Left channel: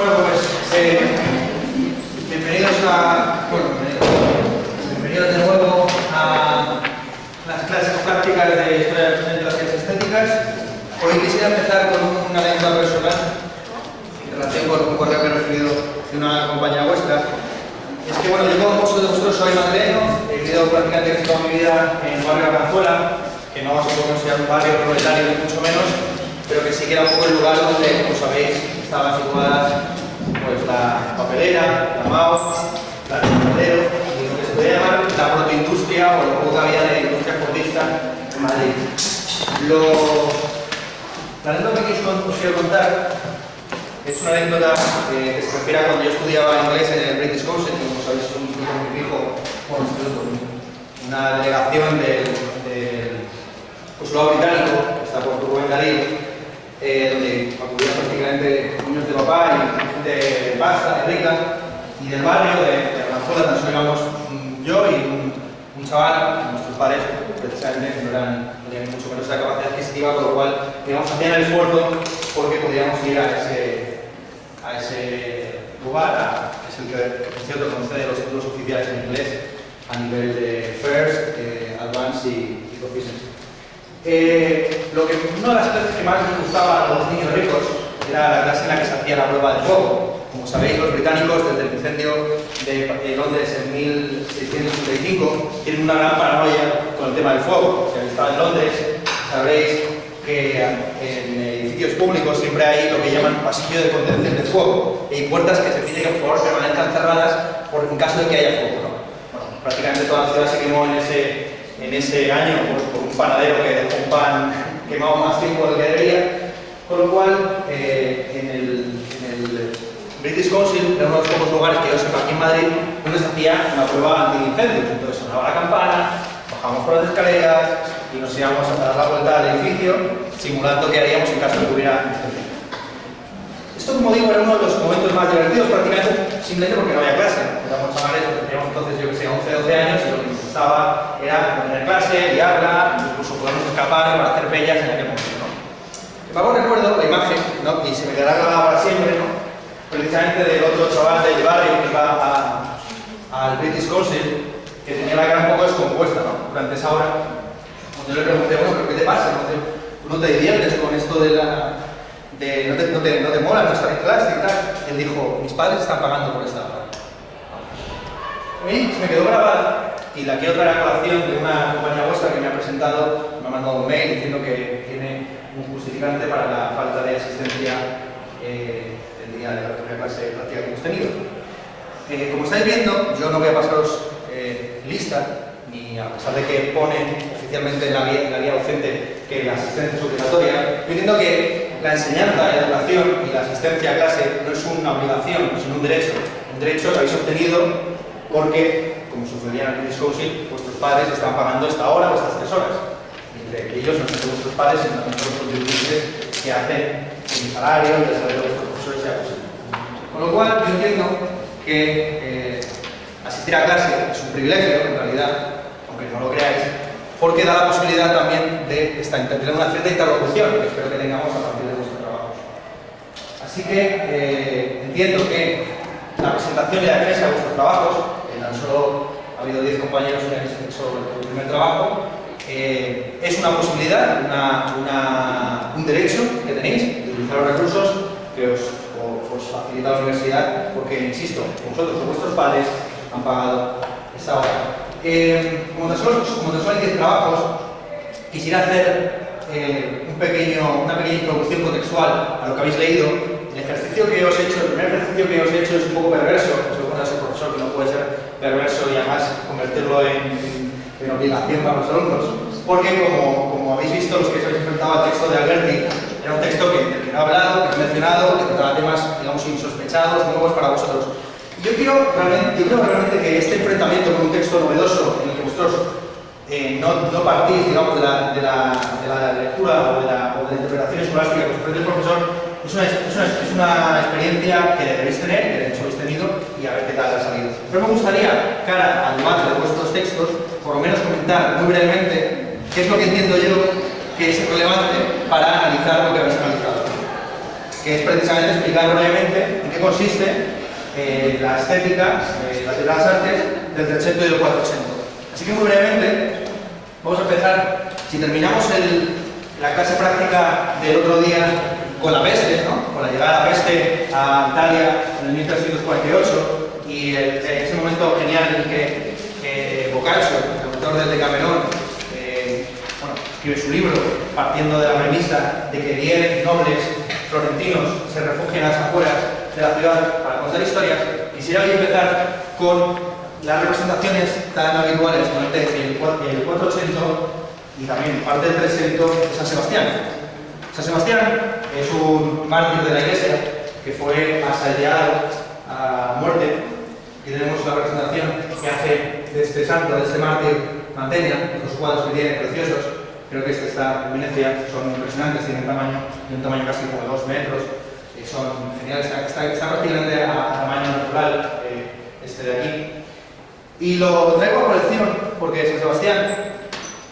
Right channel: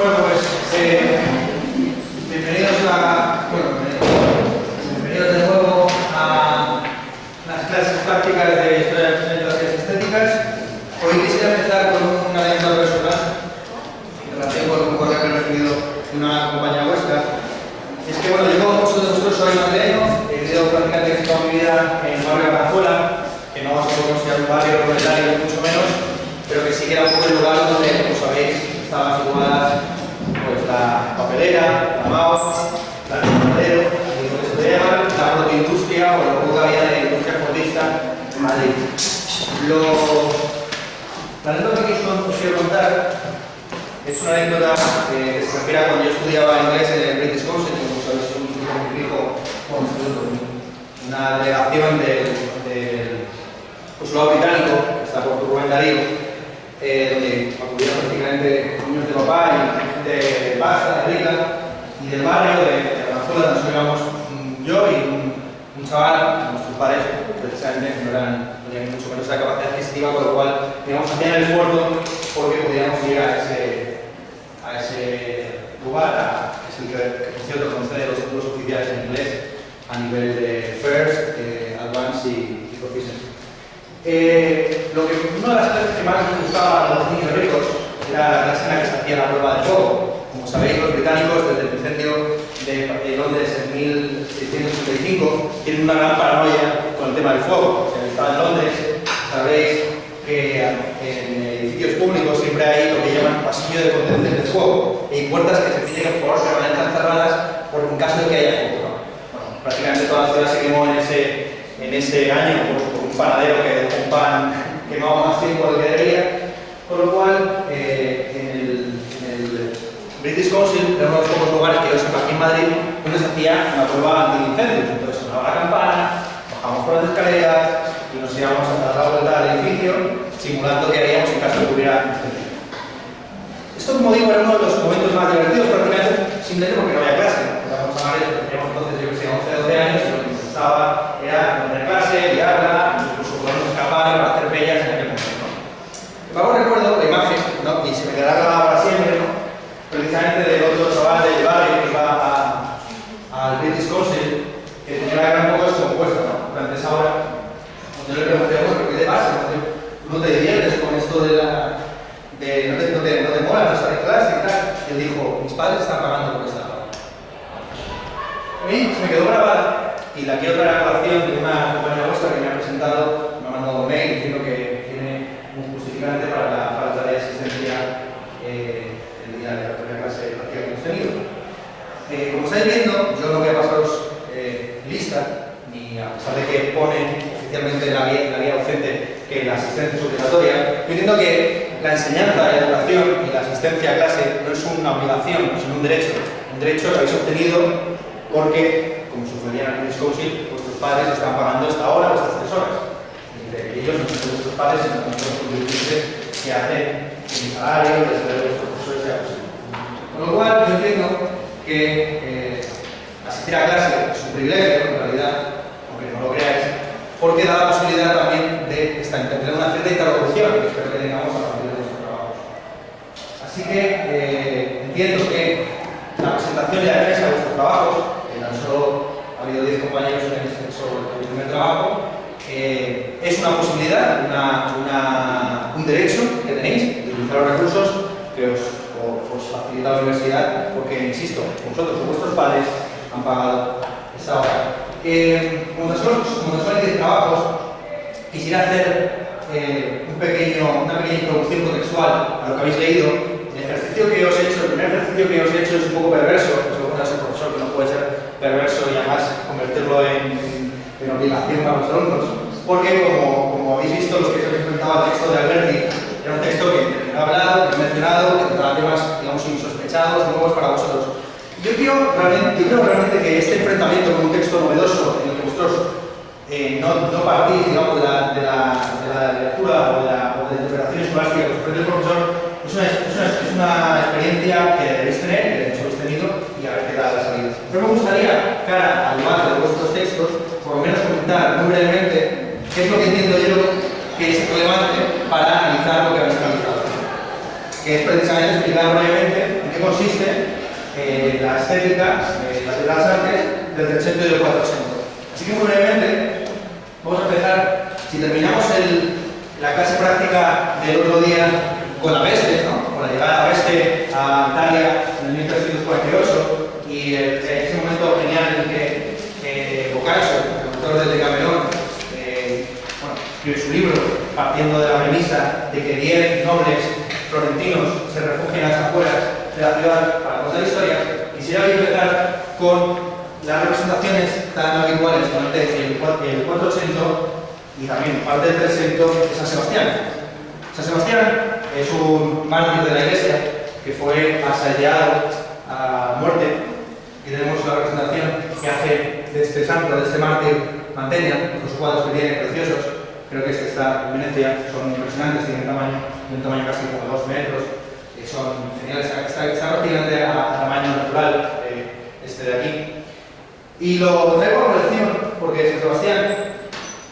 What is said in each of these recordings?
Bueno, pues bienvenidos bienvenidos de nuevo a las clases prácticas de Historia de las Ciencias Estéticas. Hoy quisiera empezar con una anécdota personal en relación con un correo que he recibido de una compañera vuestra. Es que, bueno, yo como muchos de vosotros soy madrileño, he vivido prácticamente toda mi vida en el barrio de Arganzuela, que no se puede considerar un barrio proletario ni mucho menos, pero que sí que era un poco el lugar donde, como sabéis, estaban situadas pues, la papelera, la MAO, la Madero, y lo que se podría llamar la protoindustria o lo poco que había de industria fordista en Madrid. La anécdota que os quiero contar es una anécdota que se refiere a cuando yo estudiaba inglés en el British Council, que como sabéis es un instituto muy fijo, una delegación del consulado británico, que está por Rubén Darío, donde acudían prácticamente niños de papá y gente de pasta, de rica, y del barrio de Arganzuela, tan solo íbamos yo y un chaval, nuestros padres precisamente no tenían mucho menos esa capacidad adquisitiva, con lo cual digamos, hacían el esfuerzo porque pudiéramos ir a ese lugar, que es el que por cierto concede los títulos oficiales en inglés a nivel de First, Advanced y Proficiency. Una de las clases que más nos gustaba a los niños ricos era la clase en la que se hacía la prueba de fuego. Como sabéis, los británicos, desde el incendio de Londres en 1685, tienen una gran paranoia con el tema del fuego. Si habéis estado en Londres, sabréis que en edificios públicos siempre hay lo que llaman pasillo de contención de fuego. Y hay puertas que se pide que por favor permanezcan cerradas en caso de que haya fuego, ¿no? Bueno, prácticamente toda la ciudad se quemó en ese año por un panadero que dejó un pan quemado más tiempo del que debería, con lo cual en el British Council era uno de los pocos lugares que yo sepa aquí en Madrid donde se hacía una prueba anti-incendios. Entonces sonaba la campana, bajábamos por las escaleras y nos íbamos a dar la vuelta al edificio simulando que haríamos en caso de que hubiera incendio. Esto, como digo, era uno de los momentos más divertidos, prácticamente simplemente porque no había clase. Éramos chavales, teníamos entonces, yo que sé, 11 o 12 años y lo que nos gustaba era tener clase, liarla, incluso podernos escapar para hacer bellas en aquel momento, ¿no? Luego recuerdo la imagen, ¿no? Y se me quedará grabada para siempre, ¿no? Precisamente del otro chaval del barrio que iba al British Council, que tenía la cara un poco descompuesta, ¿no? Durante esa hora, cuando yo le pregunté, bueno, ¿qué te pasa? ¿Tú no te diviertes con esto de no te mola no estar en clase y tal? Él dijo, mis padres están pagando por esta hora. A mí se me quedó grabada y la quiero traer a colación de una compañera vuestra que me ha presentado, me ha mandado un mail diciendo que tiene un justificante para la falta de asistencia el día de la primera clase práctica que hemos tenido. Como estáis viendo, yo no voy a pasaros lista, ni a pesar de que pone oficialmente en la guía docente que la asistencia es obligatoria. Yo entiendo que la enseñanza, la educación y la asistencia a clase no es una obligación, sino un derecho. Un derecho que habéis obtenido porque, como sucedía en el British Council, vuestros padres están pagando esta hora o estas 3 horas. Entre ellos no son vuestros padres, sino también los contribuyentes que hacen mi salario, el salario de vuestros profesores sea posible. Con lo cual, yo entiendo que asistir a clase es un privilegio, en realidad, aunque no lo creáis, porque da la posibilidad también de tener una cierta interlocución, que espero que tengamos a partir de nuestros trabajos. Así que entiendo que la presentación y la defensa de vuestros trabajos, tan solo ha habido 10 compañeros que han hecho el primer trabajo, es una posibilidad, un derecho que tenéis de utilizar los recursos que os facilita la universidad, porque, insisto, vosotros o vuestros padres han pagado esa hora. Como tan solo hay 10 trabajos, quisiera hacer una pequeña introducción contextual a lo que habéis leído. El primer ejercicio que os he hecho es un poco perverso, según es el profesor, que no puede ser perverso y además convertirlo en obligación para los alumnos, porque como habéis visto, los que os habéis enfrentado al texto de Alberti, era un texto que no he hablado, que no he mencionado, que trataba temas, digamos, insospechados, nuevos para vosotros. Yo creo realmente que este enfrentamiento con un texto novedoso en el que vosotros no partís, digamos, de la lectura o de la interpretación escolástica que os ofrece el profesor, es una experiencia que debéis tener, que de hecho habéis tenido, y a ver qué tal ha salido. Pero me gustaría, cara al debate de vuestros textos, por lo menos comentar muy brevemente qué es lo que entiendo yo que es relevante para analizar lo que habéis analizado. Que es precisamente explicar brevemente en qué qué consiste la estética de las artes del 300 y del 400. Así que muy brevemente vamos a empezar, si terminamos la clase práctica del otro día con la peste, ¿no? Con la llegada de la peste a Italia en el 1348 y ese momento genial en el que Boccaccio, el autor del Decamerón, escribe su libro partiendo de la premisa de que 10 nobles florentinos se refugian a las afueras de la ciudad para contar historias. Quisiera hoy empezar con las representaciones tan habituales durante el 480 y también parte del 300 de San Sebastián. San Sebastián es un mártir de la Iglesia que fue asediado a muerte. Aquí tenemos una representación que hace de este santo, de este mártir, Mantegna, los cuadros que tiene preciosos. Creo que este está en Venecia, son impresionantes, tienen un tamaño casi como 2 metros, son geniales, está prácticamente a tamaño natural este de aquí. Y lo traigo a colección porque San Sebastián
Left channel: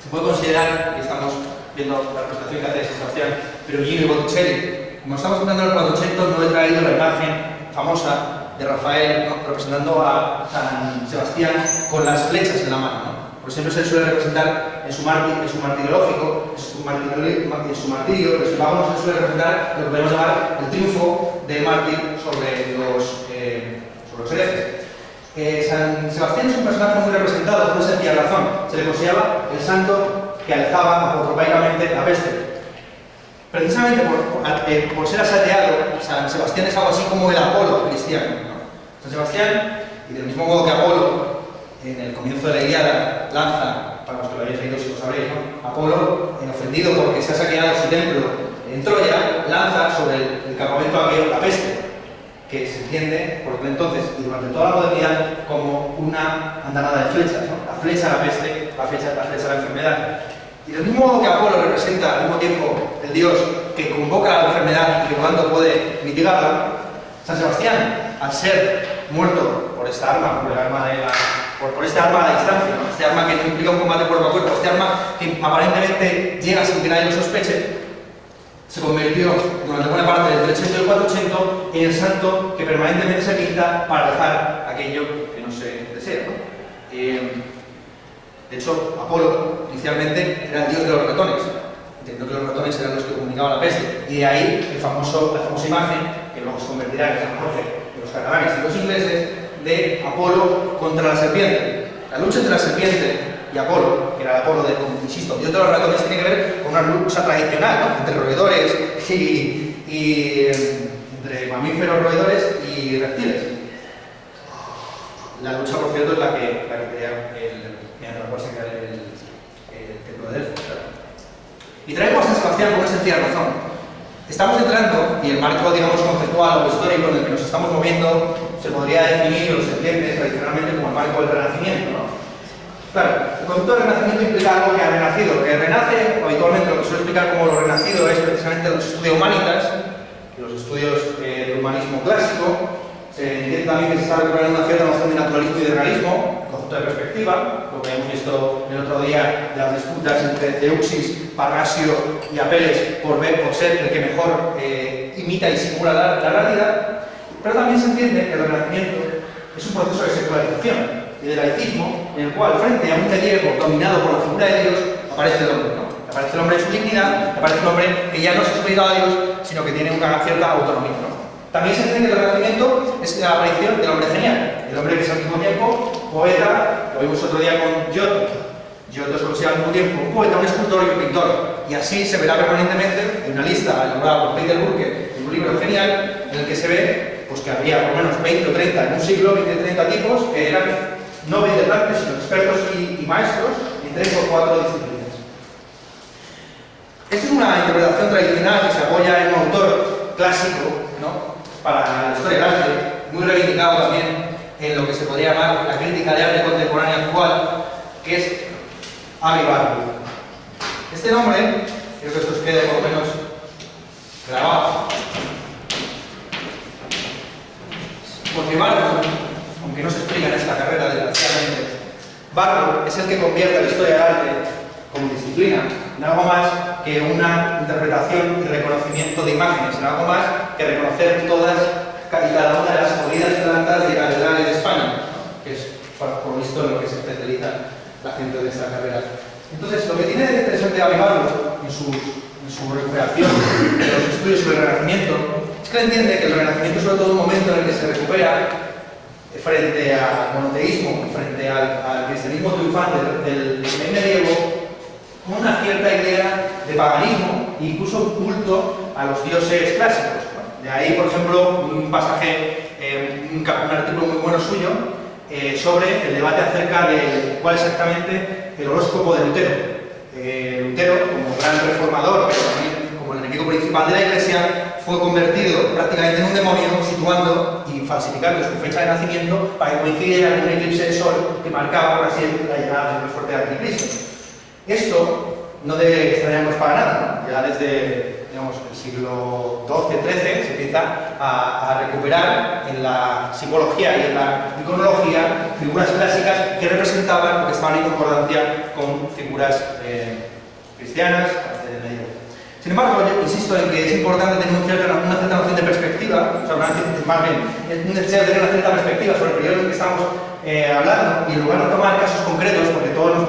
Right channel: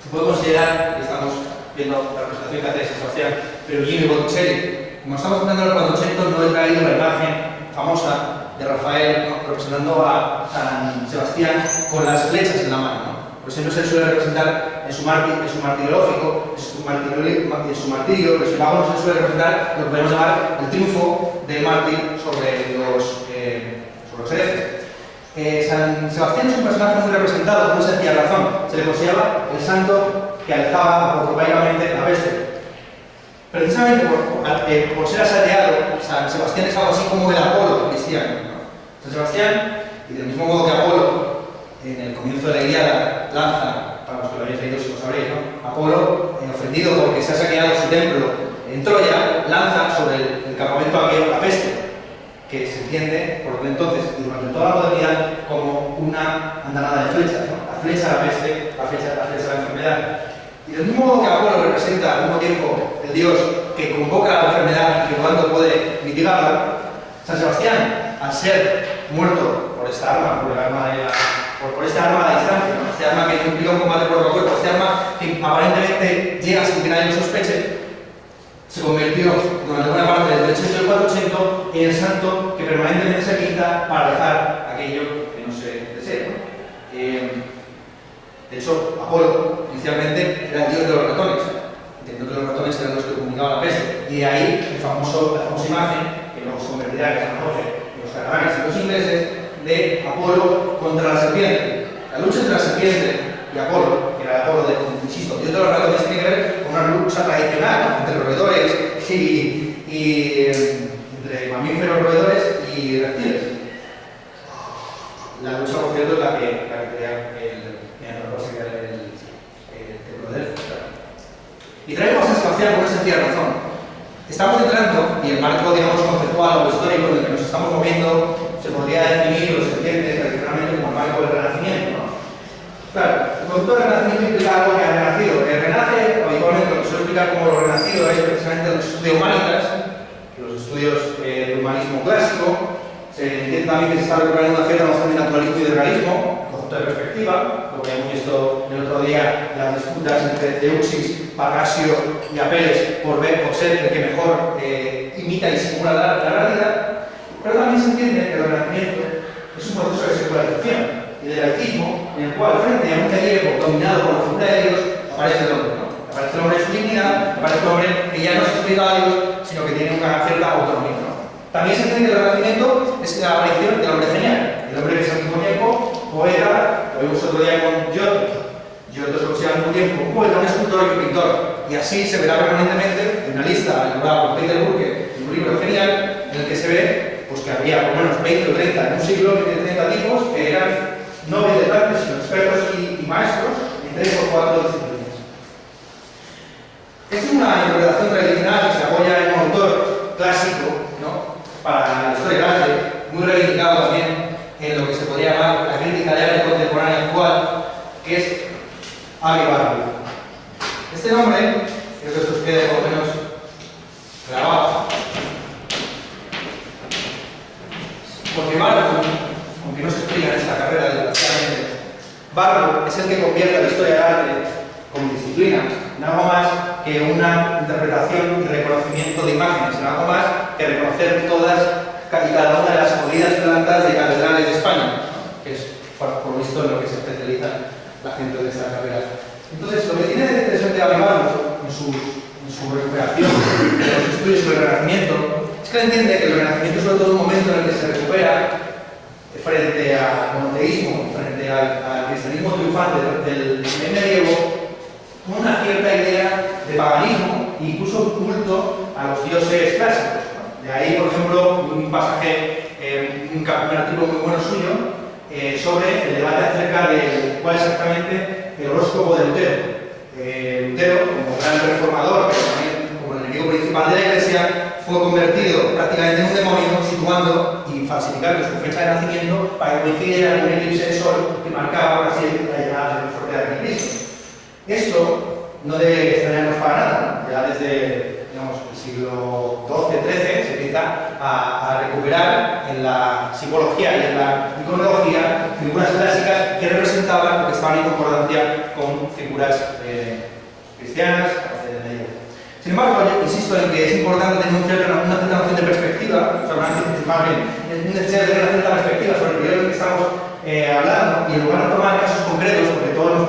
se puede considerar, y estamos viendo la representación que hace de San Sebastián, pero Gino y Botticelli. Como estamos hablando del 400, no he traído la imagen famosa de Rafael, ¿no?, representando a San Sebastián con las flechas en la mano, ¿no? Por siempre se suele representar en su martirológico, en su martirio, pero sin embargo no se suele representar lo que podemos llamar el triunfo del mártir sobre los herejes. San Sebastián es un personaje muy representado por una sencilla razón. Se le consideraba el santo que alzaba apotropaicamente la peste. Precisamente por ser asediado, San Sebastián es algo así como el Apolo cristiano, ¿no? San Sebastián, y del mismo modo que Apolo, en el comienzo de la Ilíada, lanza, para los que lo habéis leído si lo sabréis, ¿no?, Apolo, ofendido porque se ha saqueado su templo en Troya, lanza sobre el campamento aquello la peste, que se entiende por entonces y durante toda la modernidad como una andanada de flechas, ¿no? La flecha a la peste, la flecha a la enfermedad. Y del mismo modo que Apolo representa al mismo tiempo el dios que convoca la enfermedad y que por tanto puede mitigarla, San Sebastián, al ser muerto por esta arma, por este arma a la distancia, ¿no?, este arma que implica un combate cuerpo a cuerpo, este arma que aparentemente llega sin que nadie lo sospeche, se convirtió durante buena parte del 300 y el 480 en el santo que permanentemente se pinta para dejar aquello que no se desea, ¿no? De hecho, Apolo inicialmente era el dios de los ratones, entendiendo que los ratones eran los que comunicaban la peste, y de ahí la famosa imagen que luego se convertirá en San Jorge de los catalanes y los ingleses de Apolo contra la serpiente. La lucha entre la serpiente y Apolo, que era Apolo insisto, dios de los ratones, tiene que ver con una lucha tradicional, ¿no?, entre roedores y entre mamíferos, roedores y reptiles. La lucha, por cierto, es la que crea el templo de Delfos. Y traemos a San Sebastián por una sencilla razón. Estamos entrando, y el marco, digamos, conceptual o histórico en el que nos estamos moviendo se podría definir o se entiende tradicionalmente como el marco del Renacimiento, ¿no? Claro, el concepto del Renacimiento implica algo que ha renacido. Que renace, habitualmente, lo que suelo explicar como lo renacido es precisamente los estudios humanitas, los estudios del humanismo clásico. Se entiende también que se está recuperando una cierta noción de naturalismo y de realismo, concepto de perspectiva, lo que hemos visto el otro día, las disputas entre Euxis, Parrasio y Apeles por ser el que mejor imita y simula la realidad. Pero también se entiende que el Renacimiento es un proceso de secularización y de laicismo en el cual, frente a un medievo dominado por la figura de Dios, aparece el hombre, ¿no? Aparece el hombre en su dignidad, aparece el hombre que ya no es superior a Dios, sino que tiene una cierta autonomía, ¿no? También se entiende que el Renacimiento es la aparición del hombre genial, el hombre que es al mismo tiempo poeta, lo vimos otro día con Giotto. Giotto es considerado al mismo tiempo un poeta, un escultor y un pintor, y así se verá permanentemente en una lista elaborada por Peter Burke, en un libro genial, en el que se ve pues que había por lo menos 20 o 30 en un siglo, 20 o 30 tipos que eran no brillantes, sino expertos y maestros en 3 o 4 disciplinas. Esta es una interpretación tradicional que se apoya en un autor clásico, ¿no?, para la historia del arte, muy reivindicado también en lo que se podría llamar la crítica de arte contemporánea actual, que es Avi Barbour. Este nombre, creo que esto os quede por lo menos grabado, porque Barbour, aunque no se explica en esta carrera desgraciadamente, Barbour es el que convierte la historia del arte como disciplina en algo más que una interpretación y reconocimiento de imágenes, en algo más que reconocer todas y cada una de las corridas plantas de catedrales de España, ¿no? Que es por visto en lo que se especializa la gente de esta carrera. Entonces, lo que tiene de interesante Avivarlo en su recuperación de los estudios sobre el Renacimiento es que él entiende que el Renacimiento es sobre todo un momento en el que se recupera frente al monoteísmo, frente al cristianismo triunfante del medievo, con una cierta idea de paganismo e incluso un culto a los dioses clásicos, ¿no? De ahí, por ejemplo, un pasaje, un artículo muy bueno suyo sobre el debate acerca de cuál exactamente el horóscopo de Lutero. Lutero, como gran reformador, pero también como el enemigo principal de la Iglesia, fue convertido prácticamente en un demonio, situando y falsificando su fecha de nacimiento para que coincidiera con un eclipse de sol que marcaba, por así decirlo, la llegada del fuerte anticristo. Esto no debe extrañarnos para nada, ¿no? Ya desde, digamos, el siglo XII-XIII se empieza a recuperar en la psicología y en la iconología figuras clásicas que representaban o que estaban en concordancia con figuras cristianas del medievo. Sin embargo, yo insisto en que es importante tener una cierta noción de perspectiva, o sea, es necesario tener una cierta perspectiva sobre el periodo que estamos hablando, y en lugar de tomar casos concretos, porque todos nos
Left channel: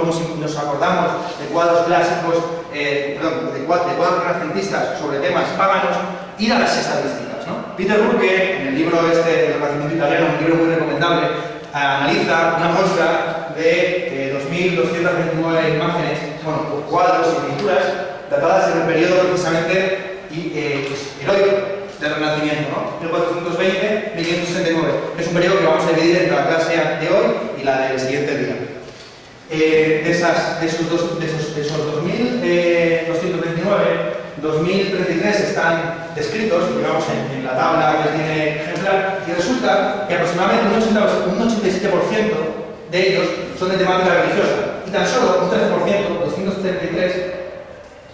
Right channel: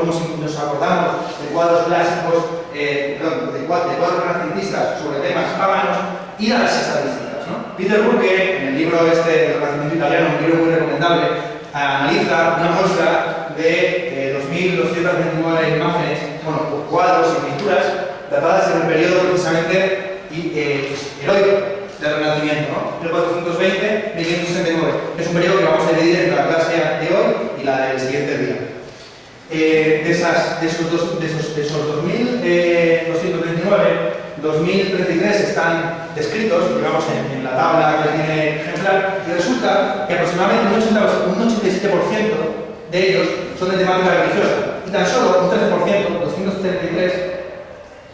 acordamos de cuadros clásicos, de cuadros renacentistas sobre temas paganos, ir a las estadísticas, ¿no? Peter Burke, en el libro este del Renacimiento italiano, un libro muy recomendable, analiza una muestra de 2.229 imágenes, bueno, cuadros y pinturas datadas en el periodo precisamente heroico del Renacimiento, ¿no? 1420-1569. Es un periodo que vamos a dividir entre la clase de hoy y la del siguiente día. De esos 2.229, 2.033 están descritos, digamos, en la tabla que tiene ejemplar, y resulta que aproximadamente un 87% de ellos son de temática religiosa, y tan solo un 13%, 233,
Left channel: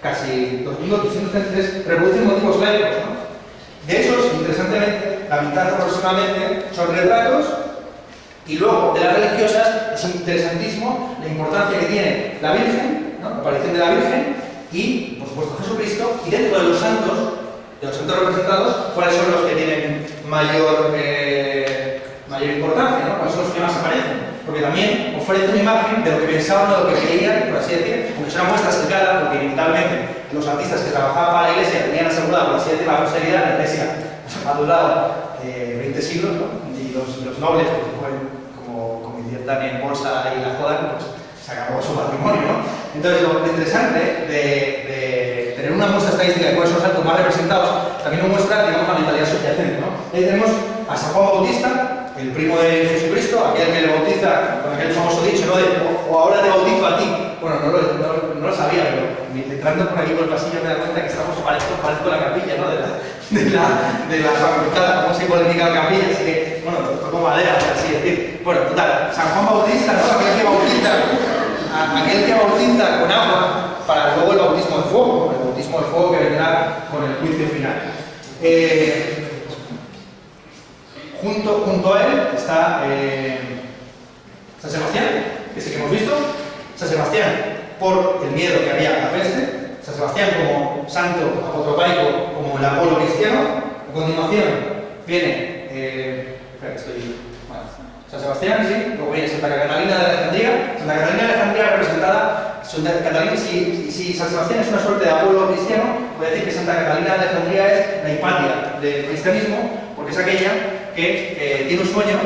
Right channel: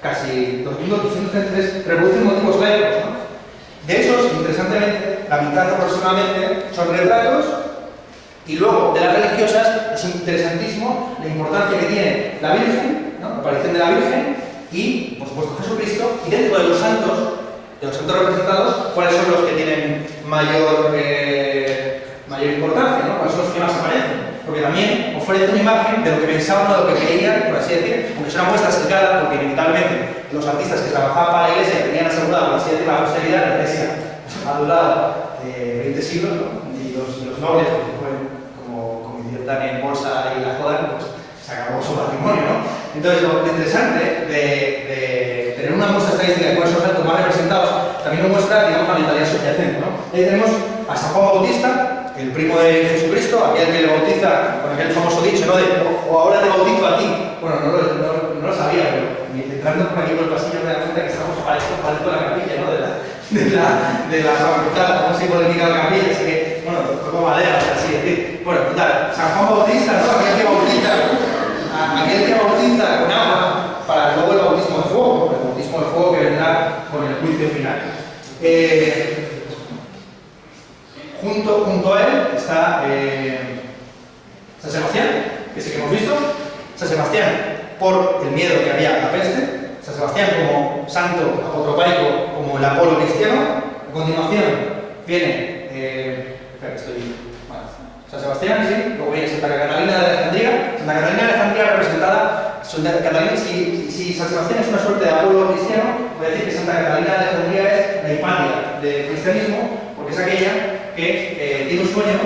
casi 2.233, reproducen motivos laicos, ¿no? De esos, interesantemente, la mitad aproximadamente son retratos, y luego de las religiosas es interesantísimo la importancia que tiene la Virgen, ¿no? La aparición de la Virgen y, por supuesto, Jesucristo, y dentro de los santos representados, cuáles son los que tienen mayor importancia, ¿no? Cuáles son los que más aparecen. Porque también ofrece una imagen de lo que pensaban o de lo que creían, por así decir, aunque es una muestra sesgada, porque inevitablemente los artistas que trabajaban para la Iglesia tenían asegurado, por así decir, la posteridad. La Iglesia ha durado 20 siglos, ¿no? Y los nobles, pues, como inviertan en bolsa y la jodan, pues se acabó su patrimonio, ¿no? Entonces, lo interesante de tener una muestra estadística de cuáles son los santos más representados también nos muestra, digamos, la mentalidad subyacente, ¿no? Ahí tenemos a San Juan Bautista, el primo de Jesucristo, aquel que le bautiza con aquel famoso dicho, ¿no? O ahora te bautizo a ti. Bueno, no lo sabía, pero entrando por aquí por el pasillo me da cuenta que estamos pareciendo la capilla, ¿no? De la facultad, como se polémica la capilla, así que, bueno, tocó madera, por así decir. Bueno, total, San Juan Bautista, ¿no? Aquel que bautiza con agua para luego el bautismo de fuego, el bautismo de fuego que vendrá con el juicio final. Junto a él está San Sebastián, que sí que hemos visto. San Sebastián, por el miedo que había a la peste. San Sebastián como santo apotropaico, como el Apolo cristiano. A continuación viene San Sebastián, sí, luego viene Santa Catalina de Alejandría. Santa Catalina de Alejandría representada, si San Sebastián es una suerte de Apolo cristiano, puede decir que Santa Catalina de Alejandría es la Hipatia del cristianismo, porque es aquella que tiene un sueño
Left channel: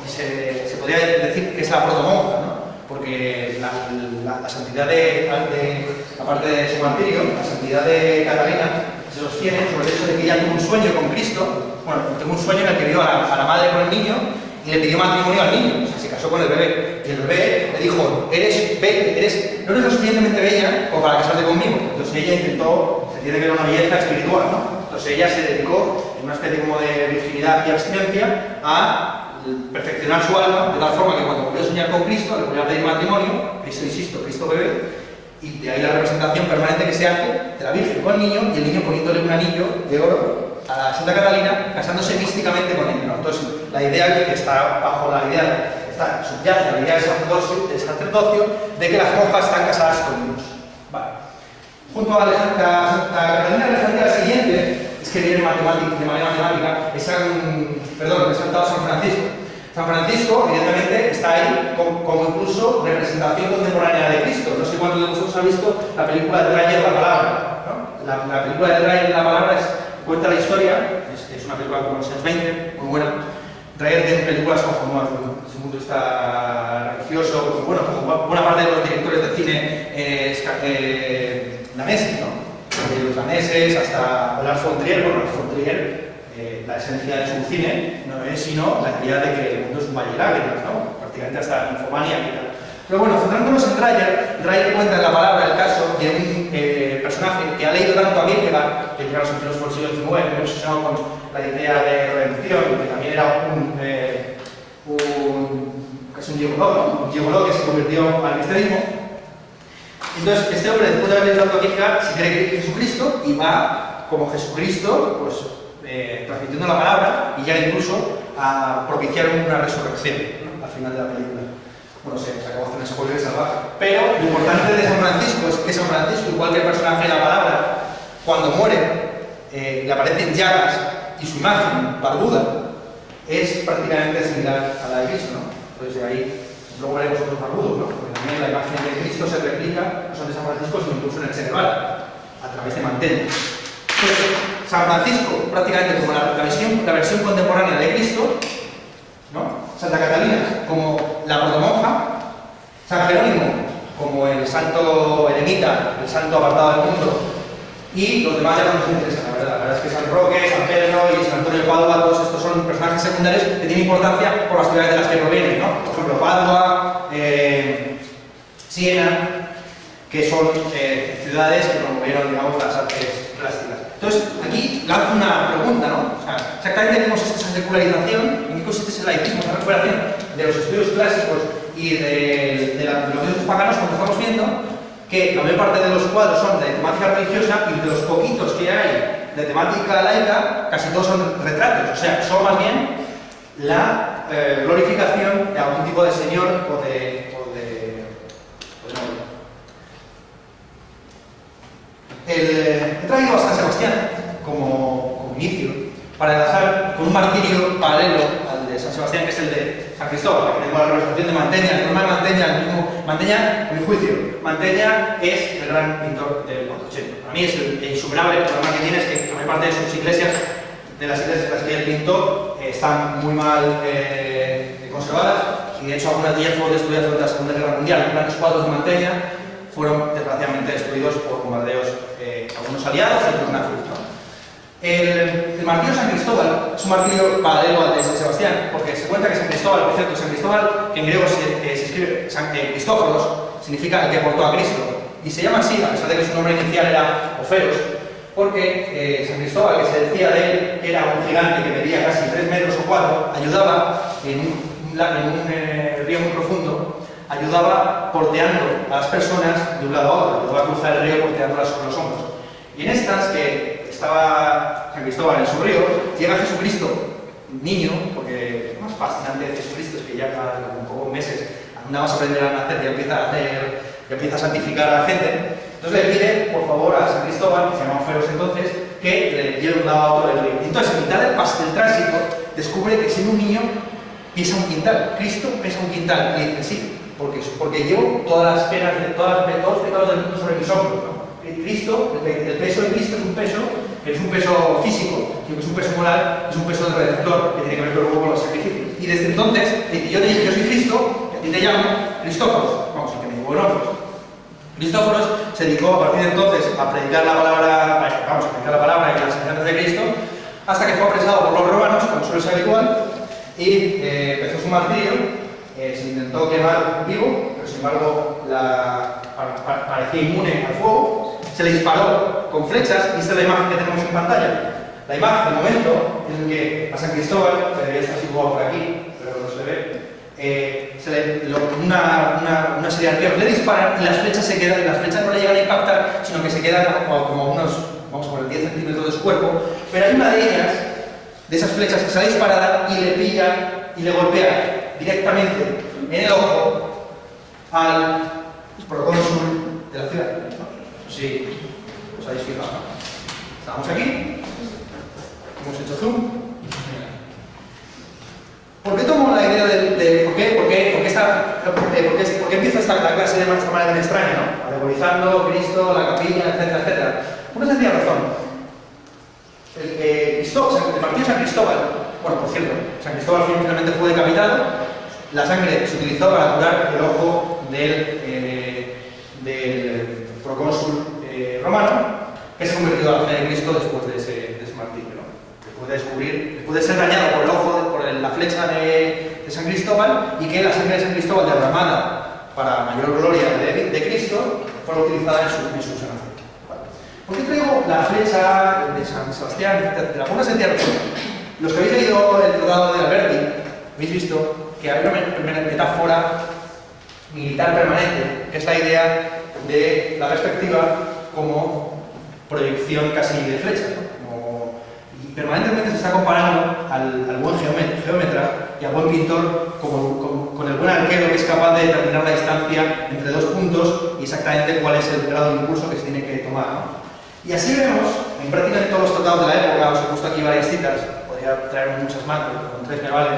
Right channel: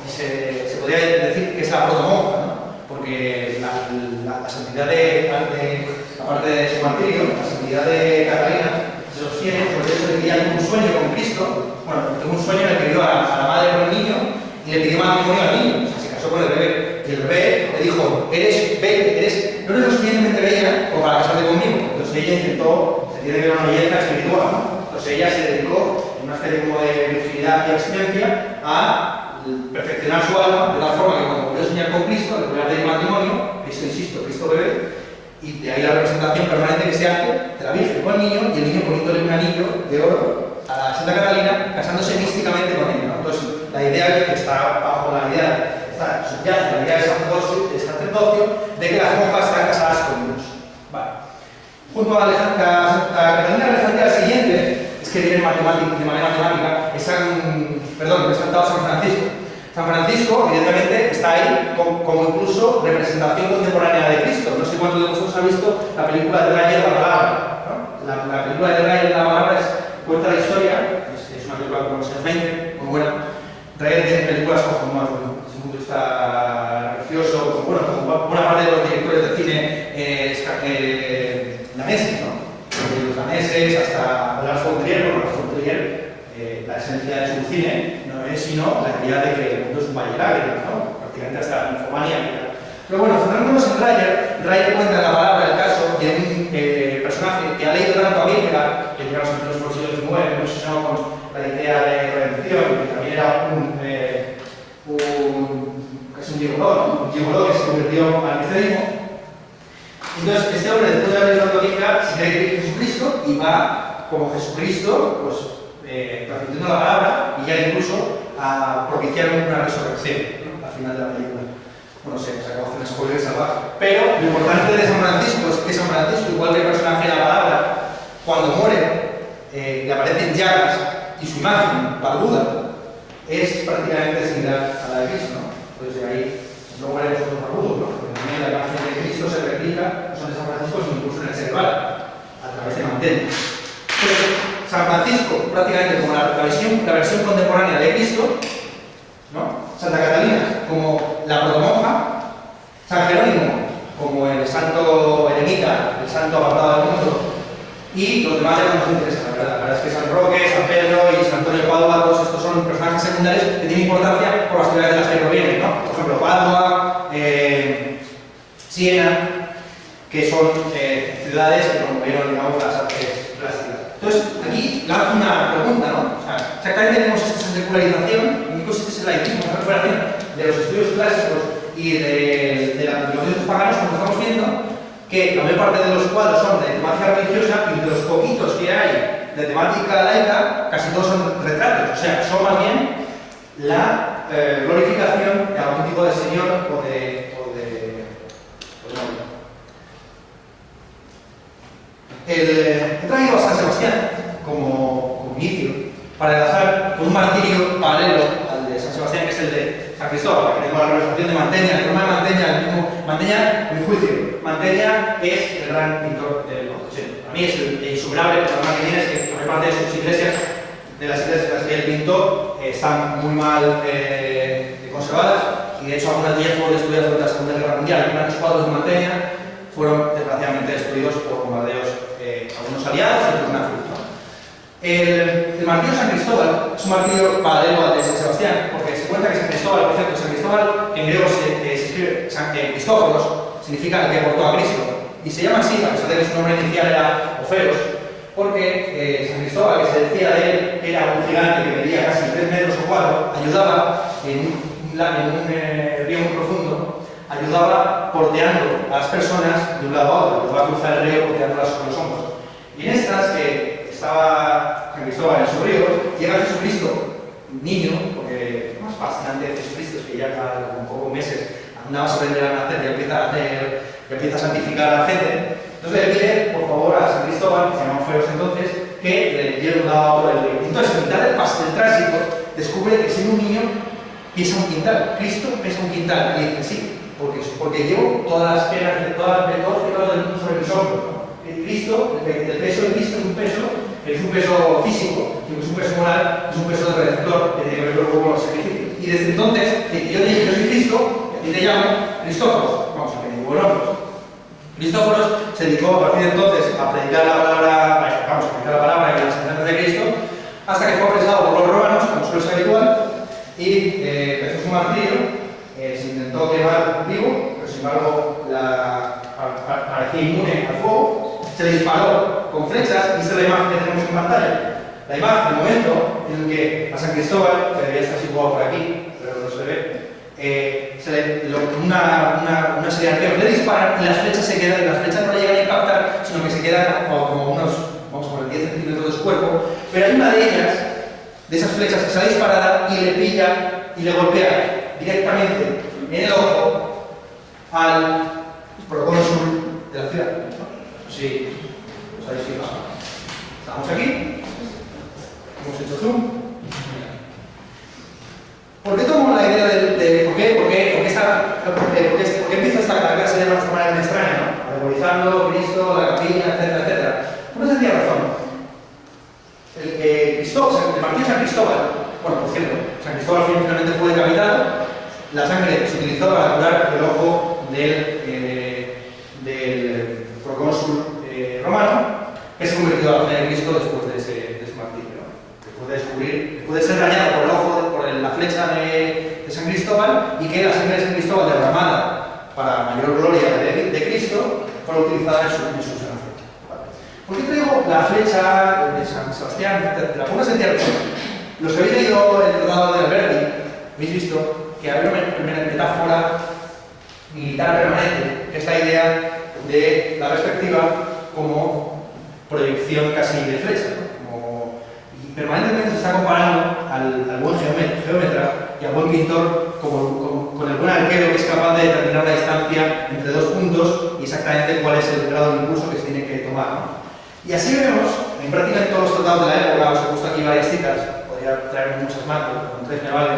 y se podría decir que es la protomonja, ¿no? Porque la santidad aparte de su martirio, la santidad de Catalina se sostiene sobre el hecho de que ella tuvo un sueño con Cristo. Bueno, tuvo un sueño en el que vio a la madre con el niño y le pidió matrimonio al niño, o sea, se casó con el bebé. Y el bebé le dijo, no eres lo suficientemente bella como para casarte conmigo. Entonces ella intentó, se tiene que ver una belleza espiritual, ¿no? Entonces ella se dedicó, en una especie como de virginidad y abstinencia, a perfeccionar su alma, de tal forma que cuando volvió a soñar con Cristo, le volvió a pedir matrimonio, Cristo bebé, y de ahí la representación permanente que se hace de la Virgen con el niño, y el niño poniéndole un anillo de oro a Santa Catalina, casándose místicamente con ella, ¿no? Entonces, la idea que está bajo la idea, subyace la idea de sacerdocio, de que las monjas están casadas con Dios. Vale. Junto a Santa Catalina de Alejandría, la siguiente, es que viene de manera matemática, es representado San Francisco. San Francisco, evidentemente, está ahí como incluso representación contemporánea de Cristo. No sé cuántos de vosotros habéis visto la película de Dreyer, La Palabra, ¿no? La película de Dreyer, La Palabra, cuenta la historia, es una película de los años 20, muy buena. Dreyer tiene películas como desde un punto de vista religioso, como buena parte de los directores de cine daneses, ¿no? Desde los daneses hasta Lars von Trier. Lars von Trier, la esencia de su cine no es sino la idea de que el mundo es un valle de lágrimas, ¿no? Prácticamente hasta infomanía y tal. Pero bueno, centrándonos en Dreyer cuenta en La Palabra el caso de un personaje que ha leído tanto a Kierkegaard, que llegamos en los siglo XIX, muy obsesionado con la idea de redención, que también era casi un gigoló que se convirtió al cristianismo. Entonces, este hombre, después de haber leído tanto a Kierkegaard, se cree que es Jesucristo y va como Jesucristo, pues transmitiendo la palabra y ya incluso a propiciar una resurrección, ¿no? Al final de la película. Bueno, se acabó haciendo spoiler salvaje. Pero lo importante de San Francisco es que San Francisco, igual que el personaje de La Palabra, cuando muere, le aparecen llagas y su imagen, barbuda, es prácticamente similar a la de Cristo, ¿no? Entonces de ahí, luego veremos otros barbudos, ¿no? Porque también la imagen de Cristo se replica, no son de San Francisco, sino incluso en el Senegal, a través de manteles. San Francisco, prácticamente como la versión contemporánea de Cristo, ¿no? Santa Catalina como la protomonja, San Jerónimo como el santo eremita, el santo apartado del mundo, y los demás ya no nos interesan, la verdad. La verdad es que San Roque, San Pedro y San Antonio de Padua, todos estos son personajes secundarios que tienen importancia por las ciudades de las que provienen, ¿no? Por ejemplo, Padua, Siena, que son ciudades que promovieron, digamos, las artes plásticas. Entonces, aquí lanzo una pregunta, ¿no? O sea, exactamente cómo es esta secularización, en qué consiste ese laicismo, esa recuperación de los estudios clásicos y de los dioses paganos, como estamos viendo, que la mayor parte de los cuadros son de temática religiosa y de los poquitos que hay de temática laica, casi todos son retratos, o sea, son más bien la glorificación de algún tipo de señor o de he traído a San Sebastián como inicio para enlazar con un martirio paralelo al de San Sebastián, que es el de San Cristóbal, que tengo la representación de Mantegna. El problema de Mantegna, el mismo Mantegna, a mi juicio, Mantegna es el gran pintor del Quattrocento. Para mí es el insuperable. El problema que tiene es que la mayor parte de sus iglesias, de las iglesias en las que él pintó, están muy mal conservadas, y de hecho algunas de ellas fueron destruidas durante la Segunda Guerra Mundial. Los grandes cuadros de Mantegna fueron desgraciadamente destruidos por bombardeos, algunos aliados y otros nazis, ¿no? El martirio de San Cristóbal es un martirio paralelo al de San Sebastián, porque se cuenta que San Cristóbal, por cierto, San Cristóbal, que en griego se escribe Cristóforos, significa el que portó a Cristo, y se llama así, a pesar de que su nombre inicial era Oferos, porque San Cristóbal, que se decía de él que era un gigante que medía casi 3 metros o 4, ayudaba en un río muy profundo, ayudaba porteando a las personas de un lado a otro, ayudaba a cruzar el río porteándolas sobre los hombros. Y en estas, que estaba San Cristóbal en su río, llega Jesucristo, niño, porque lo más fascinante de Jesucristo es que ya con pocos meses, nada más aprender a nacer, ya empieza a santificar a la gente. Entonces le pide, por favor, a San Cristóbal, que se llama Oferos entonces, que le lleve de un lado a otro del río. Entonces, en mitad del tránsito, descubre que siendo un niño pesa un quintal. Cristo pesa un quintal. Y le dice, sí, porque llevo todas las penas, todos los pecados del mundo sobre mis hombros, ¿no? Cristo, el peso de Cristo es un peso físico, es un peso moral, es un peso de redentor que tiene que ver luego con los sacrificios. Y desde entonces, yo soy Cristo, y a ti te llamo Cristóforos, vamos, a que me digo nombres. Cristóforos se dedicó a partir de entonces a predicar la palabra y las enseñanzas de Cristo, hasta que fue apresado por los romanos, como suele ser habitual, y empezó su martirio. Se intentó quemar vivo, pero sin embargo parecía inmune al fuego. Se le disparó con flechas, y esta es la imagen que tenemos en pantalla. La imagen del momento en el que a San Cristóbal, que debería estar situado por aquí, pero no se le ve, una serie de arqueros le disparan y las flechas no le llegan a impactar, sino que se quedan como unos, vamos a poner 10 centímetros de su cuerpo, pero hay una de ellas, de esas flechas que sale disparada y le pilla y le golpea directamente en el ojo al procónsul de la ciudad. Sí, os habéis fijado. Estamos aquí, hemos hecho zoom. ¿Por qué tomo la idea por qué empieza esta clase de esta manera tan extraña, ¿no? Atemorizando, Cristo, la capilla, etcétera, etcétera? Una sencilla razón. El partido de San Cristóbal, bueno, por cierto, San Cristóbal finalmente fue decapitado, la sangre se utilizó para curar el ojo del procónsul romano, que se convirtió a la fe de Cristo después de ese martirio, ¿no? Después de ser dañado por el ojo, por la flecha de San Cristóbal, y que la sangre de San Cristóbal derramada para mayor gloria de Cristo fuera utilizada en su sanación. ¿Por qué traigo la flecha de San Sebastián, etcétera? Por una sencilla razón. Los que habéis leído el tratado de Alberti, habéis visto que hay una metáfora militar permanente, que es la idea de la perspectiva como proyección casi de flecha, ¿no? Y permanentemente se está comparando al buen geómetra y al buen pintor con el buen arquero que es capaz de determinar la distancia entre dos puntos y exactamente cuál es el grado de impulso que se tiene que tomar, ¿no? Y así vemos, en prácticamente todos los tratados de la época, os he puesto aquí varias citas, podría traer muchas más, pero con 3 me vale.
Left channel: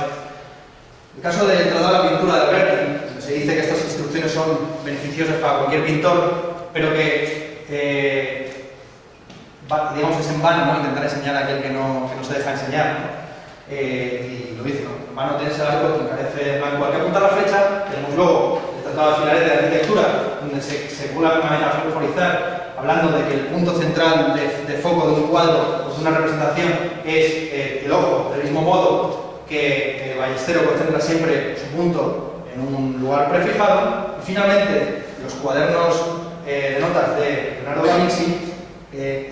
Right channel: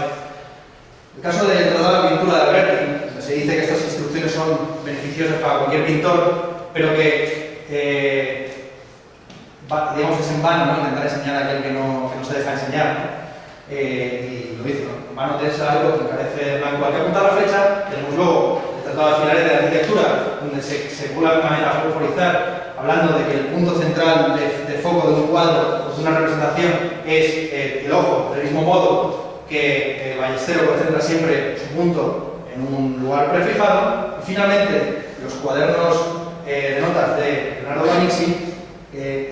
El caso del tratado de la pintura de Alberti, donde se dice que estas instrucciones son beneficiosas para cualquier pintor, pero que digamos es en vano, ¿no? Intentar enseñar a aquel que no se deja enseñar, ¿no? Y lo dice, ¿no? En vano tienes algo que encarece el blanco. Al que apuntar la flecha, tenemos luego el tratado de Filaret de arquitectura, donde se cula de una manera a favorizar, hablando de que el punto central de foco de un cuadro o de una representación es el ojo, del mismo modo que el ballestero concentra siempre su punto en un lugar prefijado. Y finalmente, los cuadernos de notas de Leonardo da Vinci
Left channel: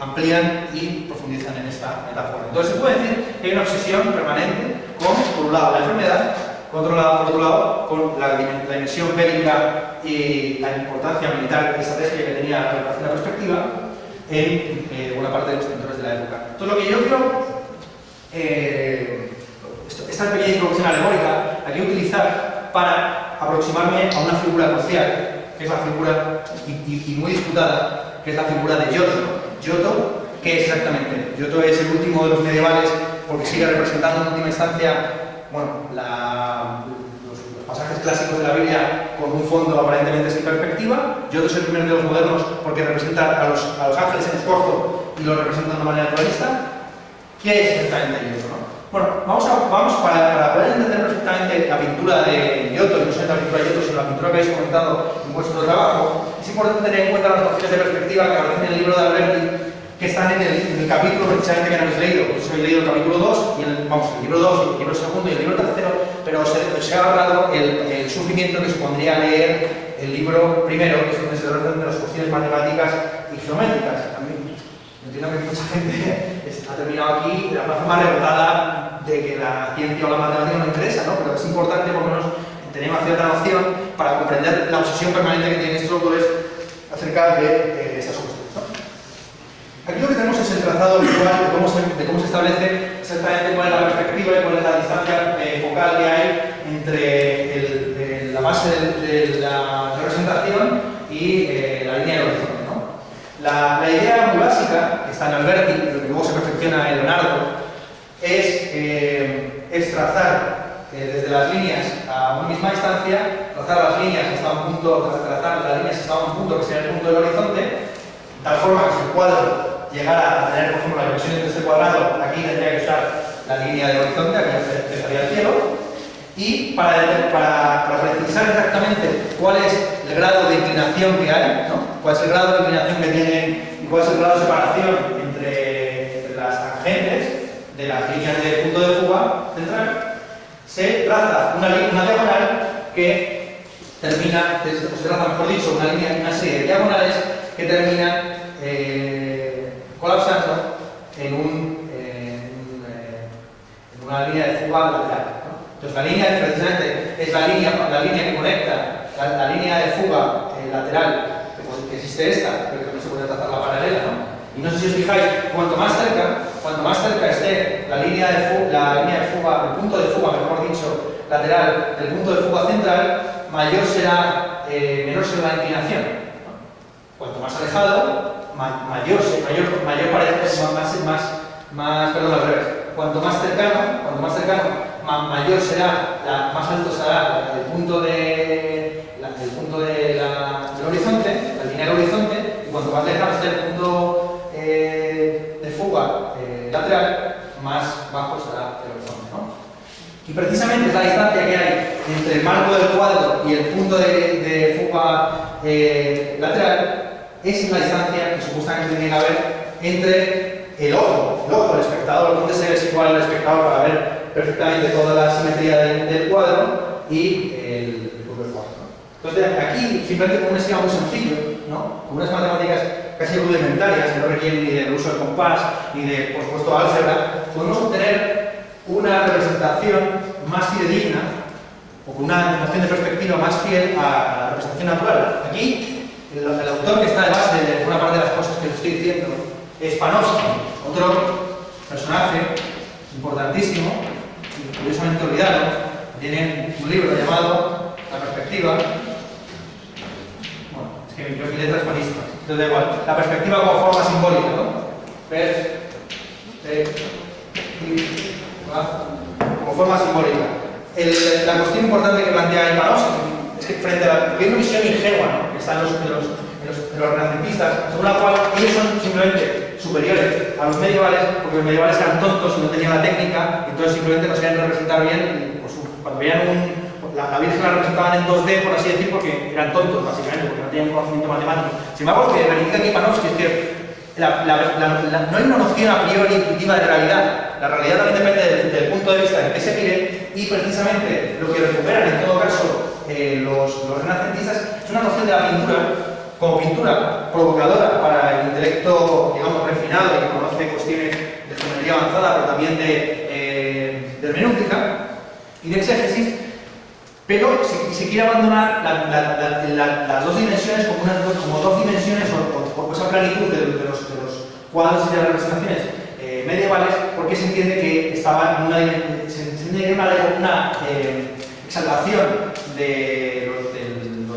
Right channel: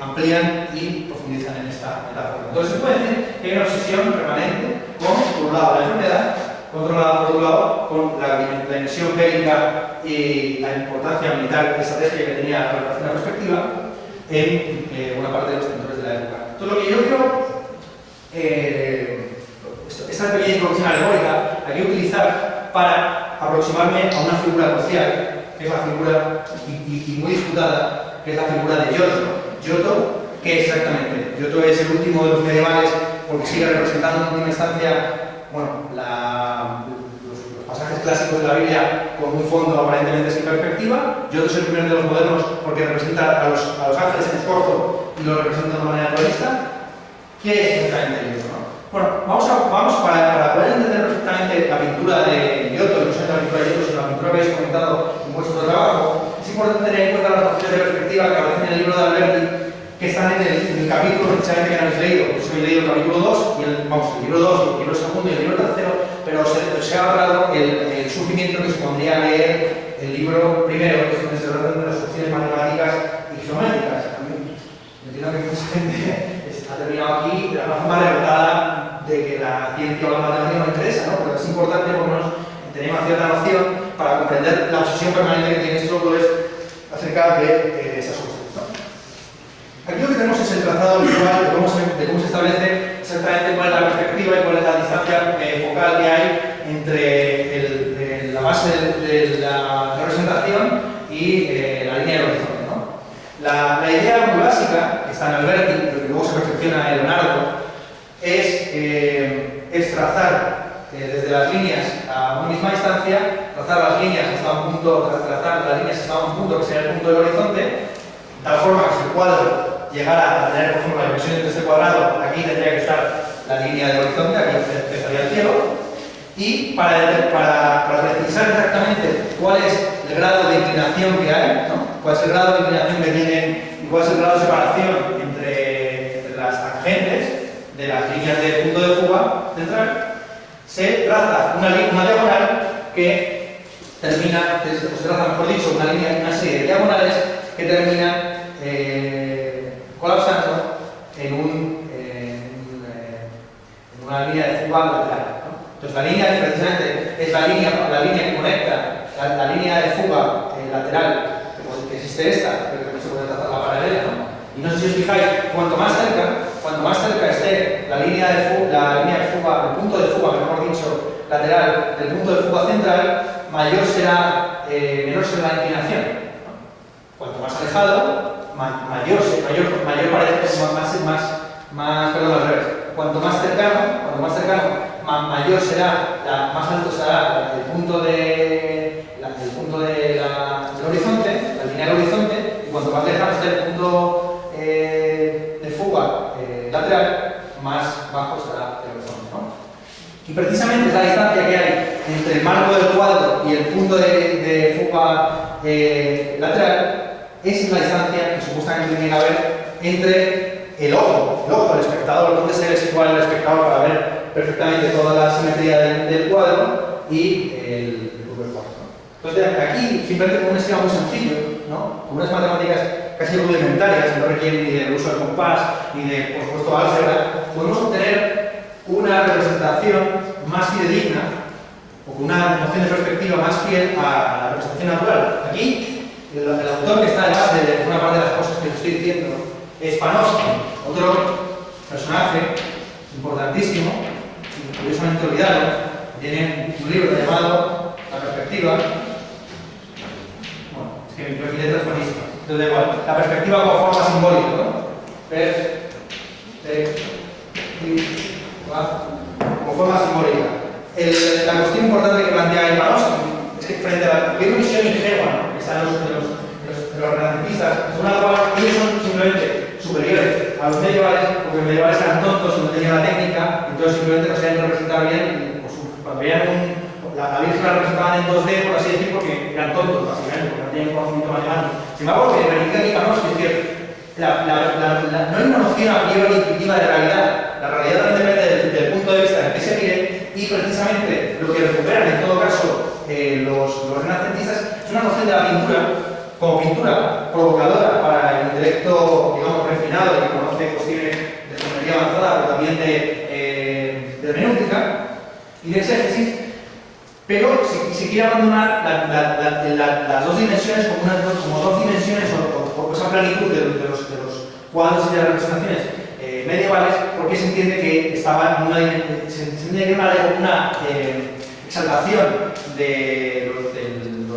amplían y profundizan en esta metáfora. Entonces se puede decir que hay una obsesión permanente con, por un lado, la enfermedad, controlada por otro lado con la dimensión bélica y la importancia militar y estratégica que tenía la perspectiva en buena parte de los pintores de la época. Entonces lo que yo creo, esta pequeña introducción alegórica la quiero utilizar para aproximarme a una figura crucial, que es la figura, y muy disputada, que es la figura de Giotto. Giotto, ¿qué es exactamente? Giotto es el último de los medievales porque sigue representando en última instancia, bueno, los pasajes clásicos de la Biblia con un fondo aparentemente sin perspectiva. Giotto es el primero de los modernos porque representa a los ángeles en escorzo y lo representa de una manera naturalista. ¿Qué es exactamente Giotto, no? Bueno, vamos para poder entender perfectamente la pintura de Giotto, no solamente la pintura de Giotto, sino la pintura que habéis comentado en vuestro trabajo, es importante tener en cuenta las nociones de perspectiva que aparecen en el libro de Alberti, que están en el capítulo precisamente que no habéis leído. Pues habéis leído el capítulo 2, el libro 2, el libro segundo y el libro tercero, pero se ha ahorrado el sufrimiento que supondría leer el libro primero, que es donde se tratan de las cuestiones matemáticas y geométricas. Entiendo que mucha gente ha terminado aquí de alguna forma rebotada de que la ciencia o la matemática no interesa, ¿no? Pero es importante por lo menos tener una cierta noción para comprender la obsesión permanente que tienen estos autores acerca de esas cuestiones, ¿no? Aquí lo que tenemos es el trazado visual de cómo se establece exactamente cuál es la perspectiva y cuál es la distancia focal que hay entre la base de la representación y la línea del horizonte, ¿no? La idea muy básica, que está en Alberti, pero que luego se perfecciona en Leonardo, es trazar desde las líneas a una misma distancia, trazar las líneas hasta un punto, que sería el punto del horizonte, de tal forma que si el cuadro llegara a tener, por ejemplo, la dimensión entre este cuadrado, aquí tendría que estar la línea del horizonte, aquí empezaría el cielo, y para precisar exactamente cuál es el grado de inclinación que hay, ¿no? Cuál es el grado de inclinación que tienen y cuál es el grado de separación entre las tangentes de las líneas de punto de fuga central, se traza una diagonal que termina, se traza, mejor dicho, una serie de diagonales que terminan colapsando en una línea de fuga lateral, ¿no? Entonces la línea precisamente es la línea que conecta la línea de fuga lateral, que existe esta, pero que también se puede trazar la paralela, ¿no? Y no sé si os fijáis, cuanto más cerca esté la línea de fuga, el punto de fuga, mejor dicho, lateral del punto de fuga central, menor será la inclinación, ¿no? Cuanto más alejado, mayor parece, perdón, al revés. cuanto más cercano, mayor será, más alto será el punto del horizonte, la línea del horizonte, y cuanto más lejano esté el punto de fuga lateral, más bajo será el horizonte, ¿no? Y precisamente es la distancia que hay entre el marco del cuadro y el punto de fuga lateral, es la distancia que supuestamente tiene que haber entre el ojo del espectador, donde se ve igual al espectador para ver perfectamente toda la simetría del cuadro y el propio cuadro, ¿no? Entonces, aquí, simplemente con un esquema muy sencillo, ¿no? Con unas matemáticas casi rudimentarias, que no requieren ni del uso del compás, ni de, por supuesto, álgebra, podemos obtener una representación más fidedigna, o con una noción de perspectiva más fiel a la representación natural. Aquí, el autor que está de base de una parte de las cosas que os estoy diciendo es Panofsky, otro personaje importantísimo, y curiosamente olvidado. Tiene un libro llamado La perspectiva. Bueno, es que mi letra es buenísima. Entonces, da igual. La perspectiva como forma simbólica, ¿no? Como forma simbólica. La cuestión importante que plantea ahí Panofsky es que frente a la visión ingenua, ¿no?, que están los renacentistas, según la cual ellos son simplemente superiores a los medievales, porque los medievales eran tontos y no tenían la técnica, entonces simplemente no sabían representar bien, y, pues, cuando veían la Virgen la representaban en 2D, por así decir, porque eran tontos, básicamente, porque no tenían conocimiento matemático. Sin embargo, lo que reivindica aquí Panofsky es que no hay una noción a priori intuitiva de realidad. La realidad también depende del punto de vista en que se mire, y precisamente lo que recuperan en todo caso los renacentistas es una noción de la pintura como pintura provocadora para el intelecto, digamos, refinado, que conoce cuestiones de geometría avanzada, pero también de hermenéutica y de exégesis, pero se quiere abandonar las dos dimensiones como dos dimensiones o esa planitud de los cuadros y de las representaciones medievales, porque se entiende que estaban en una exaltación de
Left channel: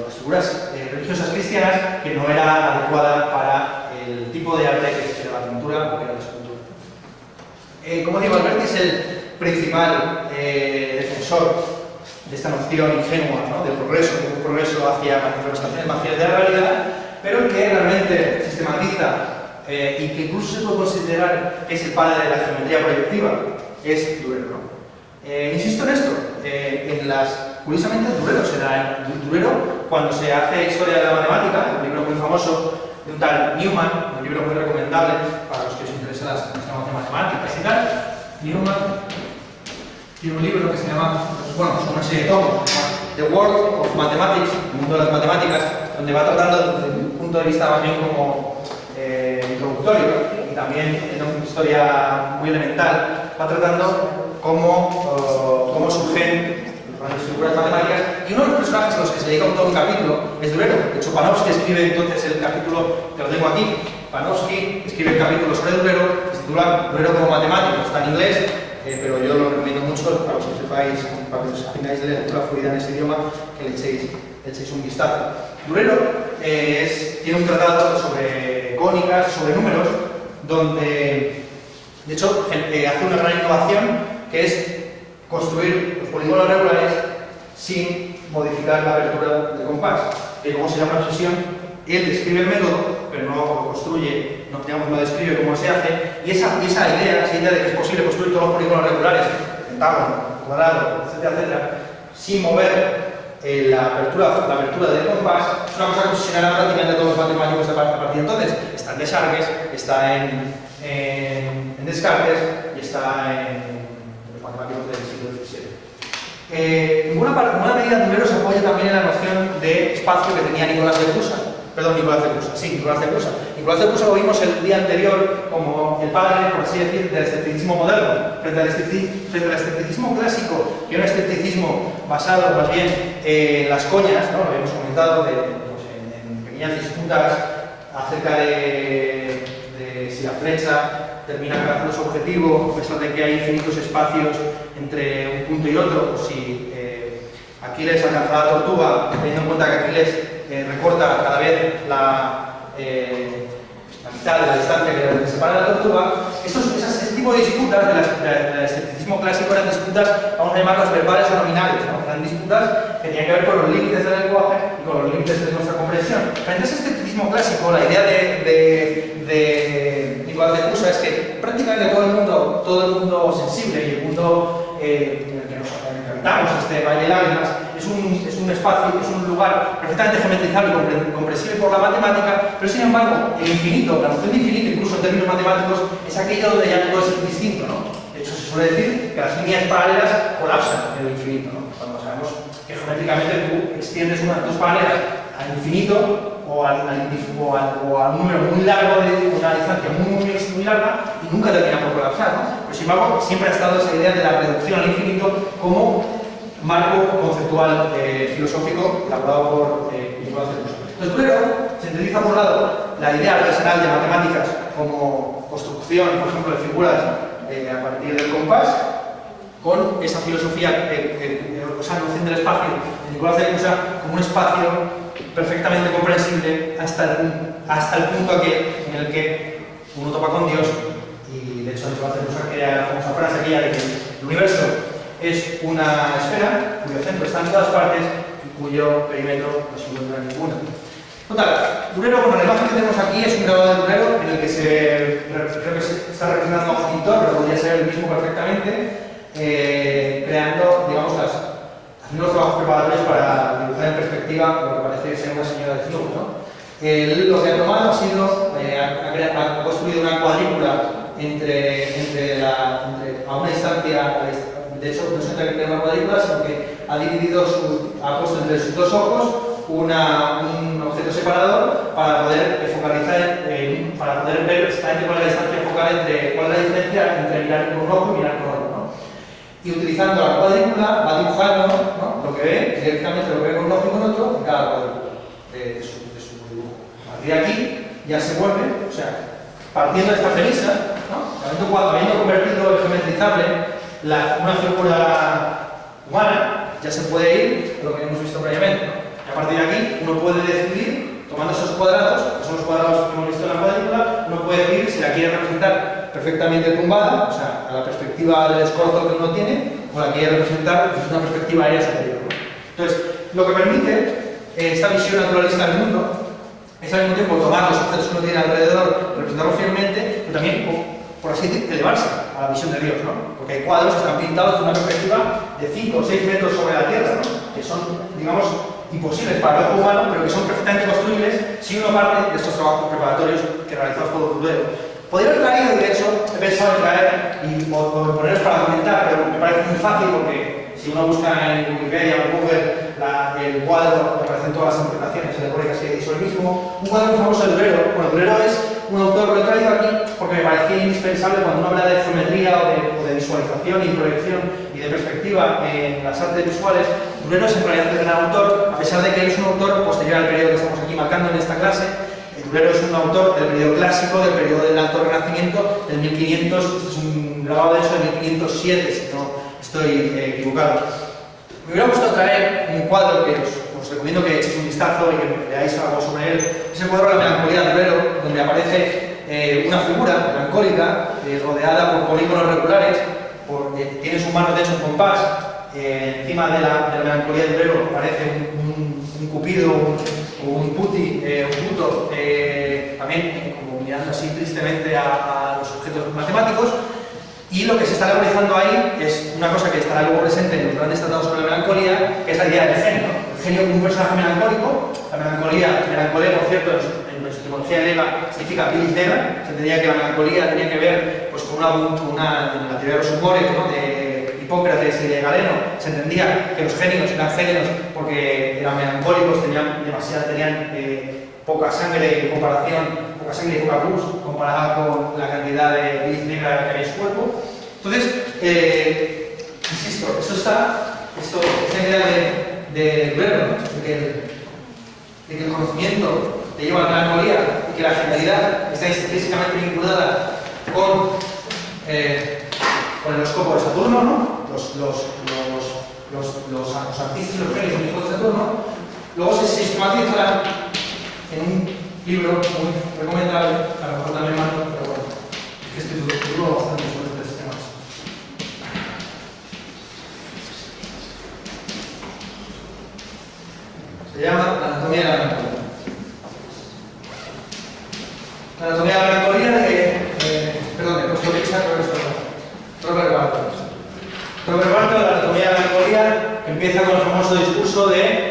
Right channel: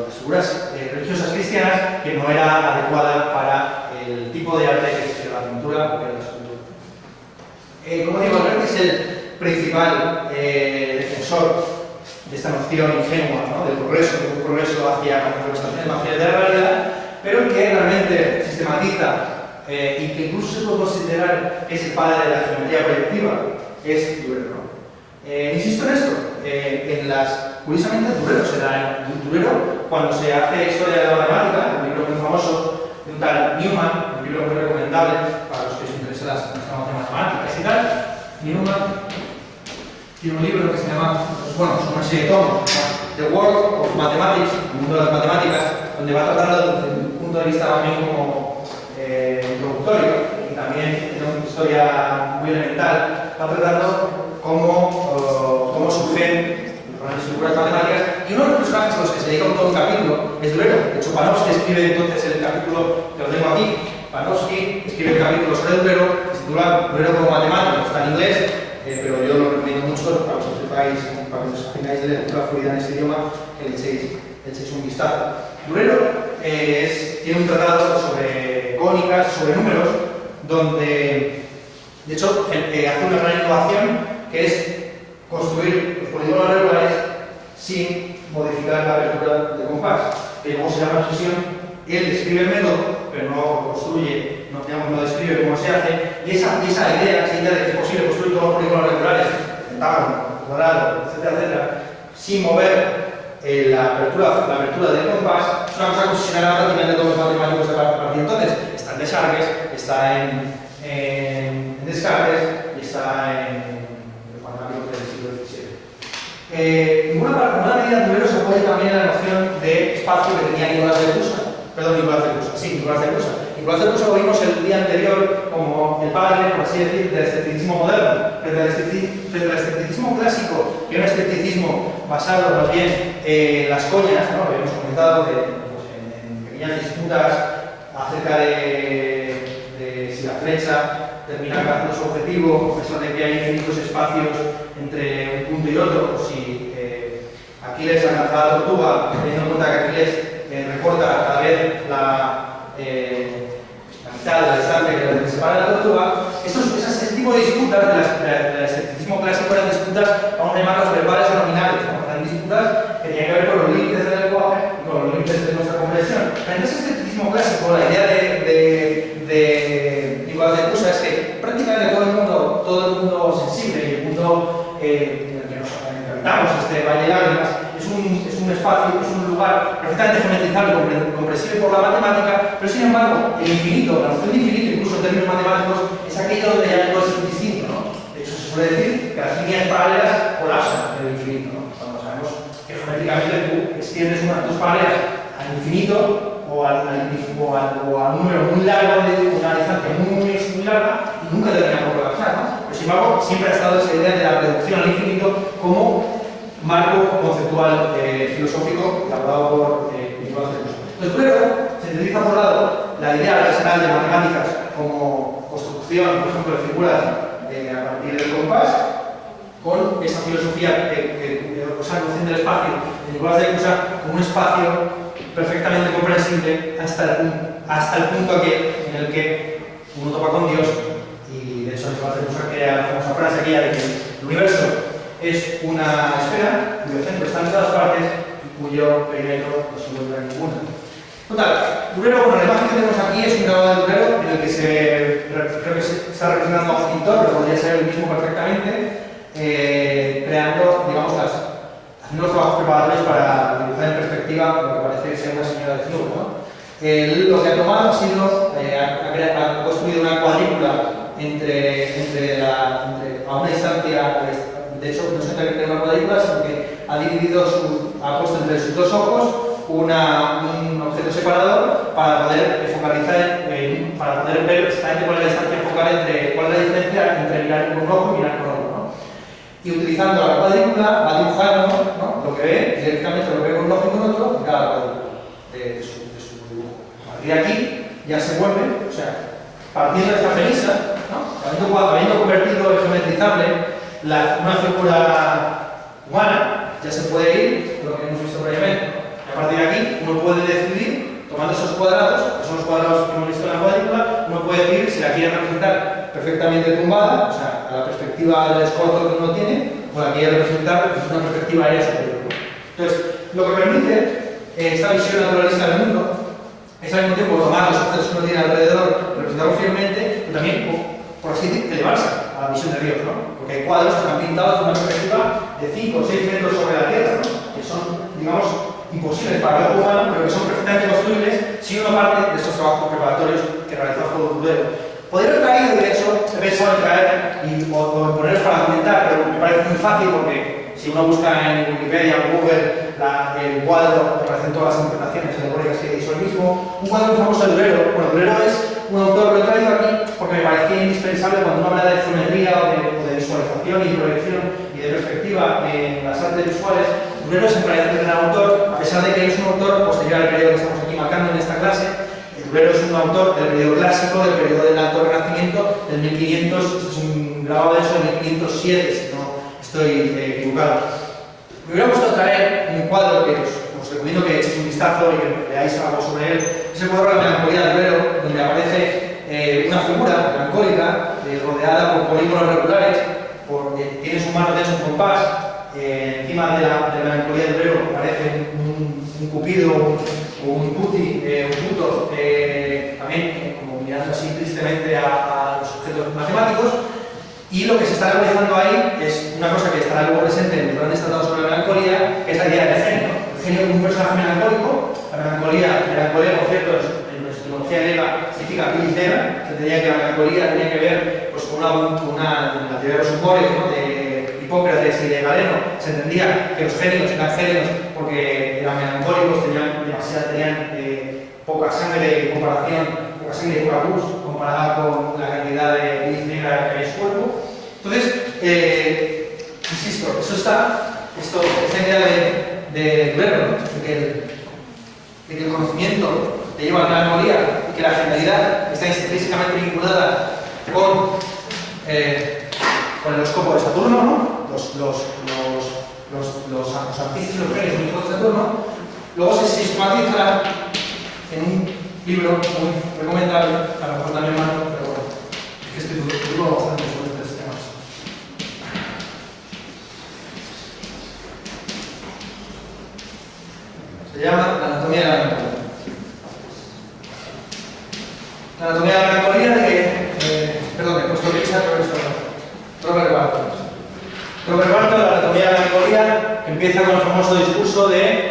las figuras religiosas cristianas que no era adecuada para el tipo de arte que era la pintura o que era la escultura. Como digo, Alberti es el principal defensor de esta noción ingenua, ¿no?, del progreso hacia las representaciones más fieles de la realidad, pero que realmente sistematiza y que incluso se puede considerar que es el padre de la geometría proyectiva, es Durero, ¿no? Insisto en esto, curiosamente Durero se da Durero cuando se hace historia de la matemática, un libro muy famoso de un tal Newman, un libro muy recomendable para los que os interesan las matemáticas y tal. Newman tiene un libro que se llama, bueno, son una serie de tomos, The World of Mathematics, el mundo de las matemáticas, donde va tratando desde un punto de vista más bien como introductorio y también en una historia muy elemental, va tratando cómo surgen las figuras matemáticas, y uno de los personajes a los que se dedica todo un capítulo es Durero. De hecho, Panofsky escribe entonces el capítulo que lo tengo aquí. Panofsky escribe el capítulo sobre Durero, que se titula Durero como matemático, está en inglés, pero yo lo recomiendo mucho para que os sepáis, para que os tengáis de lectura fluida en este idioma, que le echéis un vistazo. Durero tiene un tratado sobre cónicas, sobre números, donde de hecho hace una gran innovación, que es construir los polígonos regulares sin modificar la abertura del compás, que como se llama obsesión, él describe el método, pero no construye, no describe cómo se hace, y esa idea de que es posible construir todos los polígonos regulares, pentágono, cuadrado, etcétera, sin mover la abertura del compás, es una cosa que obsesionará prácticamente a todos los matemáticos a partir de entonces. Está en Desargues, está en Descartes y está en los matemáticos del siglo XVII. En buena medida Durero se apoya también en la noción de espacio que tenía Nicolás de Prusa. Nicolás de Prusa. Nicolás de Prusa lo vimos el día anterior como el padre, por así decir, del escepticismo moderno. Frente al escepticismo clásico, que era un escepticismo basado más bien en las coñas, ¿no?, lo hemos comentado en pequeñas disputas acerca de si la flecha termina alcanzando su objetivo, a pesar de que hay infinitos espacios entre un punto y otro, o si Aquiles alcanza la tortuga, teniendo en cuenta que Aquiles recorta cada vez la mitad de la distancia que separa la tortuga. Ese tipo tipo de disputas del escepticismo clásico eran disputas, vamos a llamarlas verbales o nominales, ¿no? Eran disputas que tenían que ver con los límites del lenguaje y con los límites de nuestra comprensión. Frente a ese escepticismo clásico, la idea de Nicolás de Cusa es que prácticamente todo el mundo sensible y el mundo en el que nos enfrentamos, este valle de lágrimas, es un espacio, es un lugar perfectamente geometrizable y comprensible por la matemática, pero sin embargo, el infinito, la noción de infinito, incluso en términos matemáticos, es aquello donde ya todo es indistinto, ¿no? De hecho, se suele decir que las líneas paralelas colapsan en el infinito, ¿no? Cuando sabemos que geométricamente tú extiendes dos paralelas al infinito o a un número muy largo de una distancia muy larga y nunca termina por colapsar, ¿no? Pero sin embargo, siempre ha estado esa idea de la reducción al infinito como marco conceptual filosófico elaborado por Nicolás de Cusa. Entonces, Durero sintetiza por un lado la idea artesanal de matemáticas como construcción, por ejemplo, de figuras a partir del compás, con esa filosofía, esa noción del espacio de Nicolás de Cusa como un espacio perfectamente comprensible hasta el punto en el que uno topa con Dios. Y de hecho Nicolás de Cusa crea la famosa frase aquella de que el universo es una esfera cuyo centro está en todas partes y cuyo perímetro no se encuentra en ninguna. Total, Durero, bueno, la imagen que tenemos aquí es un grabado de Durero en el que creo que se está representando a un pintor, pero podría ser el mismo perfectamente, creando, digamos, haciendo los trabajos preparatorios para dibujar en perspectiva lo que parece ser una señora de club, ¿no? Lo que ha tomado ha sido, ha construido una cuadrícula a una distancia, de hecho no se trata de una cuadrícula, sino que ha puesto entre sus dos ojos un objeto separador para poder focalizar, para poder ver exactamente cuál es la distancia focal cuál es la diferencia entre mirar con un ojo y mirar con otro, ¿no? Y utilizando la cuadrícula va dibujando, ¿no? Lo que ve, directamente lo que ve con un ojo y con otro en cada cuadrícula de su dibujo. A partir de aquí ya se vuelve, o sea, partiendo de esta premisa, ¿no? Habiendo convertido en geometrizable una figura humana, ya se puede ir a lo que hemos visto previamente, ¿no? Y a partir de aquí uno puede decidir, tomando esos cuadrados, que son los cuadrados que hemos visto en la cuadrícula, uno puede decidir si la quiere representar perfectamente tumbada, o sea, a la perspectiva del escorzo que uno tiene, o la quiere representar desde una perspectiva aérea superior, ¿no? Entonces, lo que permite esta visión naturalista del mundo es al mismo tiempo tomar los objetos que uno tiene alrededor, representarlos fielmente, pero también, por así decir, elevarse a la visión de Dios, ¿no? Porque hay cuadros que están pintados de una perspectiva de 5 o 6 metros sobre la Tierra, ¿no? Que son, digamos, imposibles para el ojo humano, pero que son perfectamente construibles si uno parte de estos trabajos preparatorios que realizamos por Durero. Podría haber traído, de hecho, he pensado en traer o en poneros para comentar, pero me parece muy fácil porque si uno busca en Wikipedia o Google el cuadro, aparecen todas las interpretaciones alegóricas que hizo él mismo. Un cuadro muy famoso de Durero. Bueno, Durero es un autor, lo he traído aquí porque me parecía indispensable cuando uno habla de geometría o de visualización y proyección y de perspectiva en las artes visuales. Durero es en realidad el gran autor, a pesar de que él es un autor posterior al periodo que estamos aquí marcando en esta clase. Durero es un autor del periodo clásico, del periodo del Alto Renacimiento, del 1500, esto es un grabado de eso, del 1507, si no estoy equivocado. Me hubiera gustado traer un cuadro que os recomiendo que echéis un vistazo y que leáis algo sobre él. Es el cuadro de la melancolía de Durero, donde aparece una figura melancólica rodeada por polígonos regulares, tiene sus manos de hecho un compás. Encima de la melancolía de Durero aparece un cupido o un puti, un puto, también como mirando así tristemente a los objetos matemáticos. Y lo que se está realizando ahí es una cosa que estará luego presente en los grandes tratados sobre la melancolía, que es la idea del genio, ¿no? El genio como un personaje melancólico. La melancolía por cierto, en nuestra etimología griega significa bilis negra. Se entendía que la melancolía tenía que ver pues, con en la teoría de los humores, ¿no? De Hipócrates y de Galeno. Se entendía que los genios eran genios porque eran melancólicos, tenían poca sangre en comparación, poca sangre y poca luz comparada con la cantidad de bilis negra que había en su cuerpo. Entonces, insisto, esta idea de Durero, ¿no? de que el conocimiento te lleva a la melancolía y que la genialidad está intrínsecamente vinculada con el horóscopo de Saturno, ¿no? Los artistas y los genios son hijos de Saturno. Luego se sistematiza en un libro muy recomendable, a lo mejor también malo, pero bueno, es que estoy duro bastante sobre este Se llama La anatomía de la melancolía. La anatomía de la melancolía de Costa Rica, Robert Barton. Robert Barton, La anatomía de la melancolía, que empieza con el famoso discurso de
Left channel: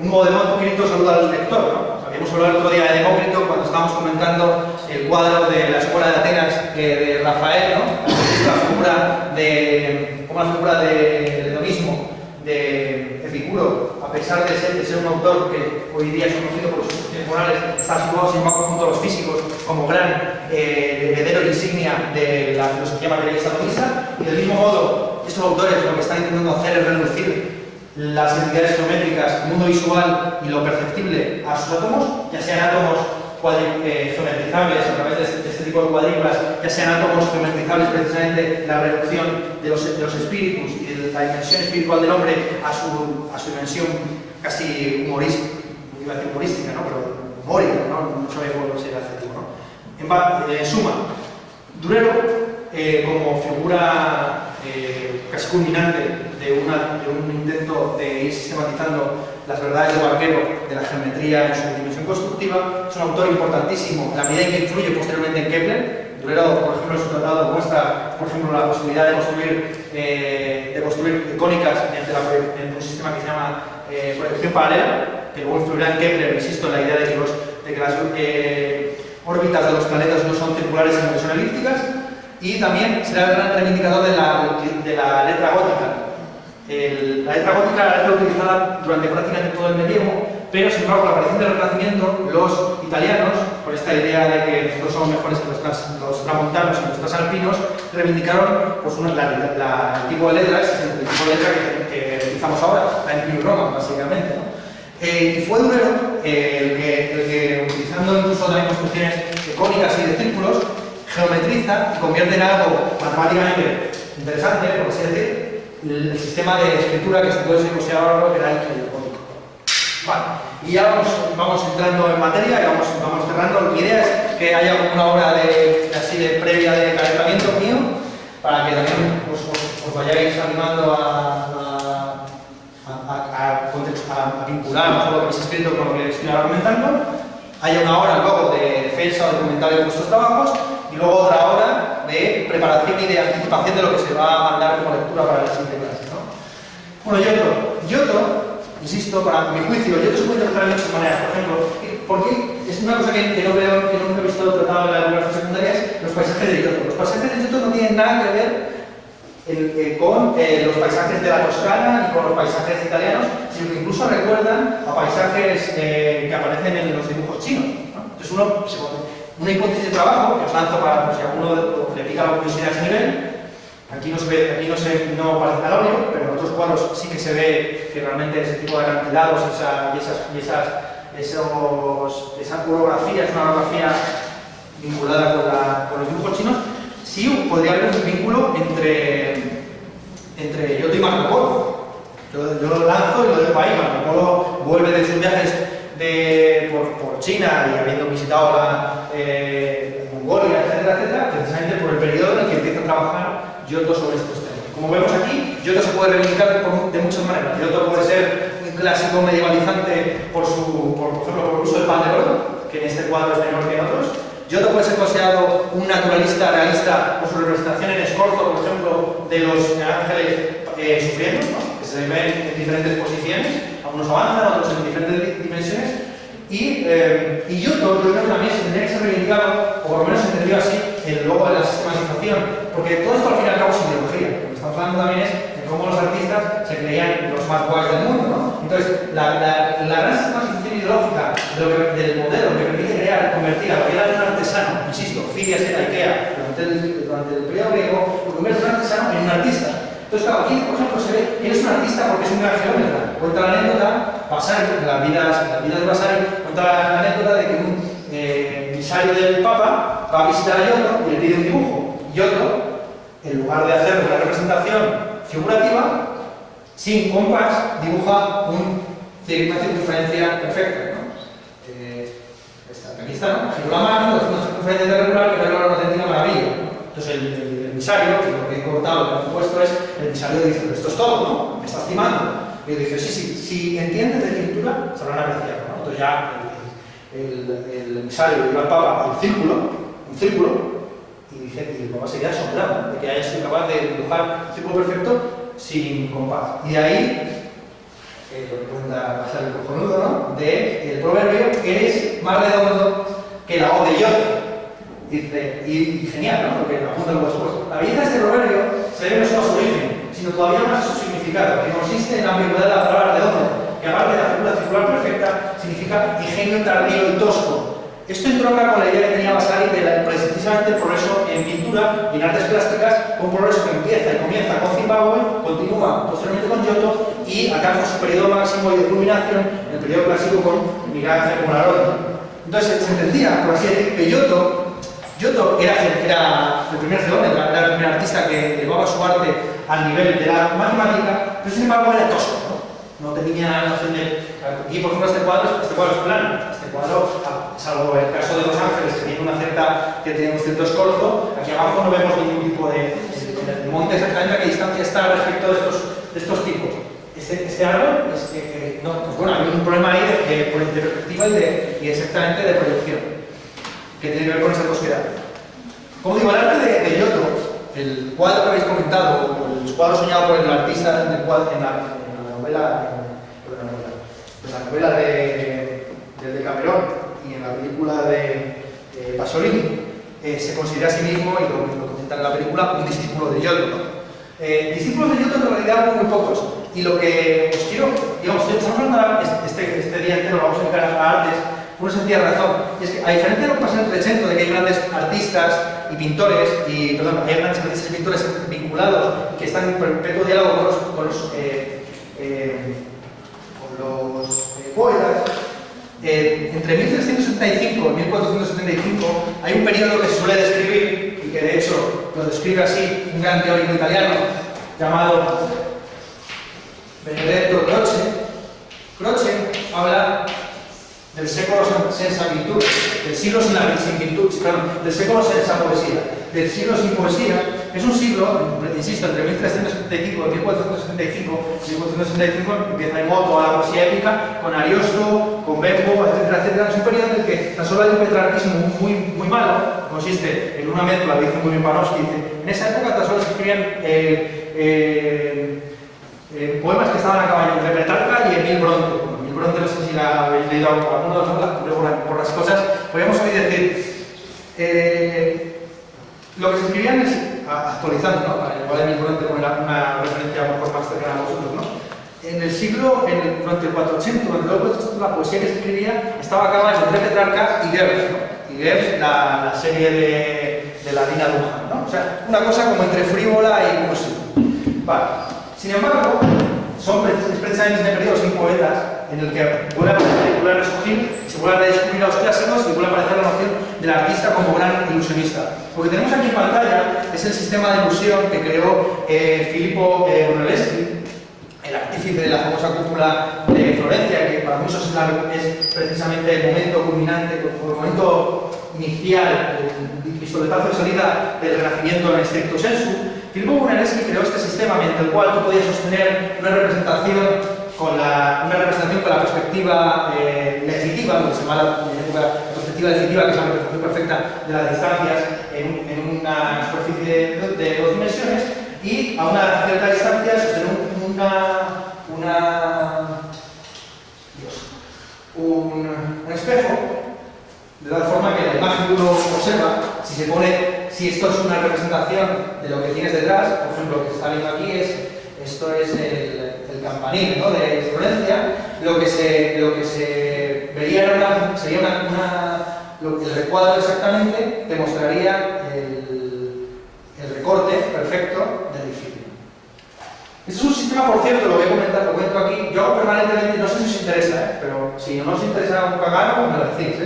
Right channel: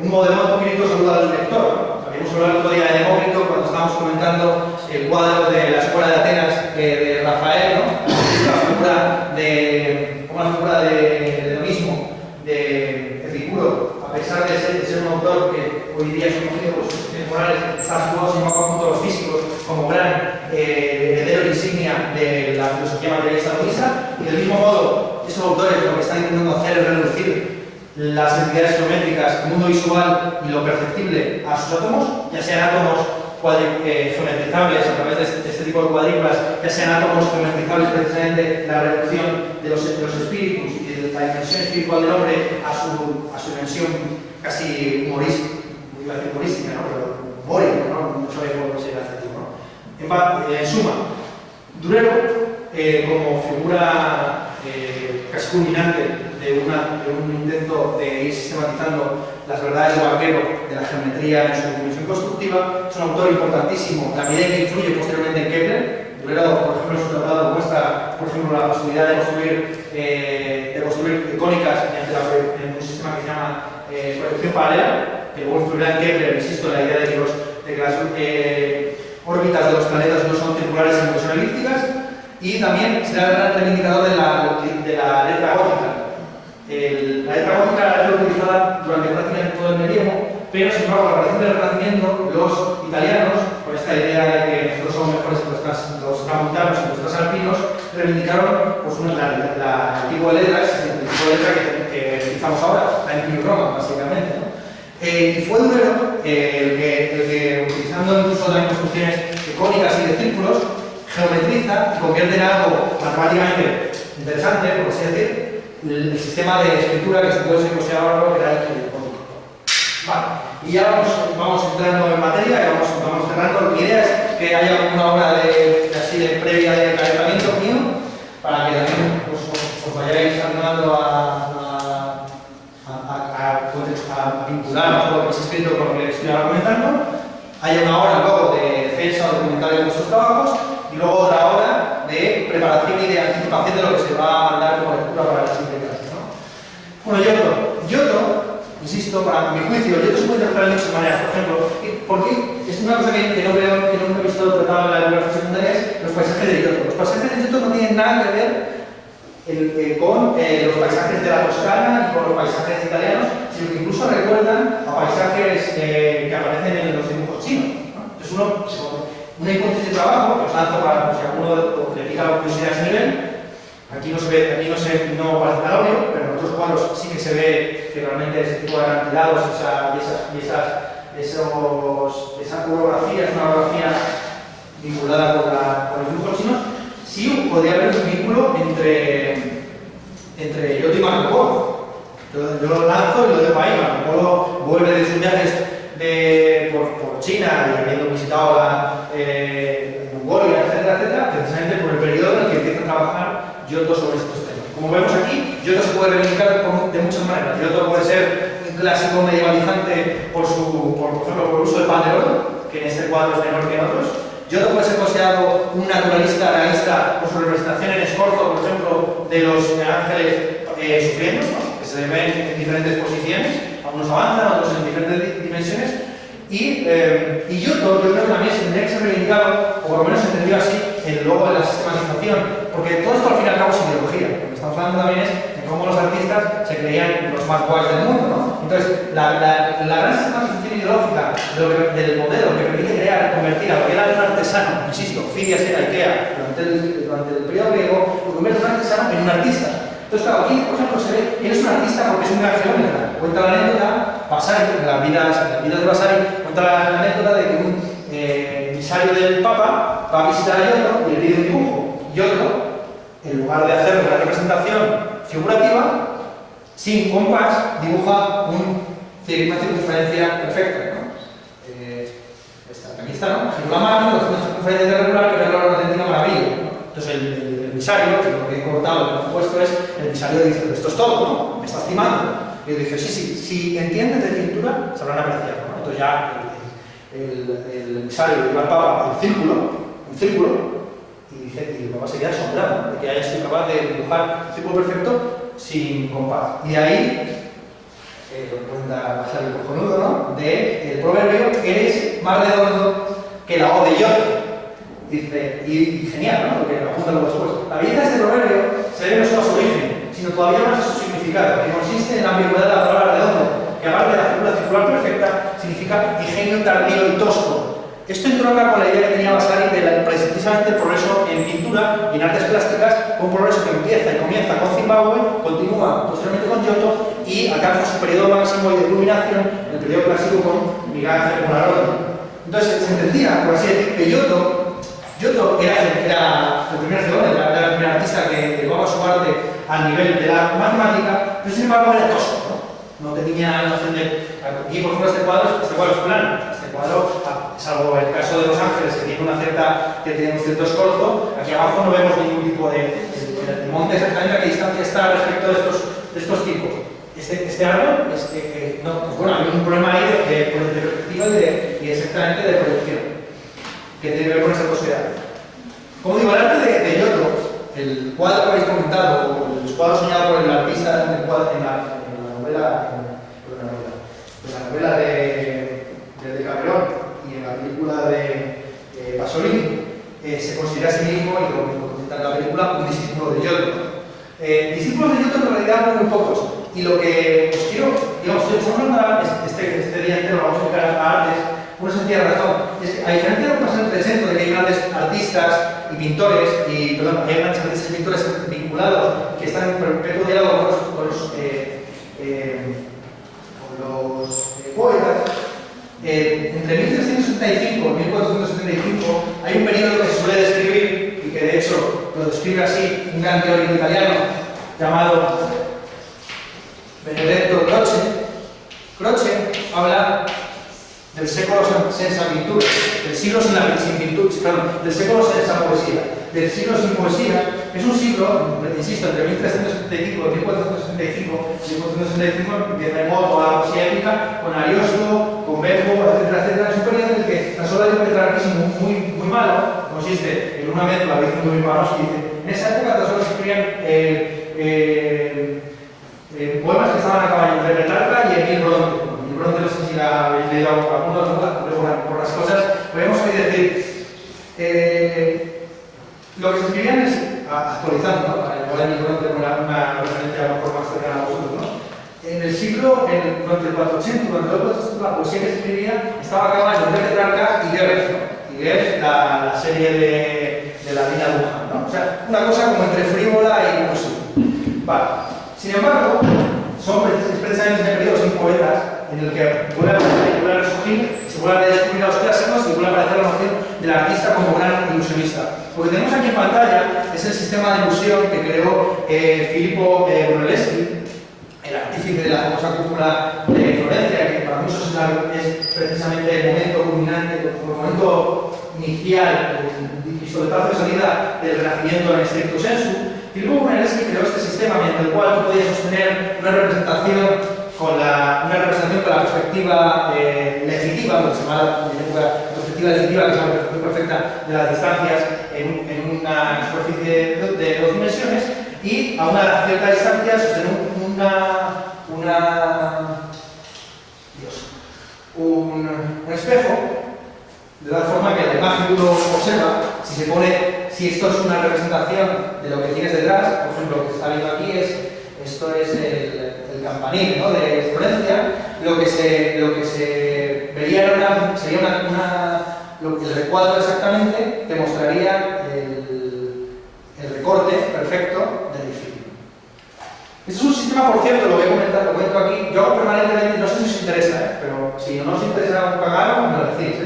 un Demócrito saluda al lector, ¿no? Habíamos hablado el otro día de Demócrito cuando estábamos comentando el cuadro de la Escuela de Atenas de Rafael, ¿no? Como la figura de hedonismo de Epicuro, a pesar de ser un autor que hoy día es conocido por sus cuestiones morales, está situado sin embargo junto a los físicos como gran heredero insignia de la filosofía materialista hedonista, y del mismo modo estos autores lo que están intentando hacer es reducir las entidades geométricas, el mundo visual y lo perceptible a sus átomos, ya sean átomos geometrizables a través de este tipo de cuadrículas, ya sean átomos geometrizables precisamente la reducción de los espíritus y de la dimensión espiritual del hombre a su dimensión casi humorística, iba a decir humorística, ¿no? Pero humórica, ¿no? No sabéis cómo sería el adjetivo, ¿no? En suma, Durero, como figura casi culminante de un intento de ir sistematizando las verdades del barquero de la geometría en su dimensión constructiva, es un autor importantísimo. La medida que influye posteriormente en Kepler. Durero, por ejemplo, en su tratado muestra, por ejemplo, la posibilidad de construir cónicas en un sistema que se llama proyección paralela, que luego influirá en Kepler, insisto, en la idea de que las órbitas de los planetas no son circulares sino que son elípticas. Y también será el gran reivindicador de la letra gótica. La letra gótica era la letra utilizada durante prácticamente todo el medievo, pero sin embargo, con la aparición del Renacimiento, los italianos, con esta idea de que nosotros somos mejores que los tramontanos y los alpinos, reivindicaron pues, el tipo de letras, el tipo de letra que utilizamos ahora, la New Roman, básicamente, ¿no? Y fue Durero el que, utilizando incluso también construcciones cónicas y de círculos, geometriza y convierte en algo matemáticamente interesante, por así decir, el sistema de escritura que se puede ser considerado que era el cónico. Vale, y ya vamos entrando en materia y vamos cerrando. Mi idea es que haya una hora previa de calentamiento mío, para que también os vayáis animando a vincular mejor lo que habéis escrito con lo que estoy ahora comentando. Haya una hora luego de defensa o documental de vuestros trabajos, y luego otra hora de preparación y de anticipación de lo que se va a mandar como lectura para la siguiente clase, ¿no? Bueno, Giotto, insisto, para mi juicio, Giotto se puede interpretar de muchas maneras. Por ejemplo, porque es una cosa que no he visto tratado en la educación secundaria, es los paisajes de Giotto. Los paisajes de Giotto no tienen nada que ver con los paisajes de la Toscana y con los paisajes italianos, sino que incluso recuerdan a paisajes que aparecen en los dibujos chinos, ¿no? Entonces una hipótesis de trabajo que os lanzo para si a alguno le pica la curiosidad a ese nivel. Aquí no parece al óleo, pero en otros cuadros sí que se ve que realmente ese tipo de acantilados esa coreografía es una coreografía vinculada con los dibujos chinos. Sí, podría haber un vínculo entre Giotto y Marco Polo. Yo lo lanzo y lo dejo ahí. Marco Polo vuelve de sus viajes por China y habiendo visitado Mongolia, etcétera, precisamente por el periodo en el que empieza a trabajar Giotto sobre estos temas. Como vemos aquí, Giotto se puede reivindicar de muchas maneras. Giotto puede ser un clásico medievalizante por ejemplo, por el uso del pan de oro, que en este cuadro es menor que en otros. Giotto puede ser considerado un naturalista realista por su representación en Escorzo, por ejemplo, de los ángeles sufriendo, ¿no? Que se ven en diferentes posiciones, algunos avanzan, otros en diferentes dimensiones. Y Giotto, yo creo que también se tendría que ser reivindicado, o por lo menos se entendió así, el logo de la sistematización, porque todo esto al fin y al cabo es ideología. Lo que estamos hablando también es de cómo los artistas se creían los más guays del mundo, ¿no? Entonces, la gran sistematización ideológica del modelo que permite convertir a lo que era un artesano, insisto, Fidias era Ikea durante el periodo griego, lo convierte un artesano en un artista. Entonces, claro, aquí, por ejemplo, se ve que eres un artista porque es un gran geómetra. Cuenta la anécdota, Vasari, en la vida de Vasari, cuenta la anécdota de que un emisario del Papa va a visitar a Giotto y le pide un dibujo. Giotto, en lugar de hacer una representación figurativa, sin compás, dibuja una circunferencia perfecta, ¿no? Aquí está, ¿no? Giró la mano, hace una circunferencia irregular que regla una auténtica maravilla, ¿no? Entonces el emisario, que lo que he cortado, lo que he puesto es, el emisario dice, pero esto es todo, ¿no? Me estás timando. Y yo dije, sí, si entienden de pintura, sabrán apreciarlo, ¿no? Entonces ya el emisario lleva al Papa un círculo, y dice, y el Papa se queda asombrado, ¿no? De que haya sido capaz de dibujar un círculo perfecto sin compás. Y de ahí, lo que cuenta Pasar el cojonudo, ¿no? El proverbio, eres más redondo que la O de Giotto. Dice, y genial, ¿no? Porque lo apunta luego después. La belleza de este proverbio se debe no solo a su origen, sino todavía más a su significado, que consiste en la ambigüedad de la palabra redondo, que aparte de la figura circular perfecta, significa ingenio tardío y tosco. Esto entronca con la idea que tenía Vasari de precisamente el progreso en pintura y en artes plásticas, un progreso que comienza con Zimbabue, continúa posteriormente con Giotto y alcanza su periodo máximo de culminación en el periodo clásico con Miguel Ángel Buonarroti. Entonces se entendía, por así decir, que Giotto era el primer geómetro, era el primer artista que llevaba su arte al nivel de la matemática, pero sin embargo era tosco, ¿no? No tenía noción de... Aquí, por ejemplo, este cuadro es plano. Este cuadro, salvo el caso de Los Ángeles, que tiene un cierto escorzo, aquí abajo no vemos ningún tipo de monte exactamente a qué distancia está respecto de estos tipos. Este árbol, no, pues bueno, hay un problema ahí de perspectiva y exactamente de proyección, que tiene que ver con esa tosquedad. Como digo, el arte de Giotto, el cuadro que habéis comentado, el cuadro soñado por el artista en la novela de Camerón y en la película de Pasolini, se considera a sí mismo, y lo comenta en la película, un discípulo de Giotto. Discípulos de Giotto en realidad muy pocos, y lo que os quiero, digamos, estamos hablando este día entero, vamos a dedicar a artes, por una sencilla razón, es que a diferencia de lo que pasa en el Trecento, de que hay grandes artistas y pintores, hay grandes artistas y pintores vinculados que están en perpetuo diálogo con los poetas, entre 1375 y 1475 hay un periodo que se suele describir, y que de hecho lo describe así un gran teórico italiano llamado Benedetto Croce. Croce habla del século senza pintura, del siglo sin pintura, del século senza poesía, del siglo sin poesía. Es un siglo, insisto, entre 1375 y 1475. 1475 empieza en modo a la poesía épica, con Ariosto, con Bembo, etcétera. Es un periodo en el que la sola de un petrarquismo muy malo consiste en una mezcla, dice muy bien Panofsky, en esa época tan solo se escribían poemas que estaban a caballo entre Petrarca y Emil Bronte. Emil Bronte, no sé si la habéis leído alguna por las cosas, podríamos hoy decir, lo que se escribían es, actualizando, ¿no? Para llevar Emil Bronte con una referencia a lo mejor más cercana a vosotros, ¿no? Durante el 480, durante el 480, la poesía que se escribía estaba a caballo entre Petrarca y Goethe, ¿no? Y Goethe, la serie de la Dina Duhan, ¿no? O sea, una cosa como entre frívola y imposible. Vale. Sin embargo, son precisamente ese periodo sin poetas en el que vuelve a resurgir, se vuelve a redescubrir a los clásicos y vuelve a aparecer la noción del artista como gran ilusionista. Lo que tenemos aquí en pantalla es el sistema de ilusión que creó Filippo Brunelleschi, el artífice de la famosa cúpula de Florencia, que para muchos es precisamente el momento culminante, el momento inicial, el pistoletazo de salida del Renacimiento en estricto sensu. Filippo Brunelleschi creó este sistema mediante el cual tú podías sostener una representación con la perspectiva legislativa, lo que se llama la perspectiva legislativa, que es la representación perfecta de las distancias en una superficie de 2 dimensiones, y a una cierta distancia sostener un espejo, de tal forma que la imagen que uno observa, si esto es una representación de lo que tienes detrás, por ejemplo, lo que se está viendo aquí esto es el campanil, ¿no?, de Florencia, lo que se vería sería el recuadro exactamente te mostraría el recorte perfecto del edificio. Este es un sistema, por cierto, lo voy a comentar, lo cuento aquí, yo hago permanentemente, no sé si os interesa, pero si no os interesa un cagado, me lo decís,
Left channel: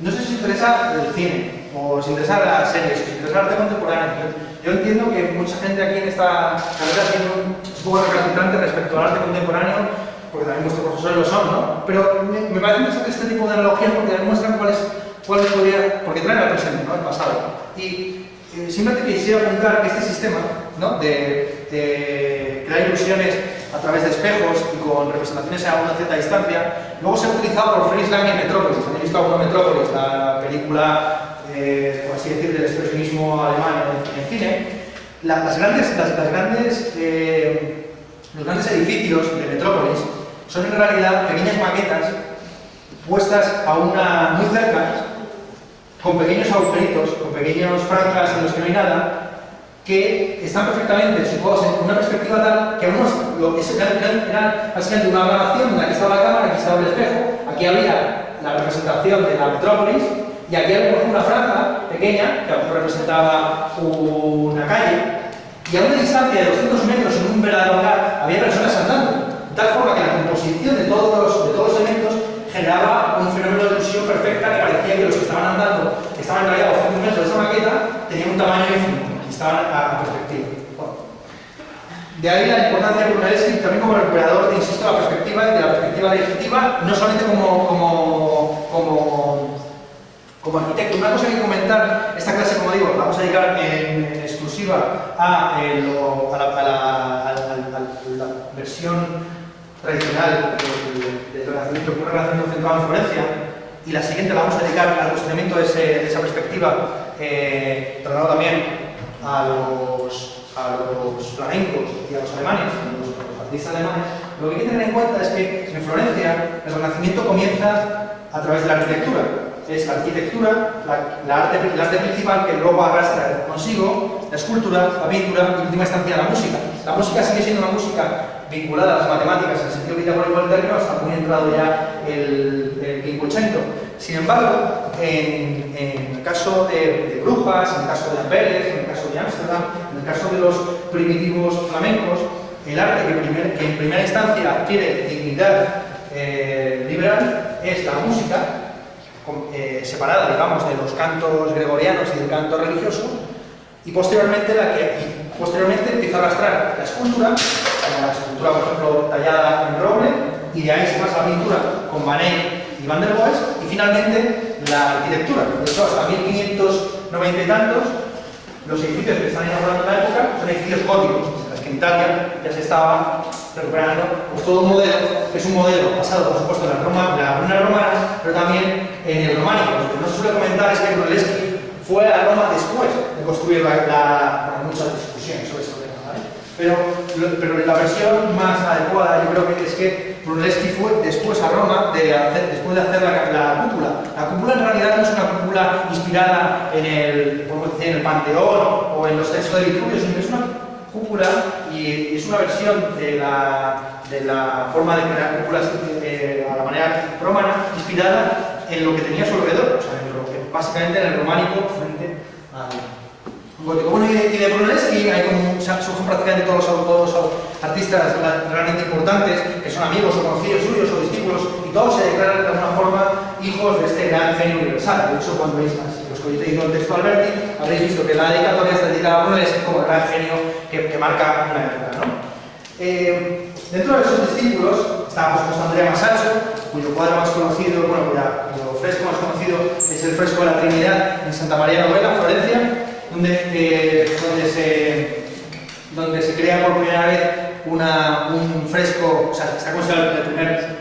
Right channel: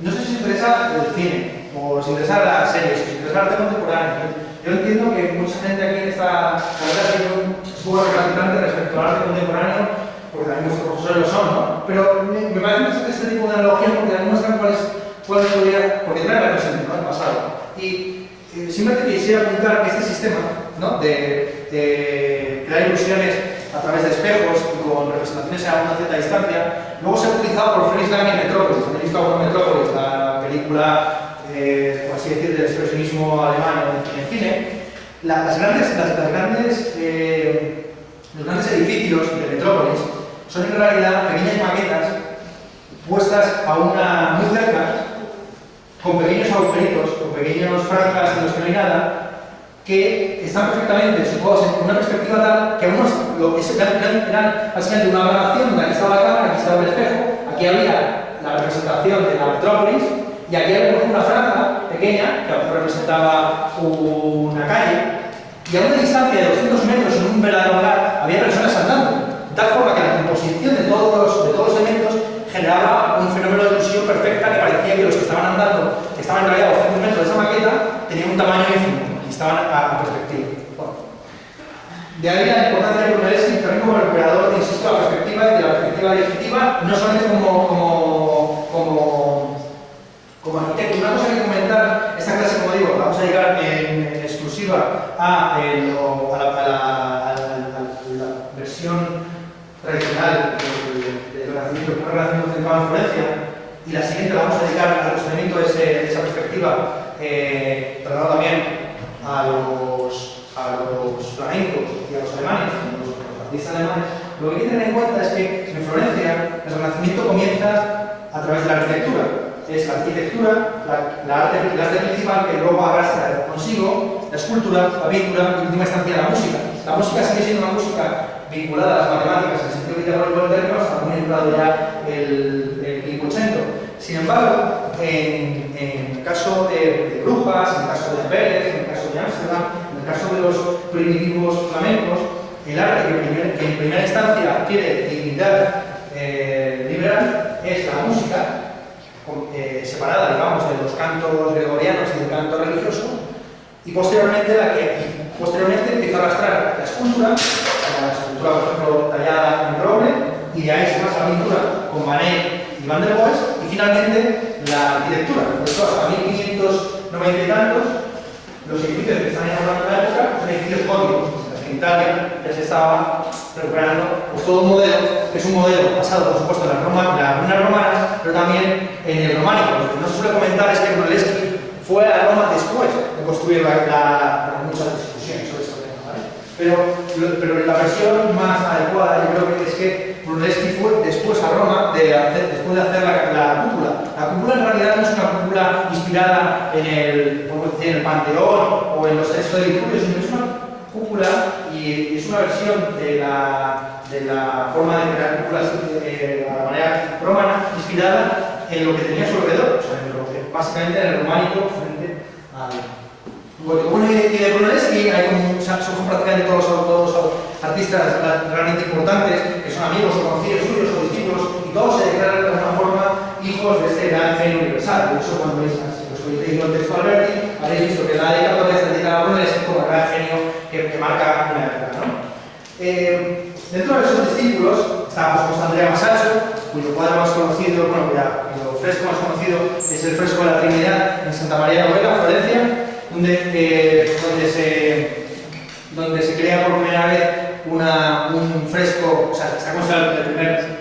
no sé si os interesa el cine, o os interesa las series, o os interesa el arte contemporáneo. Yo entiendo que mucha gente aquí en esta carrera tiene un poco recalcitrante respecto al arte contemporáneo, porque también nuestros profesores lo son, ¿no? Pero me parece interesante este tipo de analogías porque demuestran cuáles podría, porque traen al presente, ¿no?, el pasado. Y simplemente quisiera apuntar que este sistema, ¿no?, de crear crear ilusiones a través de espejos y con representaciones a una cierta distancia. Luego se ha utilizado por Fritz Lang en Metrópolis. ¿Habéis visto alguna Metrópolis? La película, por así decir, del expresionismo alemán en el cine. Los grandes edificios de Metrópolis son en realidad pequeñas maquetas puestas a muy cerca, con pequeños agujeritos, con pequeñas franjas en los que no hay nada, que están perfectamente situados en una perspectiva tal que eran básicamente una grabación donde aquí estaba la cámara, aquí estaba el espejo, aquí había la representación de la Metrópolis y aquí había una franja pequeña que a lo mejor representaba una calle, y a una distancia de 200 metros en un verdadero lugar había personas andando, de tal forma que la composición de todos los elementos generaba un fenómeno de ilusión perfecta que parecía que los que estaban andando, que estaban en realidad a 200 metros de esa maqueta, tenían un tamaño infinito y estaban a perspectiva. Bueno, de ahí la importancia de Brunelleschi también como recuperador, insisto, de la perspectiva y de la perspectiva definitiva, no solamente como arquitecto. Una cosa que comentar, esta clase, como digo, la vamos a dedicar en exclusiva a la versión tradicional del renacimiento, un renacimiento centrado en Florencia, y la siguiente la vamos a dedicar al cuestionamiento de esa perspectiva, tratando también a los flamencos y a los alemanes, los artistas alemanes. Lo que hay que tener en cuenta es que en Florencia el renacimiento comienza a través de la arquitectura. Es la arquitectura, el arte principal, que luego arrastra consigo la escultura, la pintura y en última instancia la música. La música sigue siendo una música vinculada a las matemáticas en el sentido pitagórico del término, está muy entrado ya el Quinquecento. Sin embargo, en el caso de Brujas, en el caso de Amberes, en el caso de Ámsterdam, en el caso de los primitivos flamencos, el arte que en primera instancia adquiere dignidad liberal es la música, separada, digamos, de los cantos gregorianos y del canto religioso, y posteriormente empieza a arrastrar la escultura, como la escultura, por ejemplo, tallada en roble, y de ahí se pasa a la pintura con Manet y Van der Waals, y finalmente la arquitectura. De hecho, hasta 1590 y tantos, los edificios que están inaugurando en la época son edificios góticos, mientras que en Italia ya se estaba recuperando pues, todo un modelo, que es un modelo basado, por supuesto, en las ruinas romanas, pero también en el románico. Lo que no se suele comentar es que Brunelleschi fue a Roma después de construir muchas discusiones sobre este tema, ¿vale? Pero la versión más adecuada, yo creo que es que Brunelleschi fue después a Roma después de hacer la cúpula. La cúpula en realidad no es una cúpula inspirada en el Panteón o en los textos de Vitruvius, sino que es una cúpula y es una versión de la forma de crear cúpulas a la manera romana, inspirada en lo que tenía a su alrededor, o sea, básicamente en el románico frente al gótico. Bueno, y de Brunelleschi surgen prácticamente todos los artistas realmente importantes, que son amigos o conocidos suyos o discípulos, y todos se declaran de alguna forma hijos de este gran genio universal. De hecho, cuando veis los que he leído el texto de Alberti, habréis visto que la dedicatoria está dedicada a Brunelleschi como el gran genio que marca una época, ¿no? Dentro de esos discípulos está José Andrea Masaccio, cuyo cuadro más conocido, cuyo fresco más conocido es el fresco de la Trinidad en Santa María Novella, Florencia, donde se crea por primera vez un fresco, o sea, está considerado la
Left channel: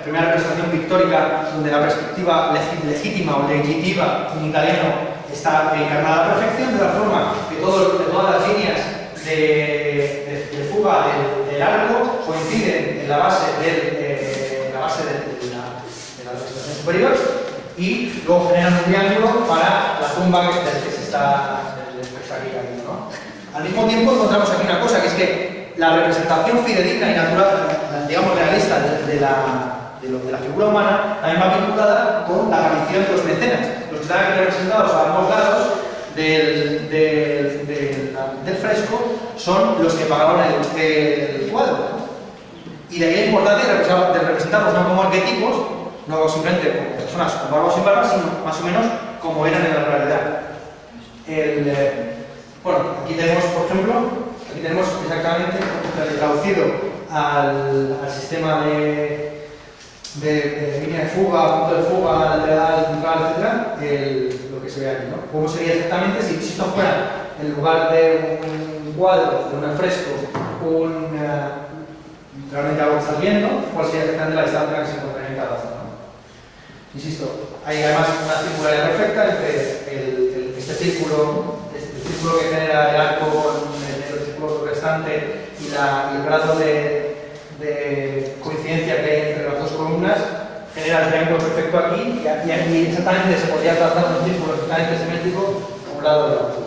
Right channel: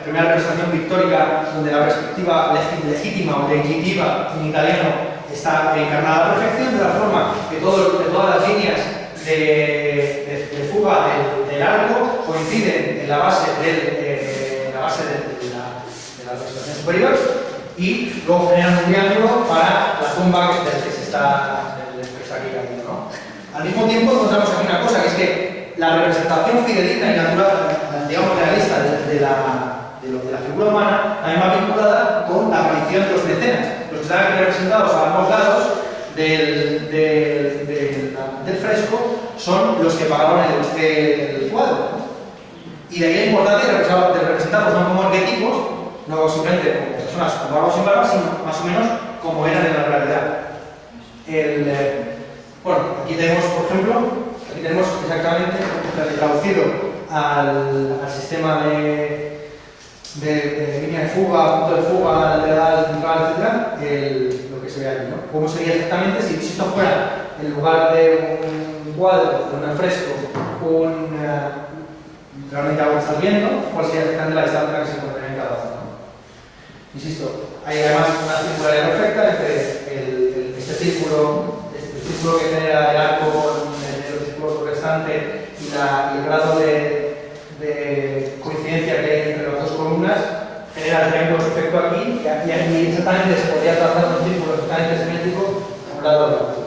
primera representación pictórica donde la perspectiva legítima o legitiva en italiano está encarnada a la perfección, de la forma que todas las líneas de fuga del arco coinciden en la base de la representación superior, y luego generan un triángulo para la tumba que se está aquí cayendo, ¿no? Al mismo tiempo encontramos aquí una cosa, que es que la representación fidedigna y natural, digamos realista de la figura humana, también va vinculada con la aparición de los mecenas, los que están representados a ambos lados del fresco son los que pagaban el cuadro, ¿no? Y de ahí la importancia de representarlos no como arquetipos, no simplemente como personas con barba o sin barba, sino más o menos como eran en la realidad. Bueno, aquí tenemos, por ejemplo, exactamente traducido al sistema de línea de fuga, punto de fuga, lateral, central, etc. Lo que se ve aquí, ¿no? ¿Cómo sería exactamente si esto fuera, en lugar de un cuadro, de un fresco, realmente algo que estás viendo, cuál sería exactamente la distancia que se encontraría en cada zona. Insisto, hay además una circularidad perfecta entre este círculo que genera el arco con el círculo restante y el grado de coincidencia que hay entre las dos columnas, genera el triángulo perfecto aquí y aquí exactamente se podría trazar un círculo exactamente simétrico a un lado de otro.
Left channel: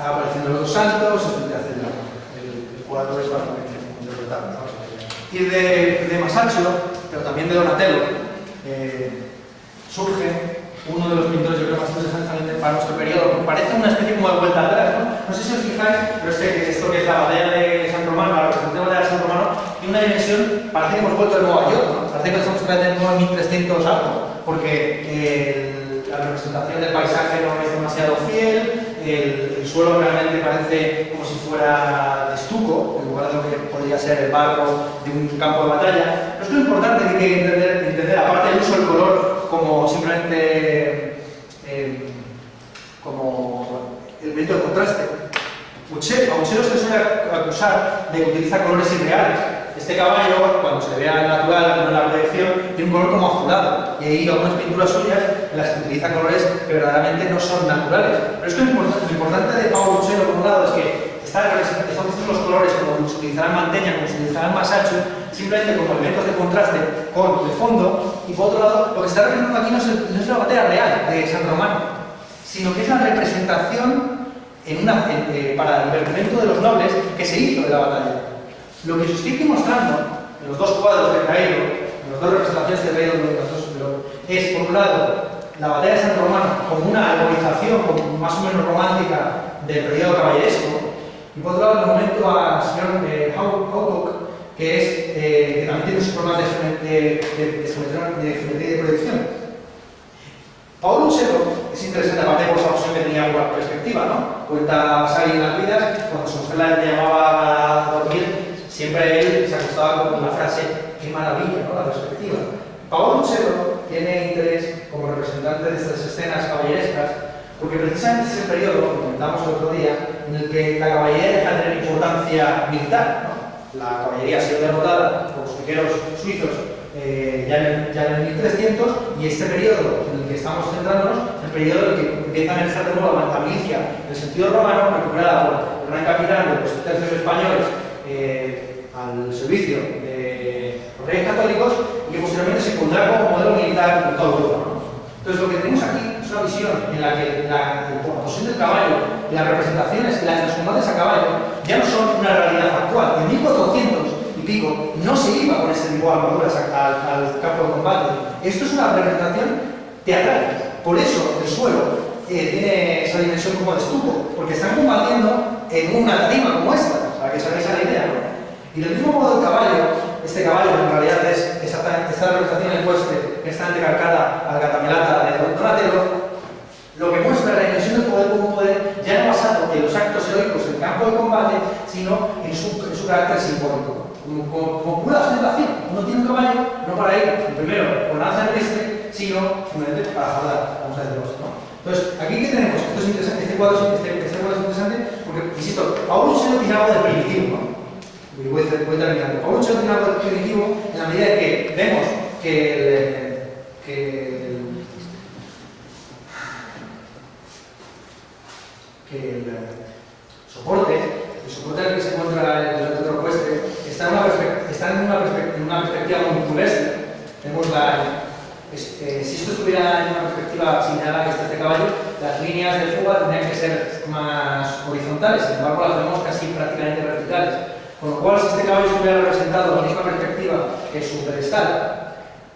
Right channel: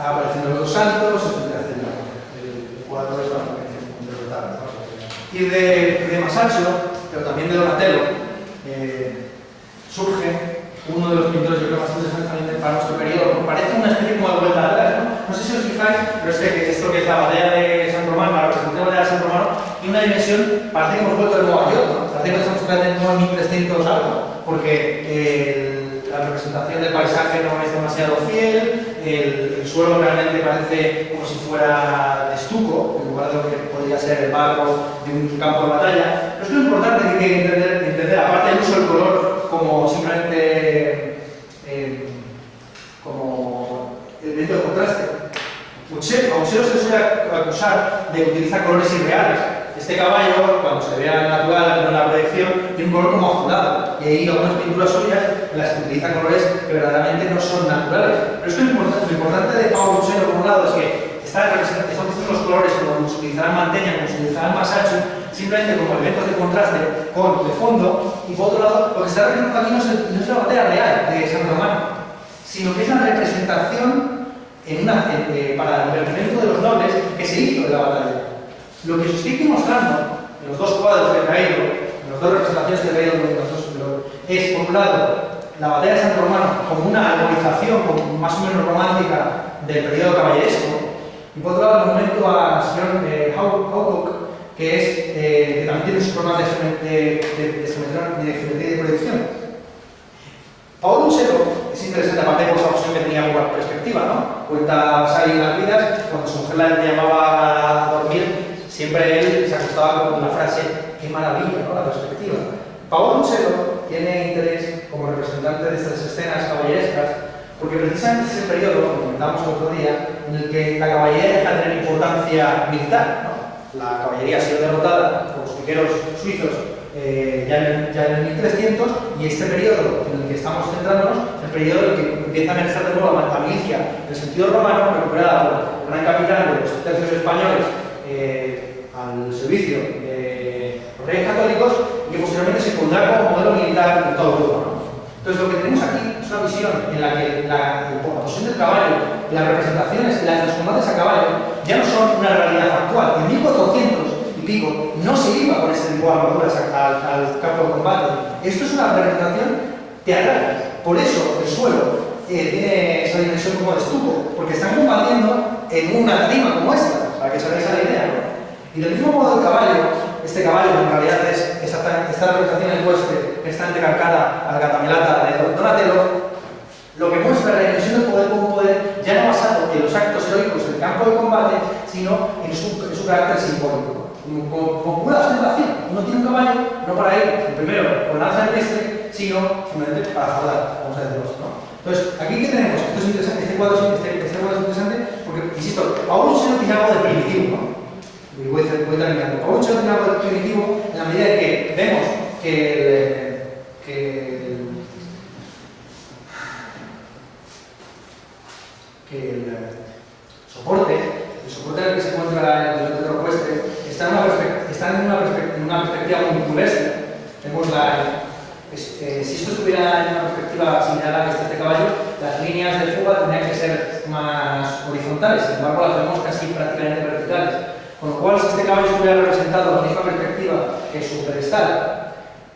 Apareciendo los dos saltos, el cuadro es para interpretar. Y de Masaccio, pero también de Donatello, surge uno de los pintores, yo creo, más interesantes también para nuestro periodo. Parece una especie como de vuelta atrás, ¿no? No sé si os fijáis, pero esto que es la batalla de San Romano, la representación de la batalla de San Romano, tiene una dimensión, parece que hemos vuelto de nuevo a York, ¿no? Parece que estamos tratando en 1300 algo, porque la representación del paisaje no es demasiado fiel, el suelo realmente parece como si fuera de estuco, en lugar de lo que podría ser el barro de un campo de batalla. Pero es que lo importante que hay que entender, aparte del uso del color como simplemente como elemento de contraste, a Uccello se le suele acusar de que utiliza colores irreales. Este caballo, cuando se le vea natural en la proyección, tiene un color como azulado, y hay algunas pinturas suyas en las que utiliza colores que verdaderamente no son naturales. Pero es que lo importante de Paolo Uccello, por un lado, es que están estos los colores como se utilizará en Mantegna, como se utilizará en Masaccio, simplemente como elementos de contraste con el fondo, y por otro lado, lo que se está representando aquí no es la batalla real de San Romano, sino que es la representación para el divertimento de los nobles que se hizo de la batalla. Lo que os estoy mostrando en los dos cuadros que he traído, en las dos representaciones que he traído, es, por un lado, la batalla de San Romano como una alborización más o menos romántica del periodo caballeresco, y por otro lado, el monumento al señor Hawcock, que también tiene sus problemas de geometría y de proyección. Paolo Uccello es interesante, aparte por esa opción que tenía por la perspectiva, ¿no? Cuenta Sally en las vidas, cuando su mujer la llamaba a dormir, siempre él se acostaba con la frase, qué maravilla, ¿no? La perspectiva. Paolo Uccello tiene interés como representante de estas escenas caballerescas, porque precisamente es el periodo, como comentamos el otro día, en el que la caballería deja de tener importancia militar, ¿no? La caballería ha sido derrotada por los piqueros suizos ya en el 1300, y este periodo en el que estamos centrándonos es el periodo en el que empieza a emerger de nuevo la milicia en el sentido romano, recuperada por el gran capitán de los tercios españoles al servicio de los reyes católicos, y que posteriormente se pondrá como modelo militar en toda Europa, ¿no? Entonces, lo que tenemos aquí es una visión en la que la posición del caballo y las representaciones y los combates a caballo ya no son una realidad actual. En 1400 y pico no se iba con este tipo de armaduras al campo de combate. Esto es una representación teatral. Por eso el suelo tiene esa dimensión como de estuco, porque están combatiendo en una tarima como esta, para que os hagáis la idea, ¿no? Y del mismo modo el caballo, este caballo en realidad es exactamente esta representación ecuestre que está entrecalcada al Gatamelata de Donatello, lo que muestra la dimensión del poder como un poder ya no basado en los actos heroicos del campo de combate, sino en su carácter simbólico, como pura ostentación. Uno tiene un caballo no para ir primero con lanza terrestre, sino simplemente para jardar, vamos a decirlo así, ¿no? Entonces, aquí ¿qué tenemos? Esto es interesante, este cuadro es interesante porque, insisto, Paolo Uccello tiene algo de primitivo, ¿no? Y voy terminando. Paolo Uccello tiene algo de primitivo en la medida en que vemos que el soporte en el que se encuentra el otro ecuestre está en una perspectiva multipolestre. Tenemos si esto estuviera en una perspectiva similar a la que está este caballo, las líneas de fuga tendrían que ser más horizontales, sin embargo las vemos casi prácticamente verticales. Con lo cual, si este caballo estuviera representado en la misma perspectiva que su pedestal,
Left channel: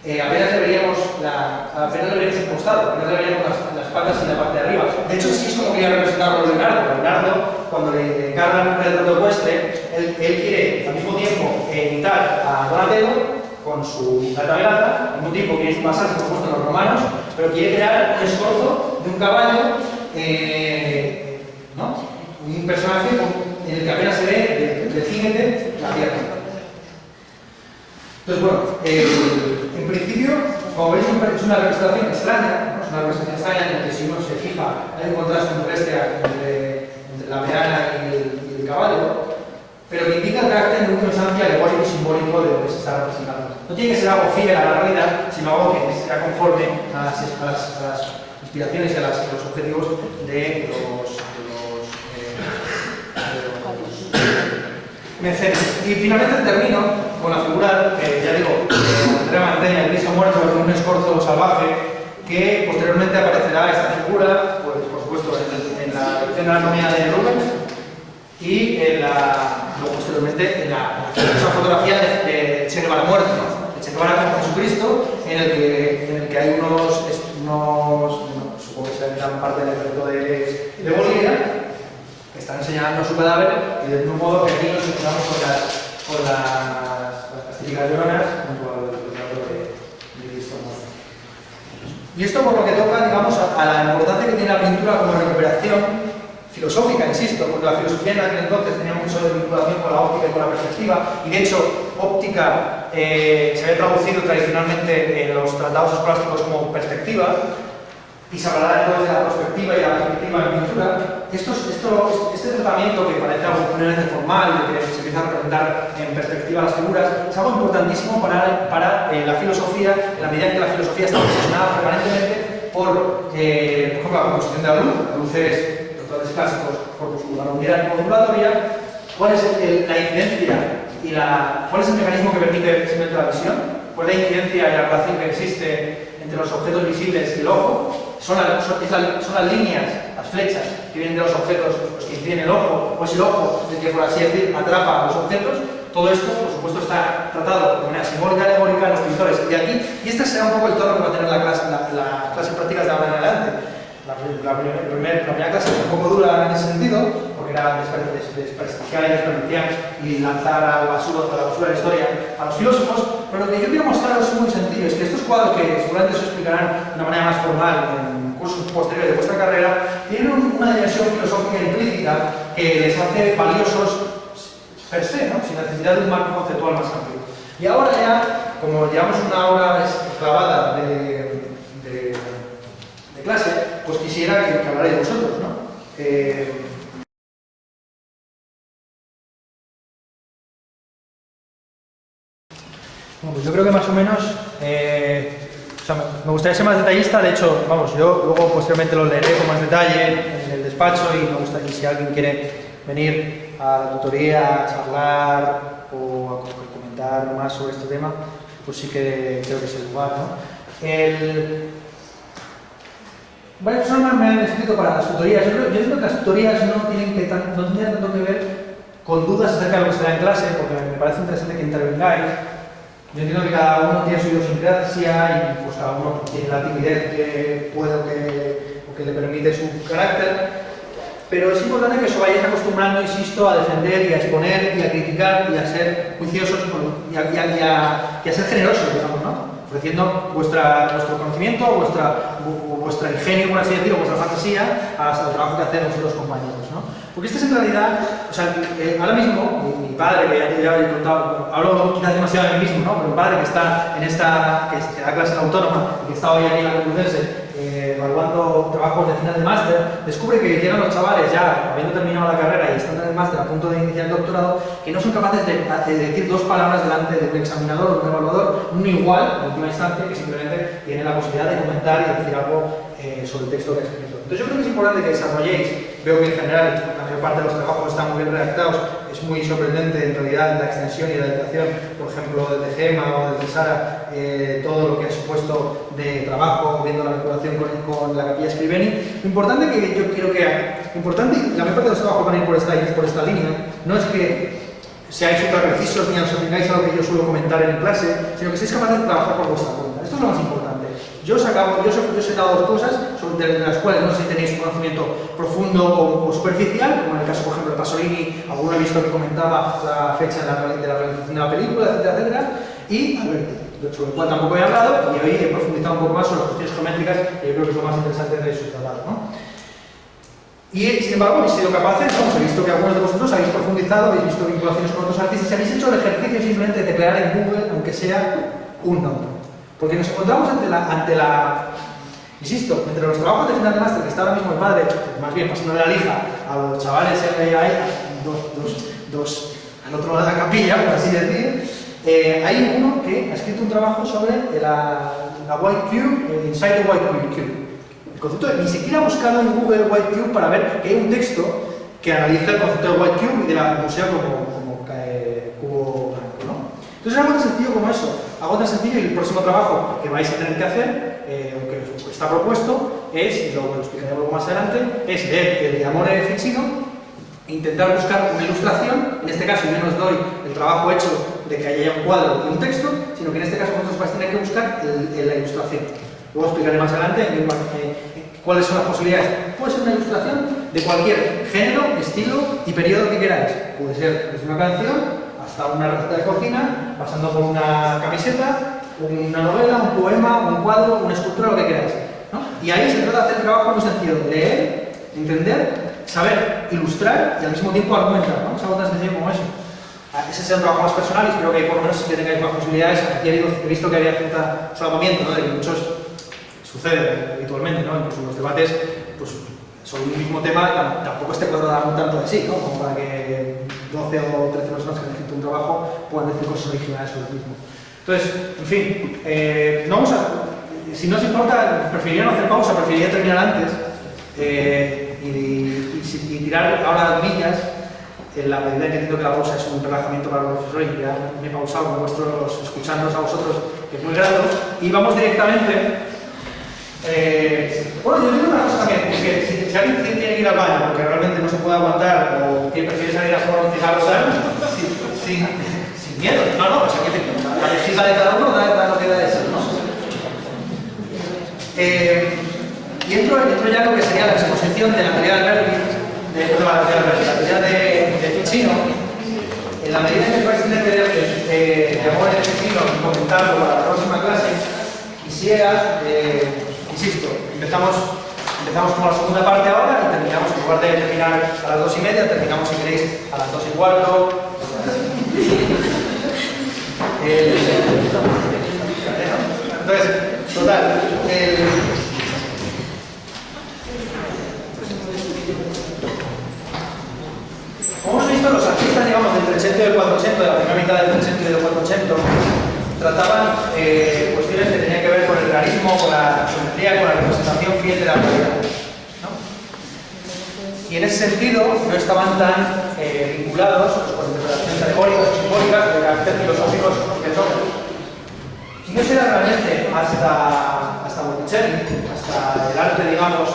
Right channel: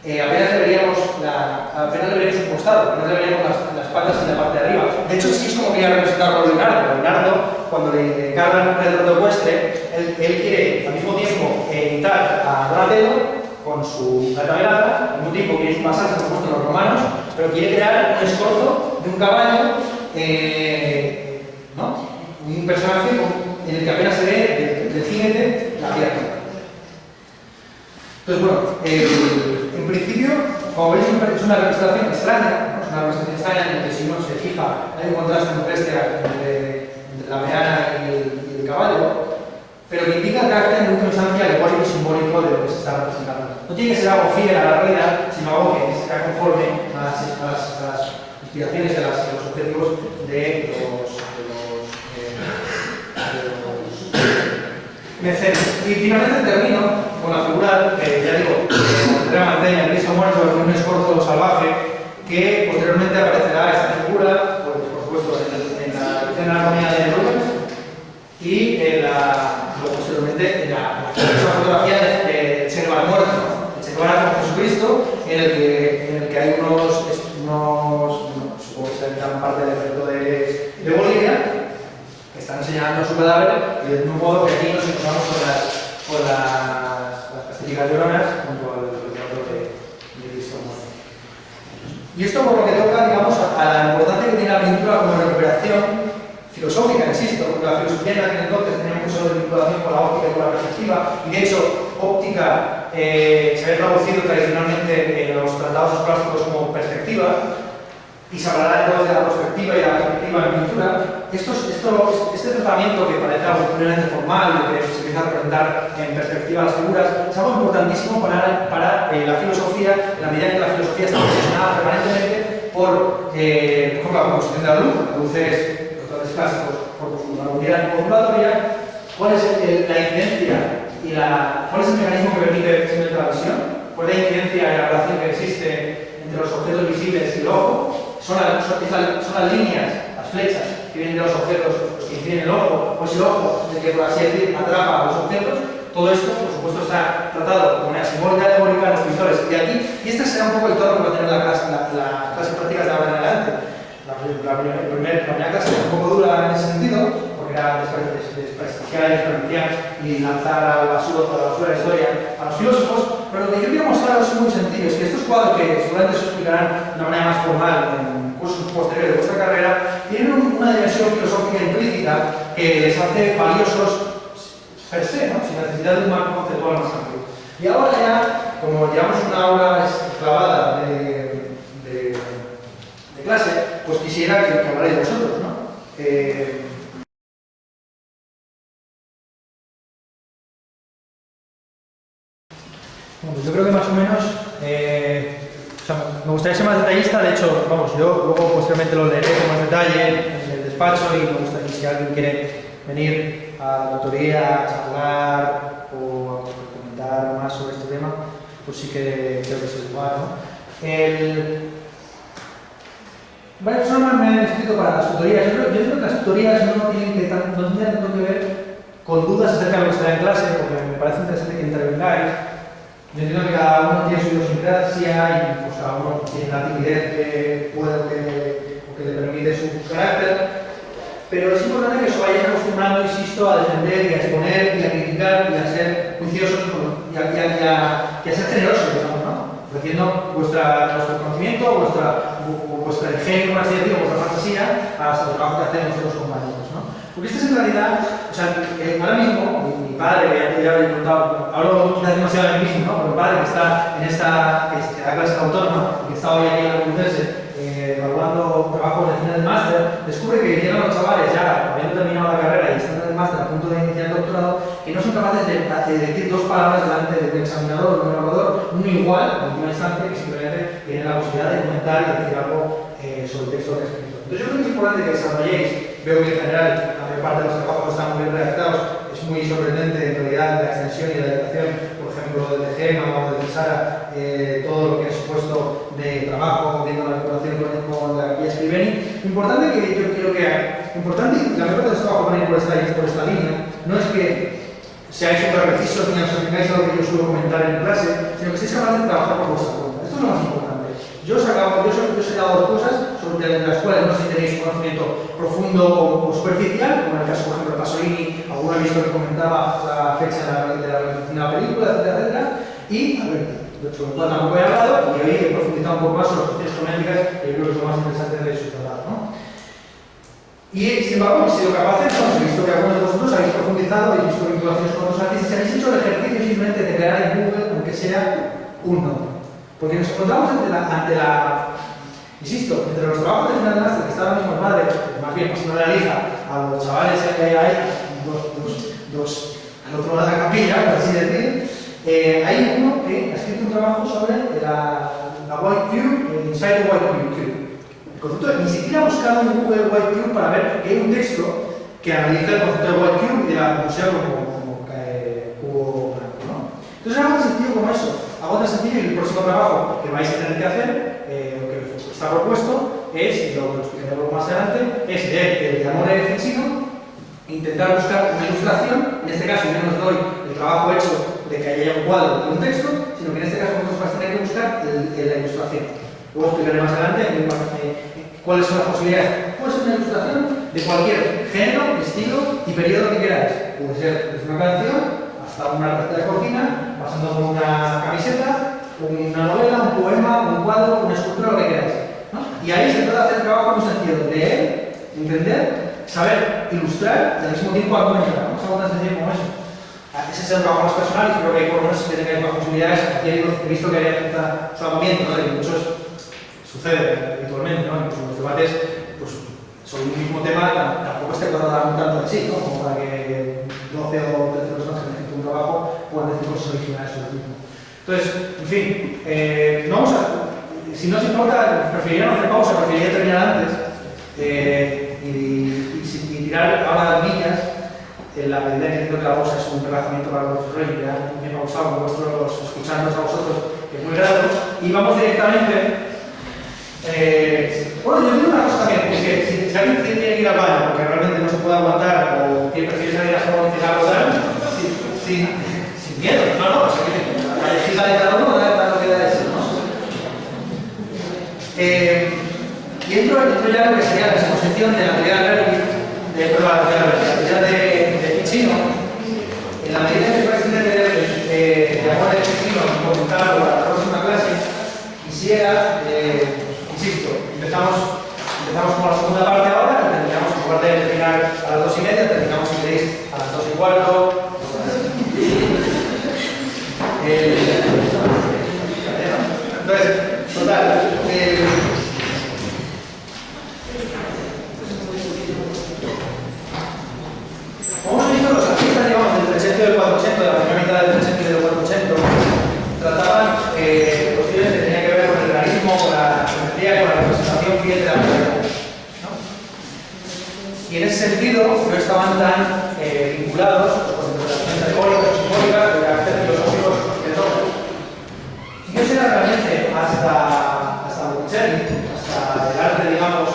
apenas le veríamos un costado, apenas le veríamos las patas y la parte de arriba. De hecho, sí es como quería representarlo Leonardo. Leonardo, cuando le encargan el retrato ecuestre, él quiere al mismo tiempo imitar a Donatello con su Gatamelata, al mismo tiempo quiere basarse, por supuesto, en los romanos, pero quiere crear un escorzo de un caballo, ¿no? Un personaje en el que apenas se ve del jinete la pierna. Entonces, bueno, en principio, como veis, es una representación extraña, ¿no? Es una representación extraña en la que si uno se fija hay un contraste entre la meana y el caballo, pero que indica el carácter en última instancia alegórico y simbólico de lo que se está representando. No tiene que ser algo fiel a la realidad, sino algo que sea conforme a las inspiraciones y a los objetivos de los mecenas. Y finalmente termino con la figura, ya digo, Andrea Mantegna, el Cristo muerto en un escorzo salvaje, que posteriormente aparecerá esta figura, pues, por supuesto, en la anatomía de Rubens y luego posteriormente en la fotografía de Che Guevara muerto, ¿no? El Che Guevara con Jesucristo, en el que hay unos supongo que serán parte del ejército de Bolivia, que están enseñando su cadáver, y de un modo que aquí nos encontramos con las castillas lloronas junto al retrato de Cristo muerto. Y esto por lo que toca, digamos, a la importancia que tiene la pintura como recuperación filosófica, insisto, porque la filosofía en aquel entonces tenía mucho de vinculación con la óptica y con la perspectiva, y de hecho, óptica se había traducido tradicionalmente en los tratados escolásticos como perspectiva, y se hablará entonces de la perspectiva y la perspectiva en pintura. Este tratamiento que parece algo plenamente formal, de que se empieza a representar en perspectiva las figuras, es algo importantísimo para la filosofía, en la medida en que la filosofía está obsesionada permanentemente por ejemplo, la composición de la luz. La luz es, los autores clásicos, por su unidad modulatoria. ¿Cuál es la incidencia y cuál es el mecanismo que permite simplemente la visión? ¿Cuál es la incidencia y la relación que existe entre los objetos visibles y el ojo? Son las líneas, las flechas que vienen de los objetos los que inciden el ojo, o es el ojo el que, por así decir, atrapa a los objetos. Todo esto, por supuesto, está tratado de manera simbólica y alegórica en los pintores. Y este será un poco el tono que va a tener las clases prácticas de ahora en adelante. La primera clase fue un poco dura en ese sentido, porque era desprestigiar y desperdiciar y lanzar a la basura de la historia a los filósofos, pero lo que yo quiero mostraros es muy sencillo, es que estos cuadros, que seguramente os explicarán de una manera más formal en cursos posteriores de vuestra carrera, tienen una dimensión filosófica implícita que les hace valiosos per se, ¿no? Sin necesidad de un marco conceptual más amplio. Y ahora ya, como llevamos una hora clavada de clase, pues quisiera que hablarais vosotros, ¿no? Bueno, yo creo que más o menos, o sea, me gustaría ser más detallista. De hecho, vamos, yo luego posteriormente lo leeré con más detalle en el despacho, y me gustaría, si alguien quiere venir a la tutoría a charlar o a comentar más sobre este tema, pues sí que creo que es el lugar, ¿no? Varias personas me han escrito para las tutorías. Yo creo que las tutorías no tienen tanto que ver con dudas acerca de lo que se da en clase, porque me parece interesante que intervengáis. Yo entiendo que cada uno tiene su idiosincrasia y pues cada uno tiene la timidez que puede o que le permite su carácter, pero es importante que os vayáis acostumbrando, insisto, a defender y a exponer y a criticar y a ser juiciosos y a ser generosos, digamos, ¿no? Ofreciendo vuestro conocimiento, vuestro ingenio, por así decirlo, vuestra fantasía hasta el trabajo que hacemos los compañeros, ¿no? Porque esto es en realidad, o sea, ahora mismo, mi padre, que ya he contado, hablo quizás demasiado de mí mismo, ¿no? Pero mi padre, que está en que da clase autónoma, y que está hoy aquí en la Complutense, evaluando trabajos de final de máster, descubre que llegan los chavales ya habiendo terminado la carrera y están en el máster a punto de iniciar el doctorado, que no son capaces de decir dos palabras delante de un examinador o de un evaluador, un igual, en última instancia, que simplemente tiene la posibilidad de comentar y decir algo sobre el texto que he escrito. Entonces yo creo que es importante que desarrolléis. Veo que en general la mayor parte de los trabajos están muy bien redactados. Es muy sorprendente en realidad la extensión y la dedicación, por ejemplo, desde Gemma o desde Sara, todo lo que ha supuesto de trabajo viendo la vinculación con la Capilla Scribeni. Lo importante que yo quiero que y la mayor parte de los trabajos van a ir por esta línea, no es que seáis súper precisos ni os atengáis a lo que yo suelo comentar en clase, sino que seáis capaces de trabajar por vuestra cuenta. Esto es lo más importante. Yo os he dado dos cosas sobre las cuales no sé si tenéis un conocimiento profundo o superficial, como en el caso, por ejemplo, de Pasolini. Alguno he visto que comentaba la fecha de la realización de la película, etcétera, etcétera. Y, a ver, sobre el cual tampoco he hablado, y hoy he profundizado un poco más sobre las cuestiones geométricas, que yo creo que es lo más interesante de su tratado, ¿no? Y, sin embargo, habéis sido capaces, ¿no? He visto que algunos de vosotros habéis profundizado, habéis visto vinculaciones con otros artistas, y habéis hecho el ejercicio simplemente de teclear en Google, aunque sea un nombre. Porque nos encontramos insisto, entre los trabajos de final de máster que está ahora mismo el padre, más bien pasando de la lija a los chavales, hay dos al otro lado de la capilla, por así decir, hay uno que ha escrito un trabajo sobre la White Cube, Inside the White Cube. El concepto ni siquiera ha buscado en Google White Cube para ver que hay un texto que analiza el concepto de White Cube y de la museo como cubo blanco, ¿no? Entonces es algo tan sencillo como eso. Algo tan sencillo, y el próximo trabajo que vais a tener que hacer, que está propuesto, es, y lo explicaré un poco más adelante, es leer el Diamore de Ficino e intentar buscar una ilustración. En este caso yo no os doy el trabajo hecho de que haya un cuadro y un texto, sino que en este caso vosotros vais a tener que buscar la ilustración. Luego explicaré más adelante cuáles son las posibilidades. Puede ser una ilustración de cualquier género, estilo y periodo que queráis. Puede ser desde una canción hasta una receta de cocina, pasando por una camiseta, una novela, un poema, un cuadro, una escultura, lo que queráis, ¿no? Y ahí se trata de hacer un trabajo muy sencillo de leer, entender, saber ilustrar y al mismo tiempo argumentar, ¿no? Es algo tan sencillo como eso. Ese es un trabajo más personal y espero que por lo menos que tengáis más posibilidades. Aquí he visto que había cierta solapamiento, ¿no? De que muchos sucede habitualmente, ¿no? Incluso los debates, pues, sobre un mismo tema tampoco esté tratado tanto de sí, ¿no? Como para que 12 o 13 personas que han escrito un trabajo puedan decir cosas originales sobre el mismo. Entonces, en fin, si no os importa, preferiría no hacer pausa, preferiría terminar antes y tirar ahora millas en la medida que entiendo que la pausa es un relajamiento para los profesores y ya me he pausado con vuestros, escuchándonos a vosotros, que es muy grato, y vamos directamente. Bueno, yo digo una cosa también, porque si alguien tiene que ir al baño porque realmente no se puede aguantar o prefiere salir a fumar un cigarro sin miedo, no, o sea, la legislación de cada uno da lo que da de eso, ¿no? Y entro ya en lo que sería la exposición de la teoría de Ficino. En la medida que vais a entender de Diamore de Ficino, comentarlo para la próxima clase, quisiera, insisto, empezamos con la segunda parte ahora y terminamos, en lugar de terminar a las 2:30, terminamos, si queréis, a las 2:15. Entonces, total, como hemos visto, los artistas, digamos, del 300 y del 400, de la primera mitad del 300 y del 400, trataban cuestiones que tenían que ver con el realismo, con la geometría, con la representación fiel de la realidad, ¿no? Y en ese sentido no estaban tan vinculados con interpretaciones alegóricas o simbólicas de carácter filosóficos del hombre. Y no será realmente hasta Botticelli, hasta el arte, digamos,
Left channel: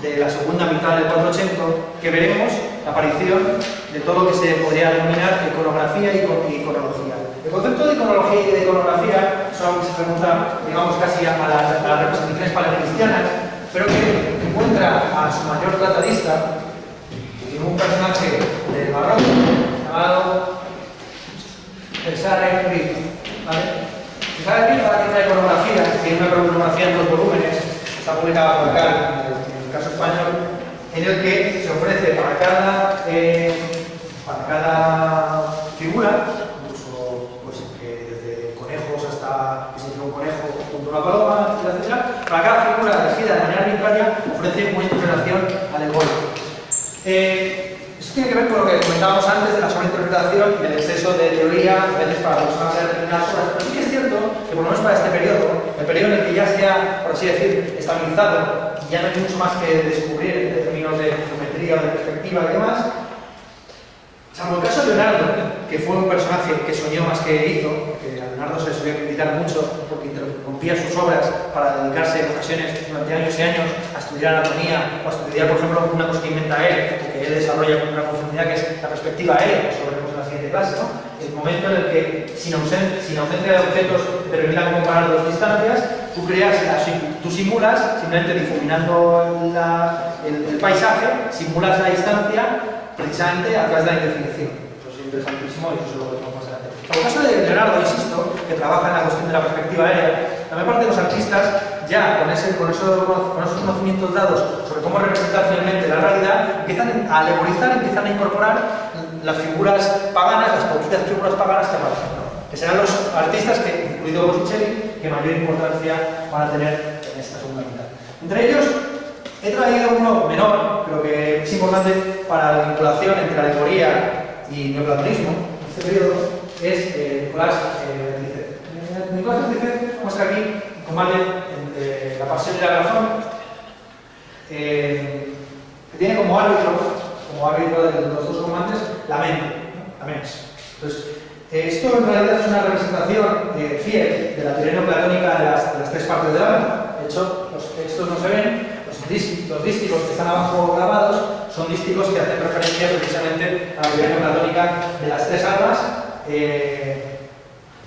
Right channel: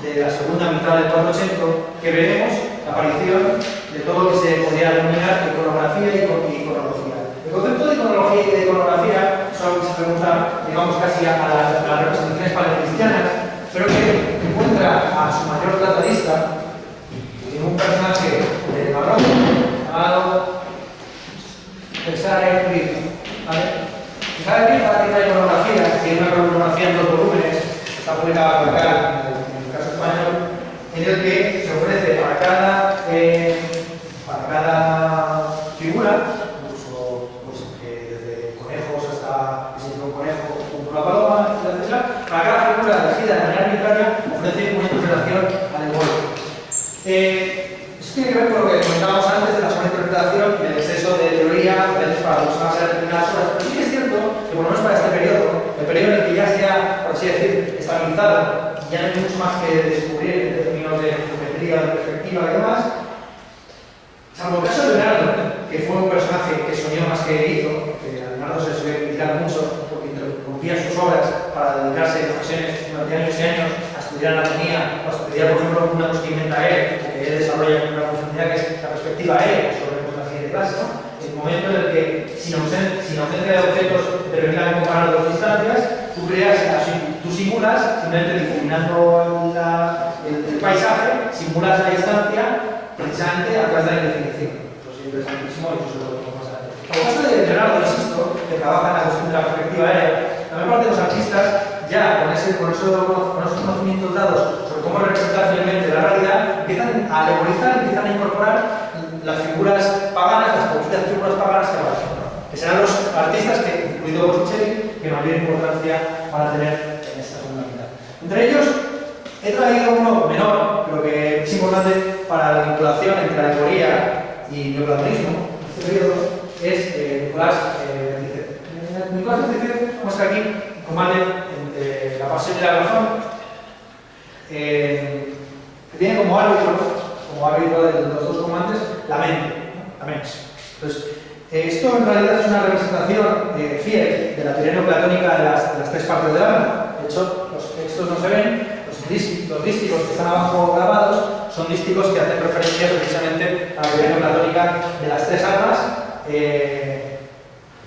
de la segunda mitad del 400, que veremos la aparición de todo lo que se podría denominar iconografía y iconología. El concepto de iconología y de iconografía es algo que se pregunta, digamos, casi a las representaciones paleocristianas, pero que encuentra a su mayor tratadista en un personaje del barroco llamado Cesare Pizzi, ¿vale? Cesare Pizzi tiene una iconografía, tiene una iconografía en 2 volúmenes, está publicada por acá, en el caso español, en el que se ofrece para cada figura, incluso pues, desde conejos hasta que se hizo un conejo junto a una paloma, etc. Para cada figura elegida de manera arbitraria ofrece una interpretación alegórica. Eso tiene que ver con lo que comentábamos antes de la sobreinterpretación y del exceso de teoría, a veces para aproximarse a determinadas obras. Pero sí que es cierto que, por lo menos para este periodo, el periodo en el que ya se ha, por así decir, estabilizado, ya no hay mucho más que descubrir en términos de geometría, de perspectiva y demás, salvo el caso de Leonardo, que fue un personaje que soñó más que hizo, porque a Leonardo se le suele criticar mucho porque interrumpía sus obras para dedicarse en ocasiones durante años y años a estudiar anatomía o a estudiar, por ejemplo, una cosa que inventa él, que él desarrolla con una profundidad que es la perspectiva él sobre la siguiente clase, ¿no? El momento en el que, sin ausencia de objetos que permitan comparar dos distancias, tú simulas, simplemente difuminando el paisaje, simulas la distancia precisamente a través de la indefinición. Eso es interesantísimo y eso es lo que vamos a pasar. En el caso de Leonardo, insisto, que trabaja en la cuestión de la perspectiva aérea, la mayor parte de los artistas, ya con esos conocimientos dados sobre cómo representar finalmente la realidad, empiezan a alegorizar, empiezan a incorporar las figuras paganas, las poquitas figuras paganas que aparecen, ¿no? Que serán los artistas, incluido Botticelli, que mayor importancia van a tener en esta segunda mitad. Entre ellos, he traído uno menor, pero que es importante para la vinculación entre alegoría y neoplatonismo. este periodo es Nicolás Berticet. Nicolás Berticet muestra aquí un combate entre la pasión y la razón, que tiene como árbitro de los dos comandantes la mente, ¿no? La mens. Entonces, esto en realidad es una representación fiel de la teoría neoplatónica de las tres partes del alma. De hecho, los textos no se ven, los dísticos que están abajo grabados son dísticos que hacen referencia precisamente a la teoría neoplatónica de las tres almas,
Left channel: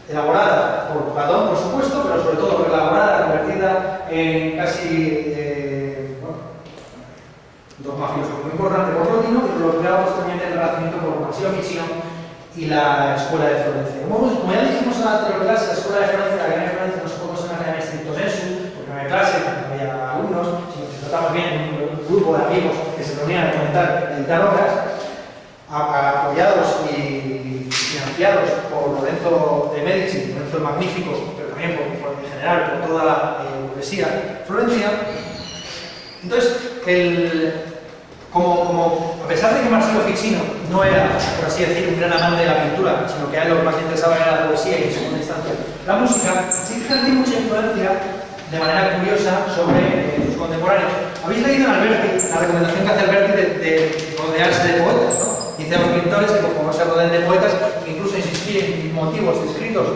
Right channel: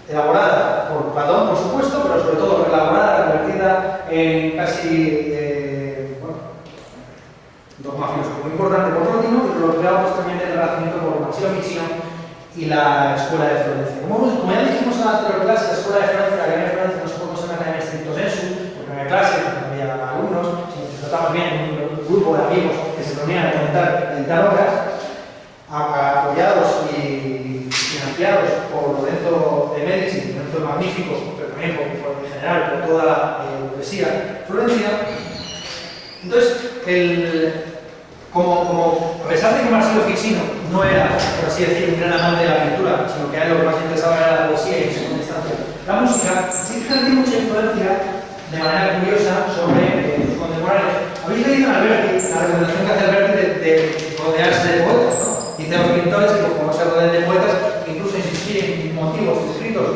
elaborada por Platón, por supuesto, pero sobre todo elaborada, convertida en casi dogma filosófico muy importante por Plotino y lo creado posteriormente en el Renacimiento por Marsilio Ficino y la Escuela de Florencia. Como ya dijimos en la anterior clase, la Escuela de Florencia, la Academia de Florencia no se puede considerar una academia stricto sensu, porque no había clase, no había alumnos, sino que tratamos bien un grupo de amigos que se reunían a comentar y editar obras, apoyados y financiados por Lorenzo de Medici, Lorenzo el Magnífico, pero también en general por toda la burguesía florentina. Entonces, a pesar de que Marsilio Ficino no era, por así decir, un gran amante de la pintura, sino que a él lo que más le interesaba era la poesía y en segunda instancia la música, sí que tiene mucha influencia de manera curiosa sobre sus contemporáneos. Habéis leído en Alberti la recomendación que hace Alberti de rodearse de poetas, ¿no? Dice a los pintores que como se rodeen de poetas, incluso insistir en motivos escritos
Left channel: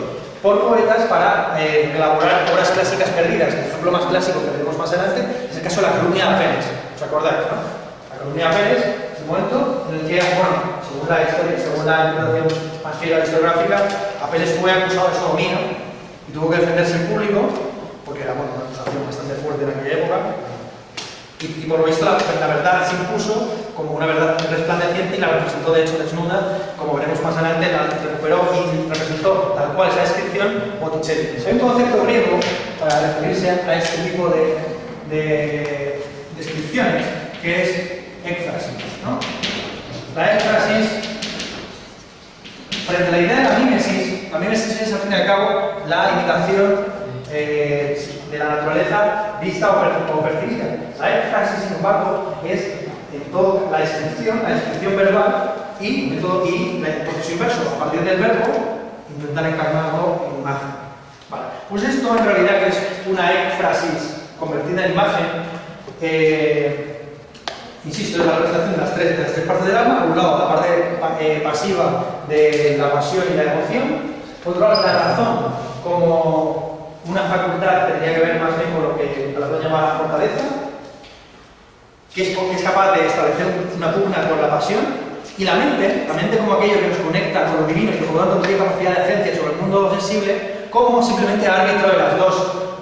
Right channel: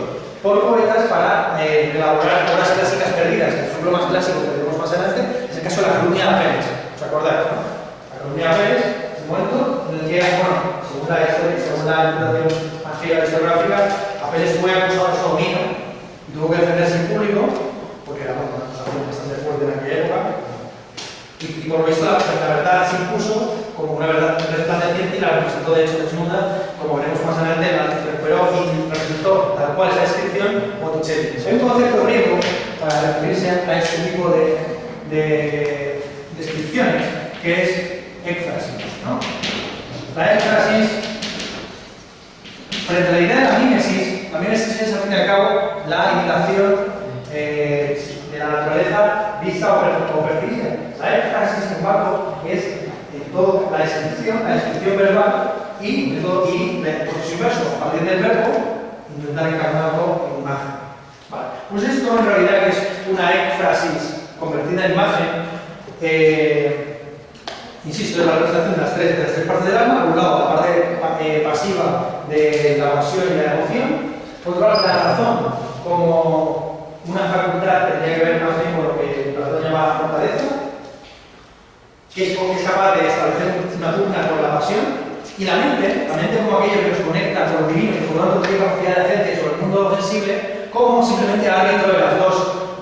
por poetas para elaborar obras clásicas perdidas. El ejemplo más clásico que veremos más adelante es el caso de la calumnia de Apeles. ¿Os acordáis, no? La calumnia de Apeles es un momento en el que, bueno, según la historia, según la interpretación más fiel a la historiográfica, Apeles fue acusado de sodomía y tuvo que defenderse en público, porque era una acusación bastante fuerte en aquella época. Y por lo visto la verdad se impuso como una verdad resplandeciente y la representó de hecho desnuda, como veremos más adelante, la recuperó y representó tal cual esa descripción Botticelli. Hay un concepto griego para referirse a este tipo de descripciones, que es éfrasis, ¿no? La éfrasis, frente a la idea de la mímesis es al fin y al cabo la imitación de la naturaleza vista o percibida. La éfrasis, sin embargo, es todo la descripción verbal y el proceso inverso, a partir del verbo, intentar encarnarlo en imagen. Vale. Pues esto en realidad que es una éfrasis convertida en imagen, insisto, es la representación de las tres partes del alma. Por un lado, la parte pasiva de la pasión y la emoción. Por otro lado, la razón como una facultad que tendría que ver más bien con lo que Platón llama la fortaleza, que es capaz de establecer una pugna con la pasión, y la mente como aquello que nos conecta con lo divino y que por lo tanto tiene capacidad de agencia sobre el mundo sensible, como simplemente árbitro de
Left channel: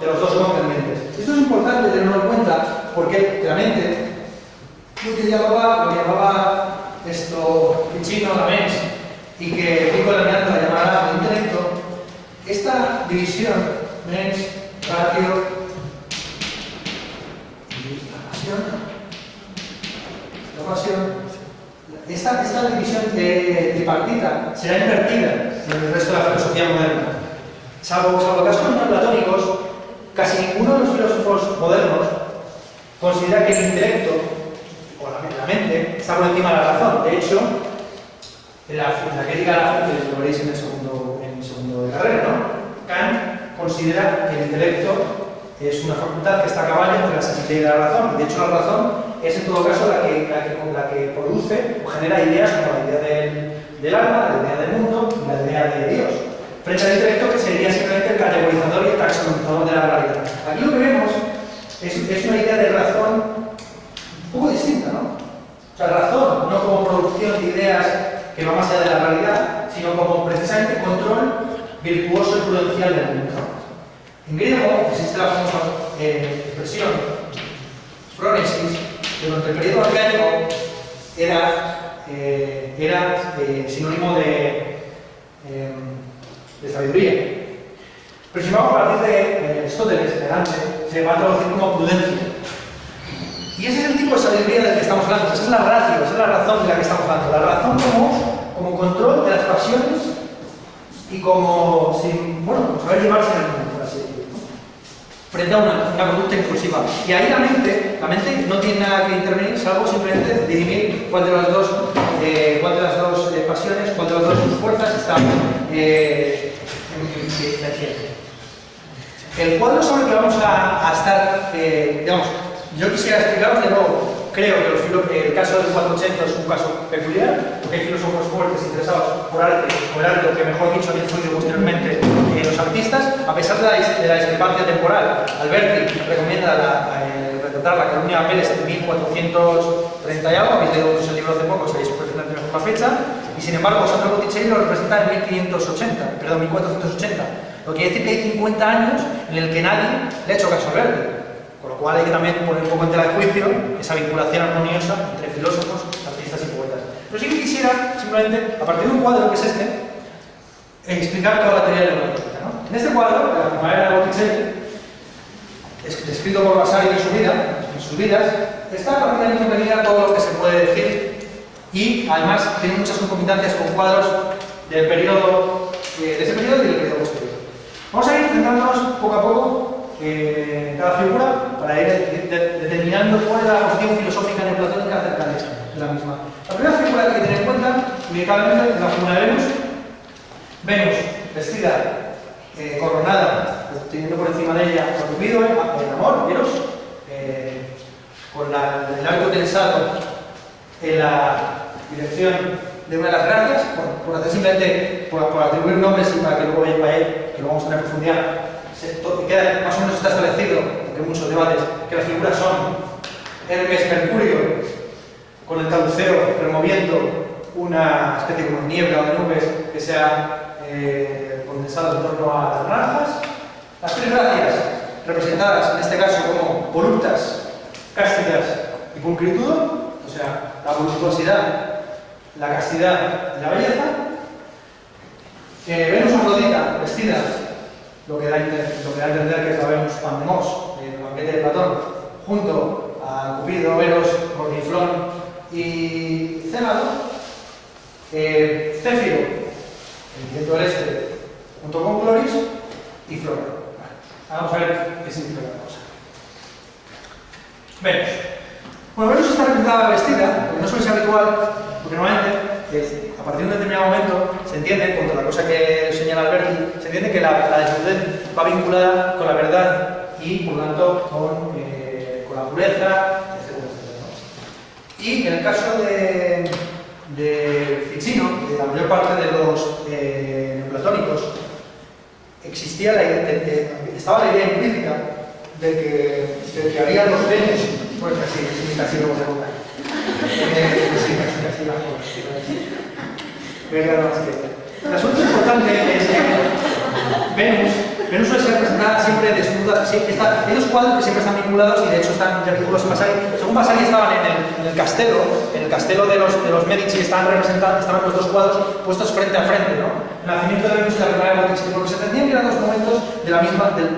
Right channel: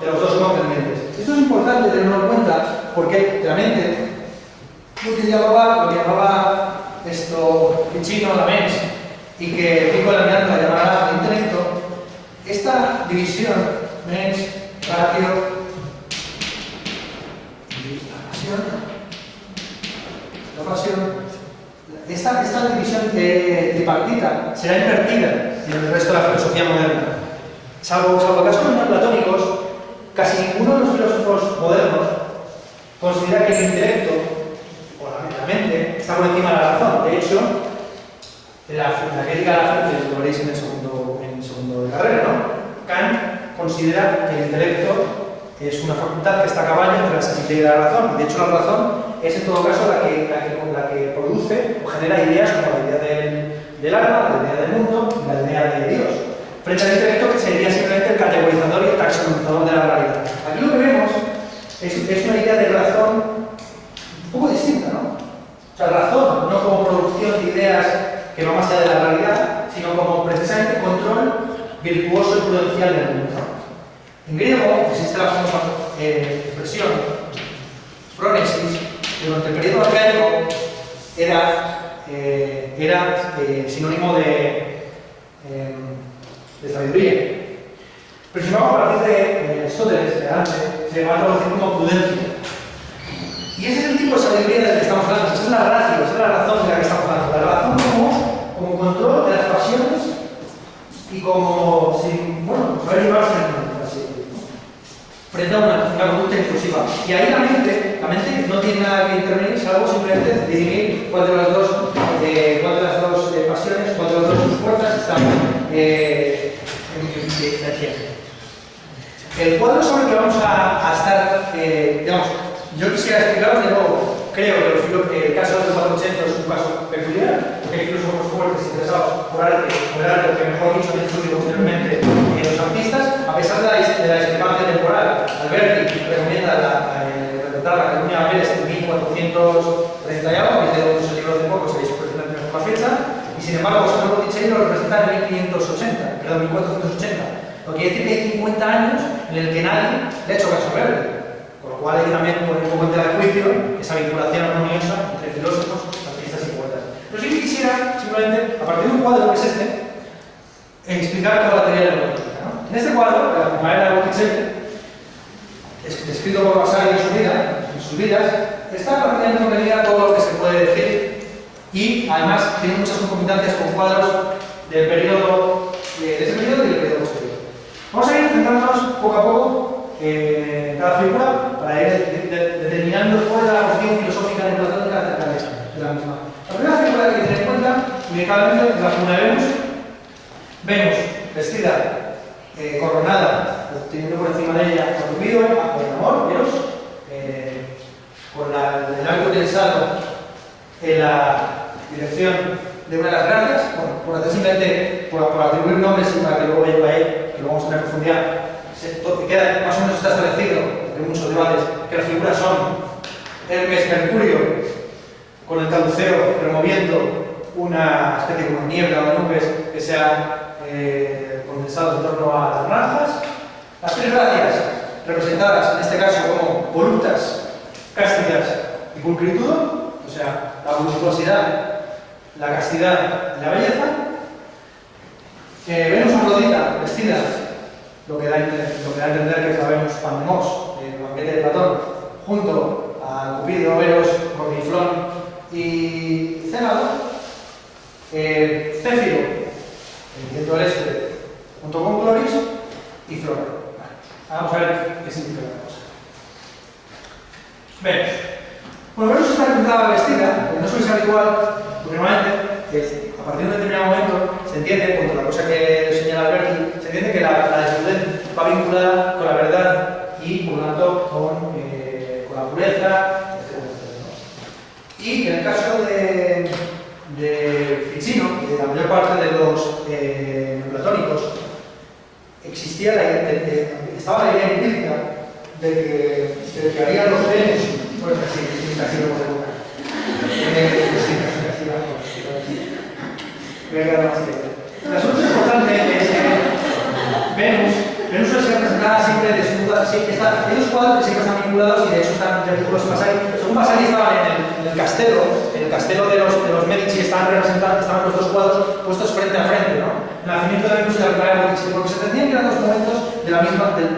los dos contendientes. Esto es importante tenerlo en cuenta porque la mente, lo que llamaba Ficino la mens, y que Pico Lamiano la llamará intelecto, esta división mens, ratio y la pasión, esta división tripartita será invertida en el resto de la filosofía moderna. Salvo casos neoplatónicos, casi ninguno de los filósofos modernos considera que el intelecto o la mente está por encima de la razón. De hecho, en la crítica de la fuente, lo veréis en el segundo de carrera, ¿no? Kant considera que el intelecto es una facultad que está a caballo entre la sensibilidad y la razón. Y de hecho, la razón es en todo caso la que produce o genera ideas como la idea del alma, la idea del mundo y la idea de Dios. Frente al intelecto, que sería simplemente el categorizador y el taxonomizador de la realidad. Aquí lo que vemos es una idea de razón un poco distinta, ¿no? O sea, razón no como producción de ideas que va más allá de la realidad, sino como precisamente control virtuoso y prudencial del mundo, ¿no? En griego existe la famosa expresión phronesis, que durante el periodo arcaico era sinónimo de sabiduría. Pero sin embargo, a partir de Aristóteles, de Dante, se va a traducir como prudencia. Y ese es el tipo de sabiduría del que estamos hablando, esa es la ratio, esa es la razón de la que estamos hablando. La razón como control de las pasiones y como saber llevarse en el mundo. frente a una conducta impulsiva. Y ahí la mente no tiene nada que intervenir, salvo simplemente dirimir cuál de las dos pasiones, cuál de las dos fuerzas está el cuadro sobre el que vamos a estar, digamos, yo quisiera explicaros de nuevo. Creo que el caso del 480 es un caso peculiar, porque hay filósofos fuertes interesados por arte, o que mejor dicho han influido posteriormente los artistas, a pesar de la discrepancia temporal. Alberti recomienda retratar la Cataluña Vélez en 1430 y algo, habéis leído el libro hace poco, sabéis perfectamente mejor la fecha, y sin embargo Sandro Botticelli lo representa en 1480, lo que quiere decir que hay 50 años en el que nadie le ha hecho caso a Alberti. Con lo cual hay que también poner un poco en tela de juicio esa vinculación armoniosa entre filósofos, artistas y poetas. Pero sí que quisiera, simplemente, a partir de un cuadro que es este, explicar toda la teoría de la lógica, ¿no? En este cuadro, la primavera de Botticelli, descrito por Vasari en sus vidas, está prácticamente contenida todo lo que se puede decir y además tiene muchas concomitancias con cuadros del periodo, de ese periodo y del periodo posterior. Vamos a ir centrándonos poco a poco cada figura para ir determinando cuál es la posición filosófica neoplatónica acerca de la misma. La primera figura que hay que tener en cuenta, inevitablemente, es la figura de Venus. Venus, vestida, coronada, teniendo por encima de ella a Cupido, el amor, Eros, con el arco tensado en la dirección de una de las gracias, bueno, por hacer simplemente, por atribuir nombres y para que luego vaya que lo vamos a tener profundidad. Queda más o menos está establecido, porque hay muchos debates, que las figuras son Hermes, Mercurio, con el caduceo removiendo una especie como de niebla o de nubes que se ha condensado en torno a las naranjas. Las tres gracias, representadas en este caso como voluptas, cástidas y pulcritudo, o sea, la voluptuosidad, la castidad y la belleza. Venus Afrodita, vestida, lo que da a entender que es la Venus Pandemos, el banquete de Platón, junto a Cupido, Eros, Corniflón y Cénado. Céfiro, el viento del este, junto con Cloris y Flora. Vamos a ver qué significa la cosa. Venus. Bueno, Venus está representada vestida, no suele ser habitual, porque normalmente a partir de un determinado momento se entiende, contra la cosa que señala Alberti, se entiende que la desnudez va vinculada con la verdad y por lo tanto con la pureza, etc. Y en el caso de Ficino, de la mayor parte de los neoplatónicos, estaba la idea implícita de que había los Venus, pues casi lo podemos ver. El asunto importante es que Venus suele ser representada siempre desnuda. Hay dos cuadros que siempre están vinculados y de hecho están vinculados en Vasari. Según Vasari estaban en el castelo de los Medici estaban los dos cuadros puestos frente a frente, ¿no? El nacimiento de Venus y la primavera de Botticelli, porque se entendían que eran dos momentos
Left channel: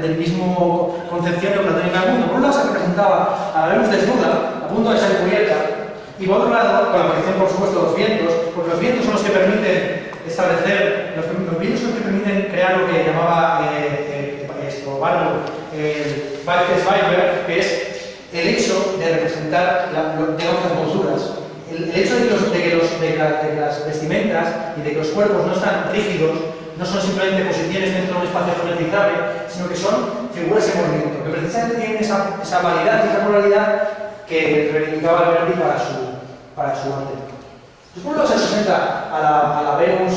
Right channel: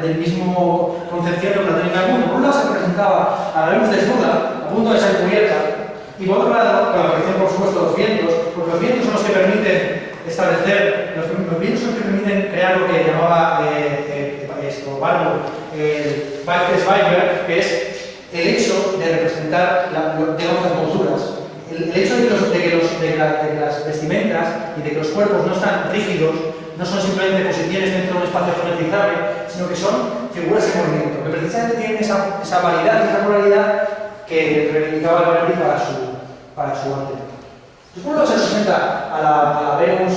del mismo concepción neoplatónica del mundo. Por un lado se representaba a la Venus desnuda, a punto de ser cubierta, y por otro lado, con la aparición, por supuesto, de los vientos, porque los vientos son los que permiten establecer, los vientos son los que permiten crear lo que llamaba Barlow, el Weisberg, que es el hecho de representar, digamos, las monturas. El hecho de que las vestimentas y de que los cuerpos no están rígidos, no son simplemente posiciones dentro de un espacio geometrizable, sino que son figuras en movimiento, que precisamente tienen esa validad y esa moralidad que reivindicaba Alberti para su arte. Entonces, por un lado se representa a la Venus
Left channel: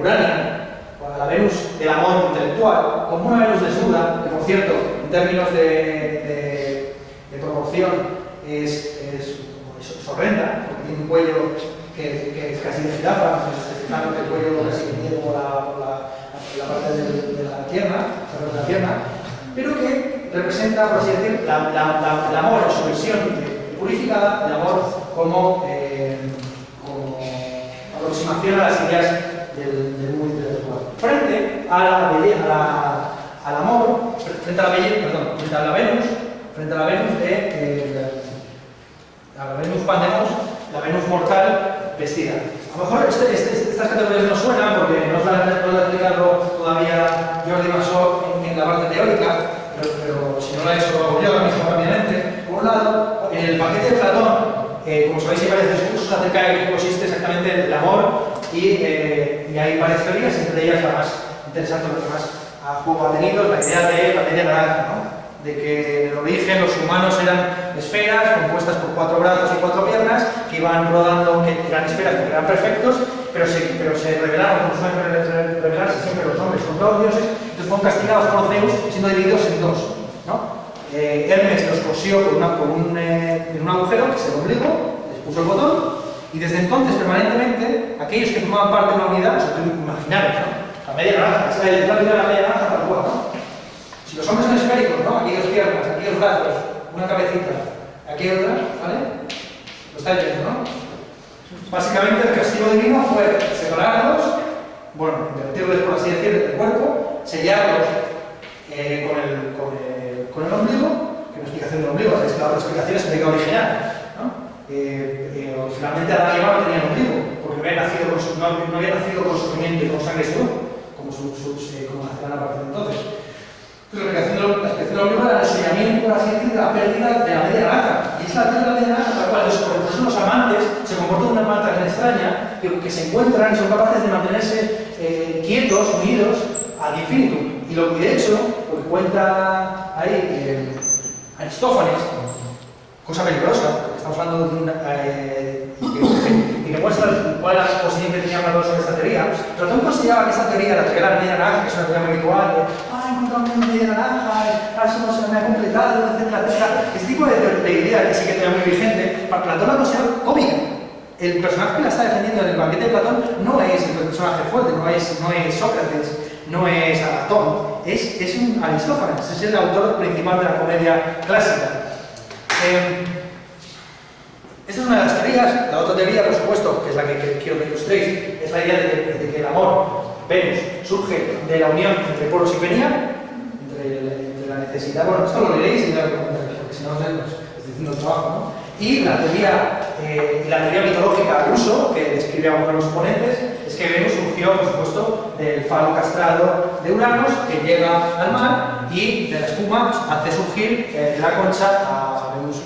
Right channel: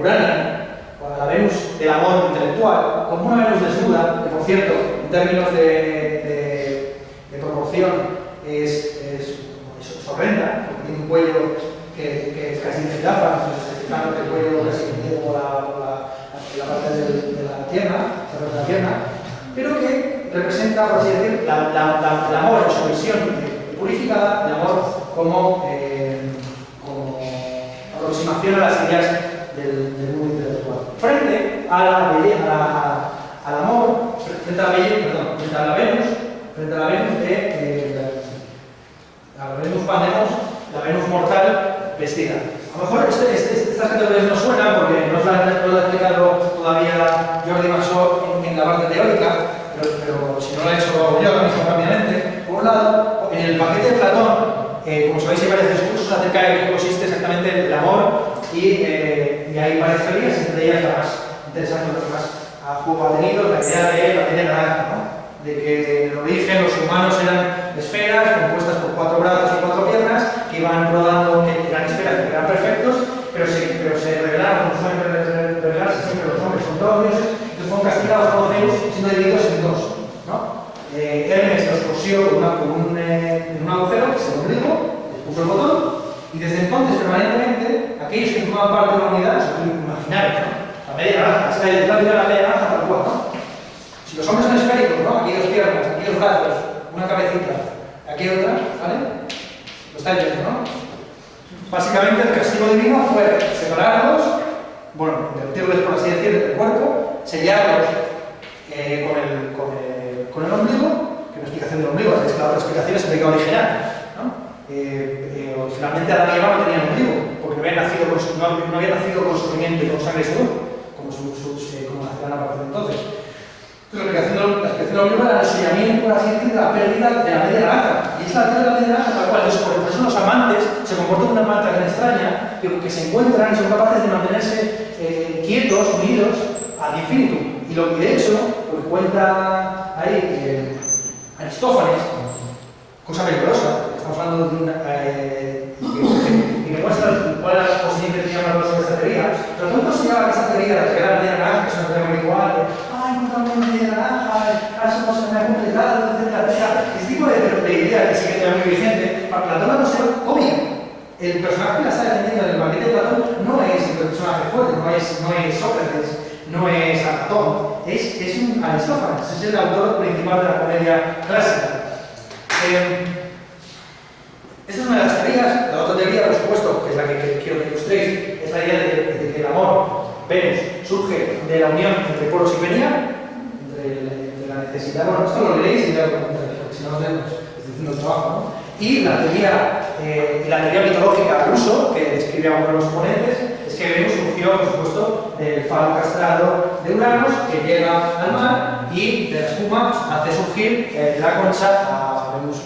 urania, o a la Venus del amor intelectual, como una Venus desnuda, que por cierto, en términos de proporción, es horrenda, porque tiene un cuello que es casi de jirafa, el cuello casi unido por la parte de la pierna, pero que representa, por así decir, el amor en su visión purificada, el amor como aproximación a las ideas del mundo intelectual. Frente a al amor, frente a la Venus, frente a la Venus la Venus Pandemos, la Venus mortal vestida. A lo mejor estas categorías no suenan porque no las ha explicado todavía Jordi Massot en la parte teórica, pero no lo he hecho, lo hago yo ahora mismo rápidamente. Por un lado, en el paquete de Platón, como sabéis, hay varios discursos acerca de qué consiste exactamente el amor y hay varias teorías, entre ellas la más interesante, lo que más a juego ha tenido, la idea de la media naranja, ¿no? De que en el origen los humanos eran esferas compuestas por 4 brazos y 4 piernas que iban rodando, que eran esferas que eran perfectos, pero se revelaron, como suelen revelarse siempre los hombres, son todos dioses, y fueron castigados por Zeus siendo divididos en dos, ¿no? Hermes los cosió en un agujero, que es el ombligo, les puso el botón, y desde entonces, permanentemente, aquellos que formaban parte de una unidad, se pueden imaginar, ¿no? La media naranja, es la media naranja tal cual, ¿no? Si los hombres son esféricos, ¿no? Aquí 2 piernas, aquí 2 brazos, una cabecita, aquí otra, ¿vale? Lo estáis viendo, ¿no? Básicamente el castigo divino fue separarlos, bueno, invertirles, por así decirlo, del cuerpo, sellarlos con el ombligo, que no es explicación del ombligo, es que la otra explicación es el pecado original, ¿no? Originalmente Adán y Eva no tenían ombligo, porque no habían nacido con sufrimiento y con sangre y sudor, como nacerán a partir de entonces. Entonces, la explicación del ombligo era el sellamiento, por así decirlo, de la pérdida de la media naranja. Y es la pérdida de la media naranja tal cual. Entonces, por eso los amantes se comportan de una manera tan extraña que se encuentran y son capaces de mantenerse quietos, unidos al infinito. Y de hecho, lo que cuenta ahí Aristófanes, cosa peligrosa, estamos hablando de una. Y que muestra cuál era la posición que tenía para sobre esta teoría. Platón consideraba que esta teoría, la teoría de la media naranja, que es una teoría muy habitual, encontramos una media naranja, somos una completada, etcétera. Este tipo de idea que sí que era muy vigente, para Platón la considera cómica. El personaje que la está defendiendo en el banquete de Platón no es el personaje fuerte, no es Sócrates, no es Platón, es un Aristófanes, es el autor principal de la comedia clásica. Esta es una de las teorías. La otra teoría, por supuesto, que es la que quiero que ilustréis, es la idea de que el amor, Venus, surge de la unión entre Poros y Penia, entre la necesidad. Bueno, esto lo leéis porque si no, estoy haciendo el trabajo, ¿no? Y la teoría mitológica ruso, que describe a uno de los oponentes, es que Venus surgió, por supuesto, del falo castrado de Uranos, que llega al mar y de la espuma hace surgir de la concha a Venus.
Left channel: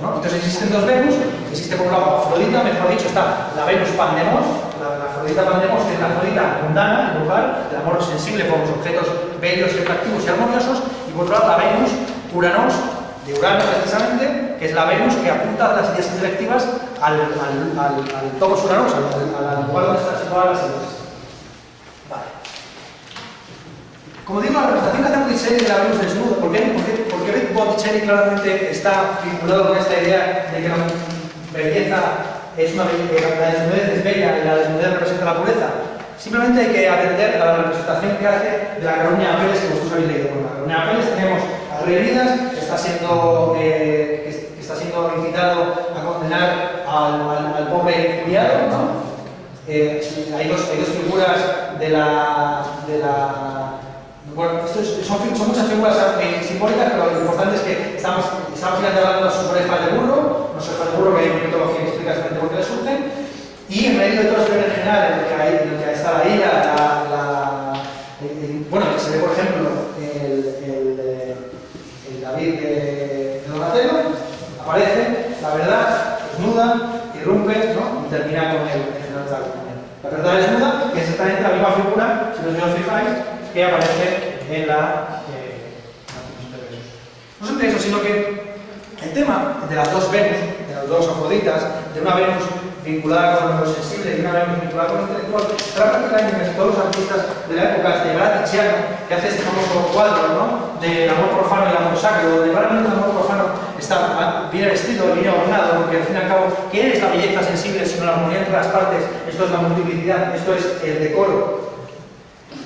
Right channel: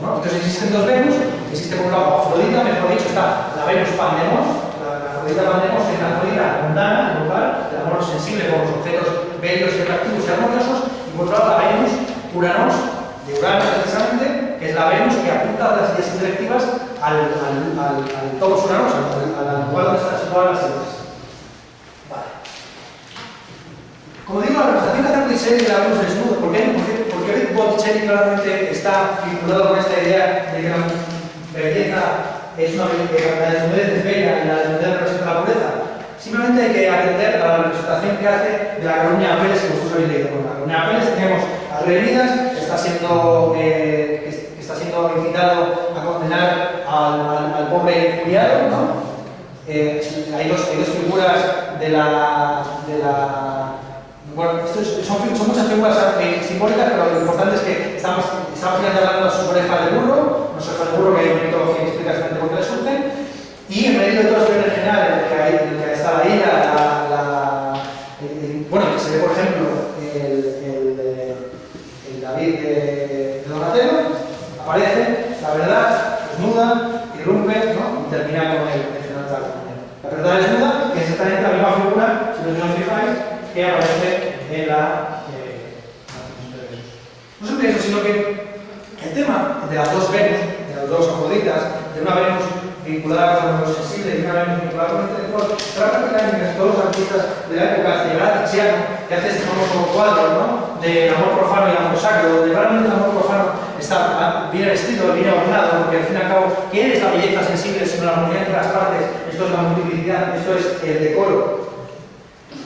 ¿No? Entonces existen 2 Venus, existe por un lado Afrodita, mejor dicho, está la Venus Pandemos, la Afrodita Pandemos, que es la Afrodita mundana, el lugar, el amor sensible por los objetos bellos y atractivos y armoniosos, y por otro lado la Venus Uranos, de Urano precisamente, que es la Venus que apunta a las ideas intelectivas al topos Uranos, al lugar donde están situadas las ideas. Vale. Como digo, la representación que hace Botticelli de la Venus desnuda, ¿por qué Botticelli claramente está vinculado con esta idea de que la belleza es una belleza, la desnudez es bella y la desnudez representa la pureza? Simplemente hay que atender a la representación que hace de la Carolina Apeles que vosotros habéis leído. Con la Carolina Apeles tenemos a Leonidas, que está siendo invitado a condenar al pobre Juliano, ¿no? Hay dos figuras de la bueno, son muchas figuras simbólicas, pero lo importante es que estamos hablando de sus orejas de burro, no sus orejas de burro, que hay una mitología que explica exactamente por qué le surgen, y en medio de todo esto en general, en el que está la ira, bueno, que se ve, por ejemplo, el David de Donatello, aparece la verdad, desnuda, irrumpe, ¿no? Y termina con el final de la verdad desnuda, que es exactamente la misma figura, si os fijáis, que aparece en la no solamente eso, sino que el tema de las 2 Venus, de las 2 Afroditas, de una Venus vinculada con lo sensible y una Venus vinculada con lo intelectual, trata prácticamente todos los artistas de la época, hasta llegar a Tiziano, que hace este famoso cuadro, ¿no? Del amor profano y el amor sacro, donde claramente el amor profano está bien vestido, bien ordenado, porque al fin y al cabo, ¿qué es la belleza sensible sino la armonía entre las partes? Esto es la multiplicidad, esto es el decoro.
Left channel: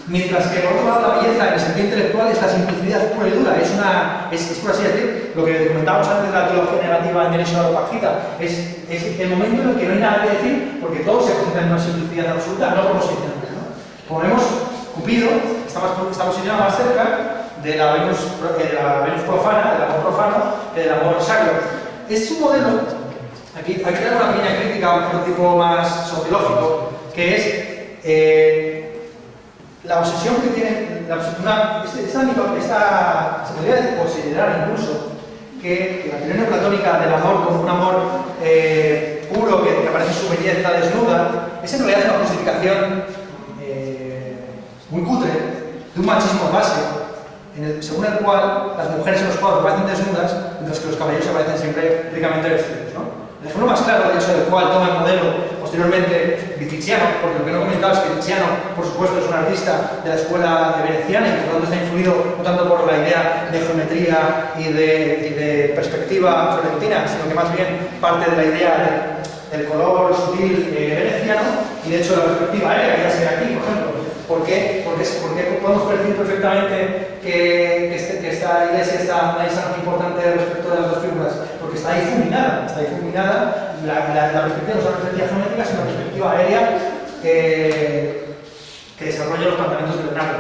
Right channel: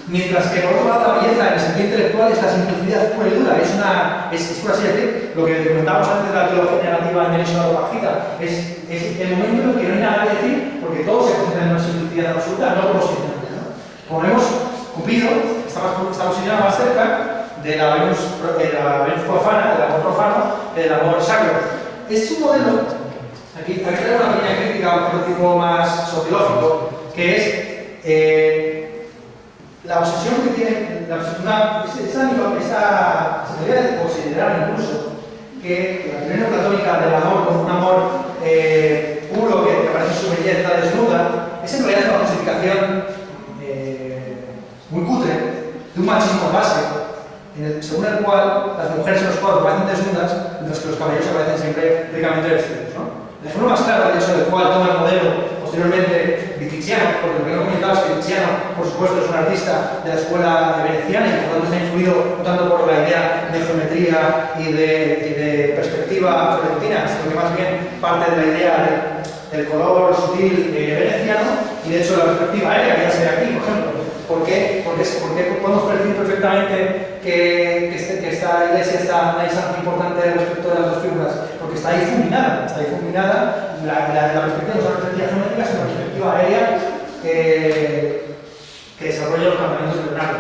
Mientras que por otro lado la belleza en el sentido intelectual es la simplicidad pura y dura, es por así decir, lo que comentábamos antes de la teología negativa en derecho a la opacita, es el momento en el que no hay nada que decir porque todo se concentra en una simplicidad absoluta, no por los instantes, ¿no? Como vemos, Cupido está posicionado más cerca de la Venus profana, del amor profano, que del amor sacro. Es un modelo, aquí tenemos una pequeña crítica, un tipo más sociológico, que es la obsesión que tiene, se podría considerar incluso que la teoría neoplatónica del amor como un amor puro que aparece su belleza desnuda, es en realidad una justificación muy cutre de un machismo básico, según el cual las mujeres en los cuadros aparecen desnudas, mientras que los caballeros aparecen siempre ricamente vestidos, ¿no? El ejemplo más claro, de hecho, del cual toma el modelo posteriormente Tiziano, porque lo que no he comentado es que Tiziano, por supuesto, es un artista de la escuela veneciana y por lo tanto está influido no tanto por la idea de geometría y de perspectiva florentina, sino que más bien parte de la idea del color sutil veneciano y de hecho la perspectiva aérea, que ya se ve aquí, por ejemplo. ¿Por qué? Porque podemos percibir perfectamente que esta iglesia está a una distancia importante respecto de las dos figuras, porque está difuminada, la perspectiva no es una perspectiva geométrica, sino una perspectiva aérea que desarrolla los planteamientos de Leonardo.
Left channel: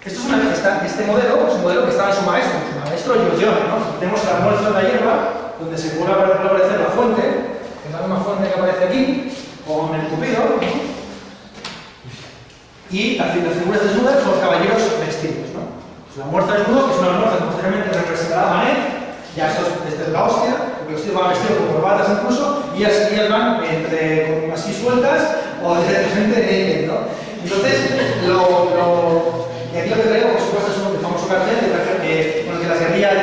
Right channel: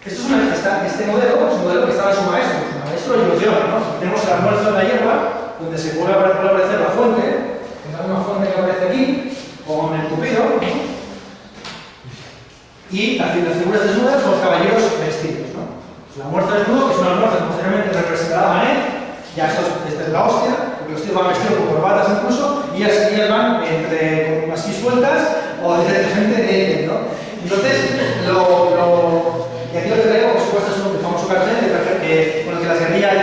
Este modelo es un modelo que estaba en su maestro Giorgione, ¿no? Tenemos el almuerzo de la hierba, donde se vuelve a aparecer la fuente, que es la misma fuente que aparece aquí, con el Cupido, ¿no? Y las figuras desnudas son los caballeros vestidos, ¿no? Pues el almuerzo desnudo, que es un almuerzo que posteriormente representará a Manet, ya esto es la hostia, porque los tíos van vestidos con corbatas incluso, y ellas van entre así sueltas o directamente naked, ¿no? Entonces, y aquí lo que traigo, por supuesto, es un famoso cartel con el que las guerrillas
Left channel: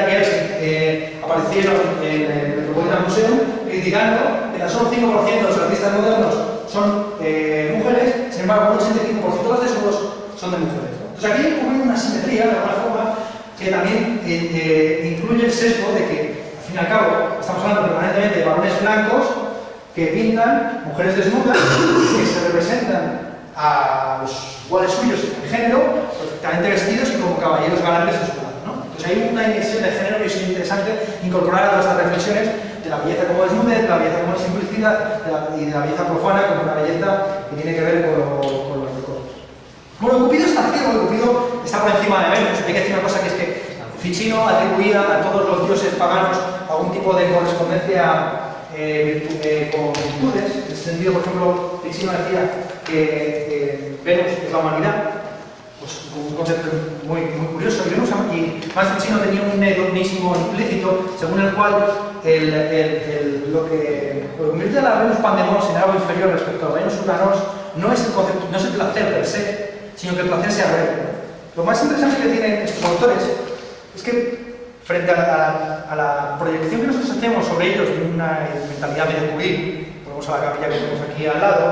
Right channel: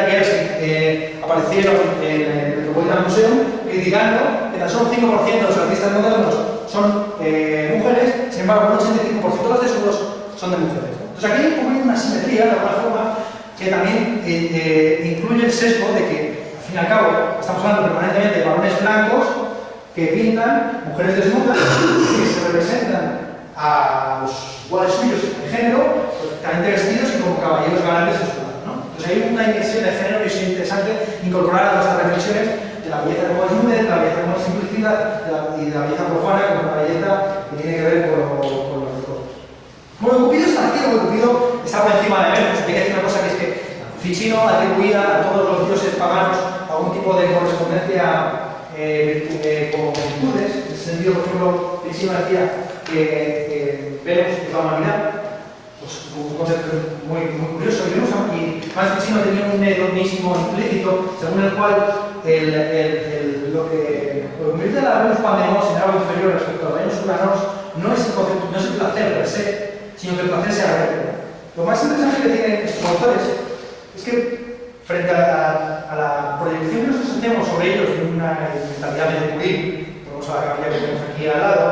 aparecieron en el Metropolitan Museum, criticando que tan solo un 5% de los artistas modernos son mujeres, sin embargo, un 85% de los desnudos son de mujeres, ¿no? Entonces aquí hay una simetría, de alguna forma, que también incluye el sesgo de que, al fin y al cabo, estamos hablando permanentemente de varones blancos que pintan mujeres desnudas que se representan a los iguales suyos en género, perfectamente vestidos y como caballeros galantes en su lado, ¿no? Entonces hay una inversión de género y es interesante incorporar a todas estas reflexiones de la belleza como desnudez, de la belleza como simplicidad y de la belleza profana como una belleza que tiene que ver con los recuerdos. Bueno, Cupido está aquí, Cupido está por encima de Venus. Hay que decir una cosa, que es que Ficino atribuía a todos los dioses paganos algún tipo de correspondencia con virtudes. En ese sentido, por ejemplo, Ficino decía que Venus es la humanidad, pues un concepto muy curioso, y más Ficino tenía un hedonismo implícito, según el cual lo que convierte a la Venus Pandemos en algo inferior respecto a la Venus Uranos no es el placer per se, sino que el placer sea real. Lo más interesante que tienen estos autores es que, frente a la proyección que nosotros hacemos sobre ellos de una mentalidad medio purín, ponemos a la capilla que tenemos aquí al lado,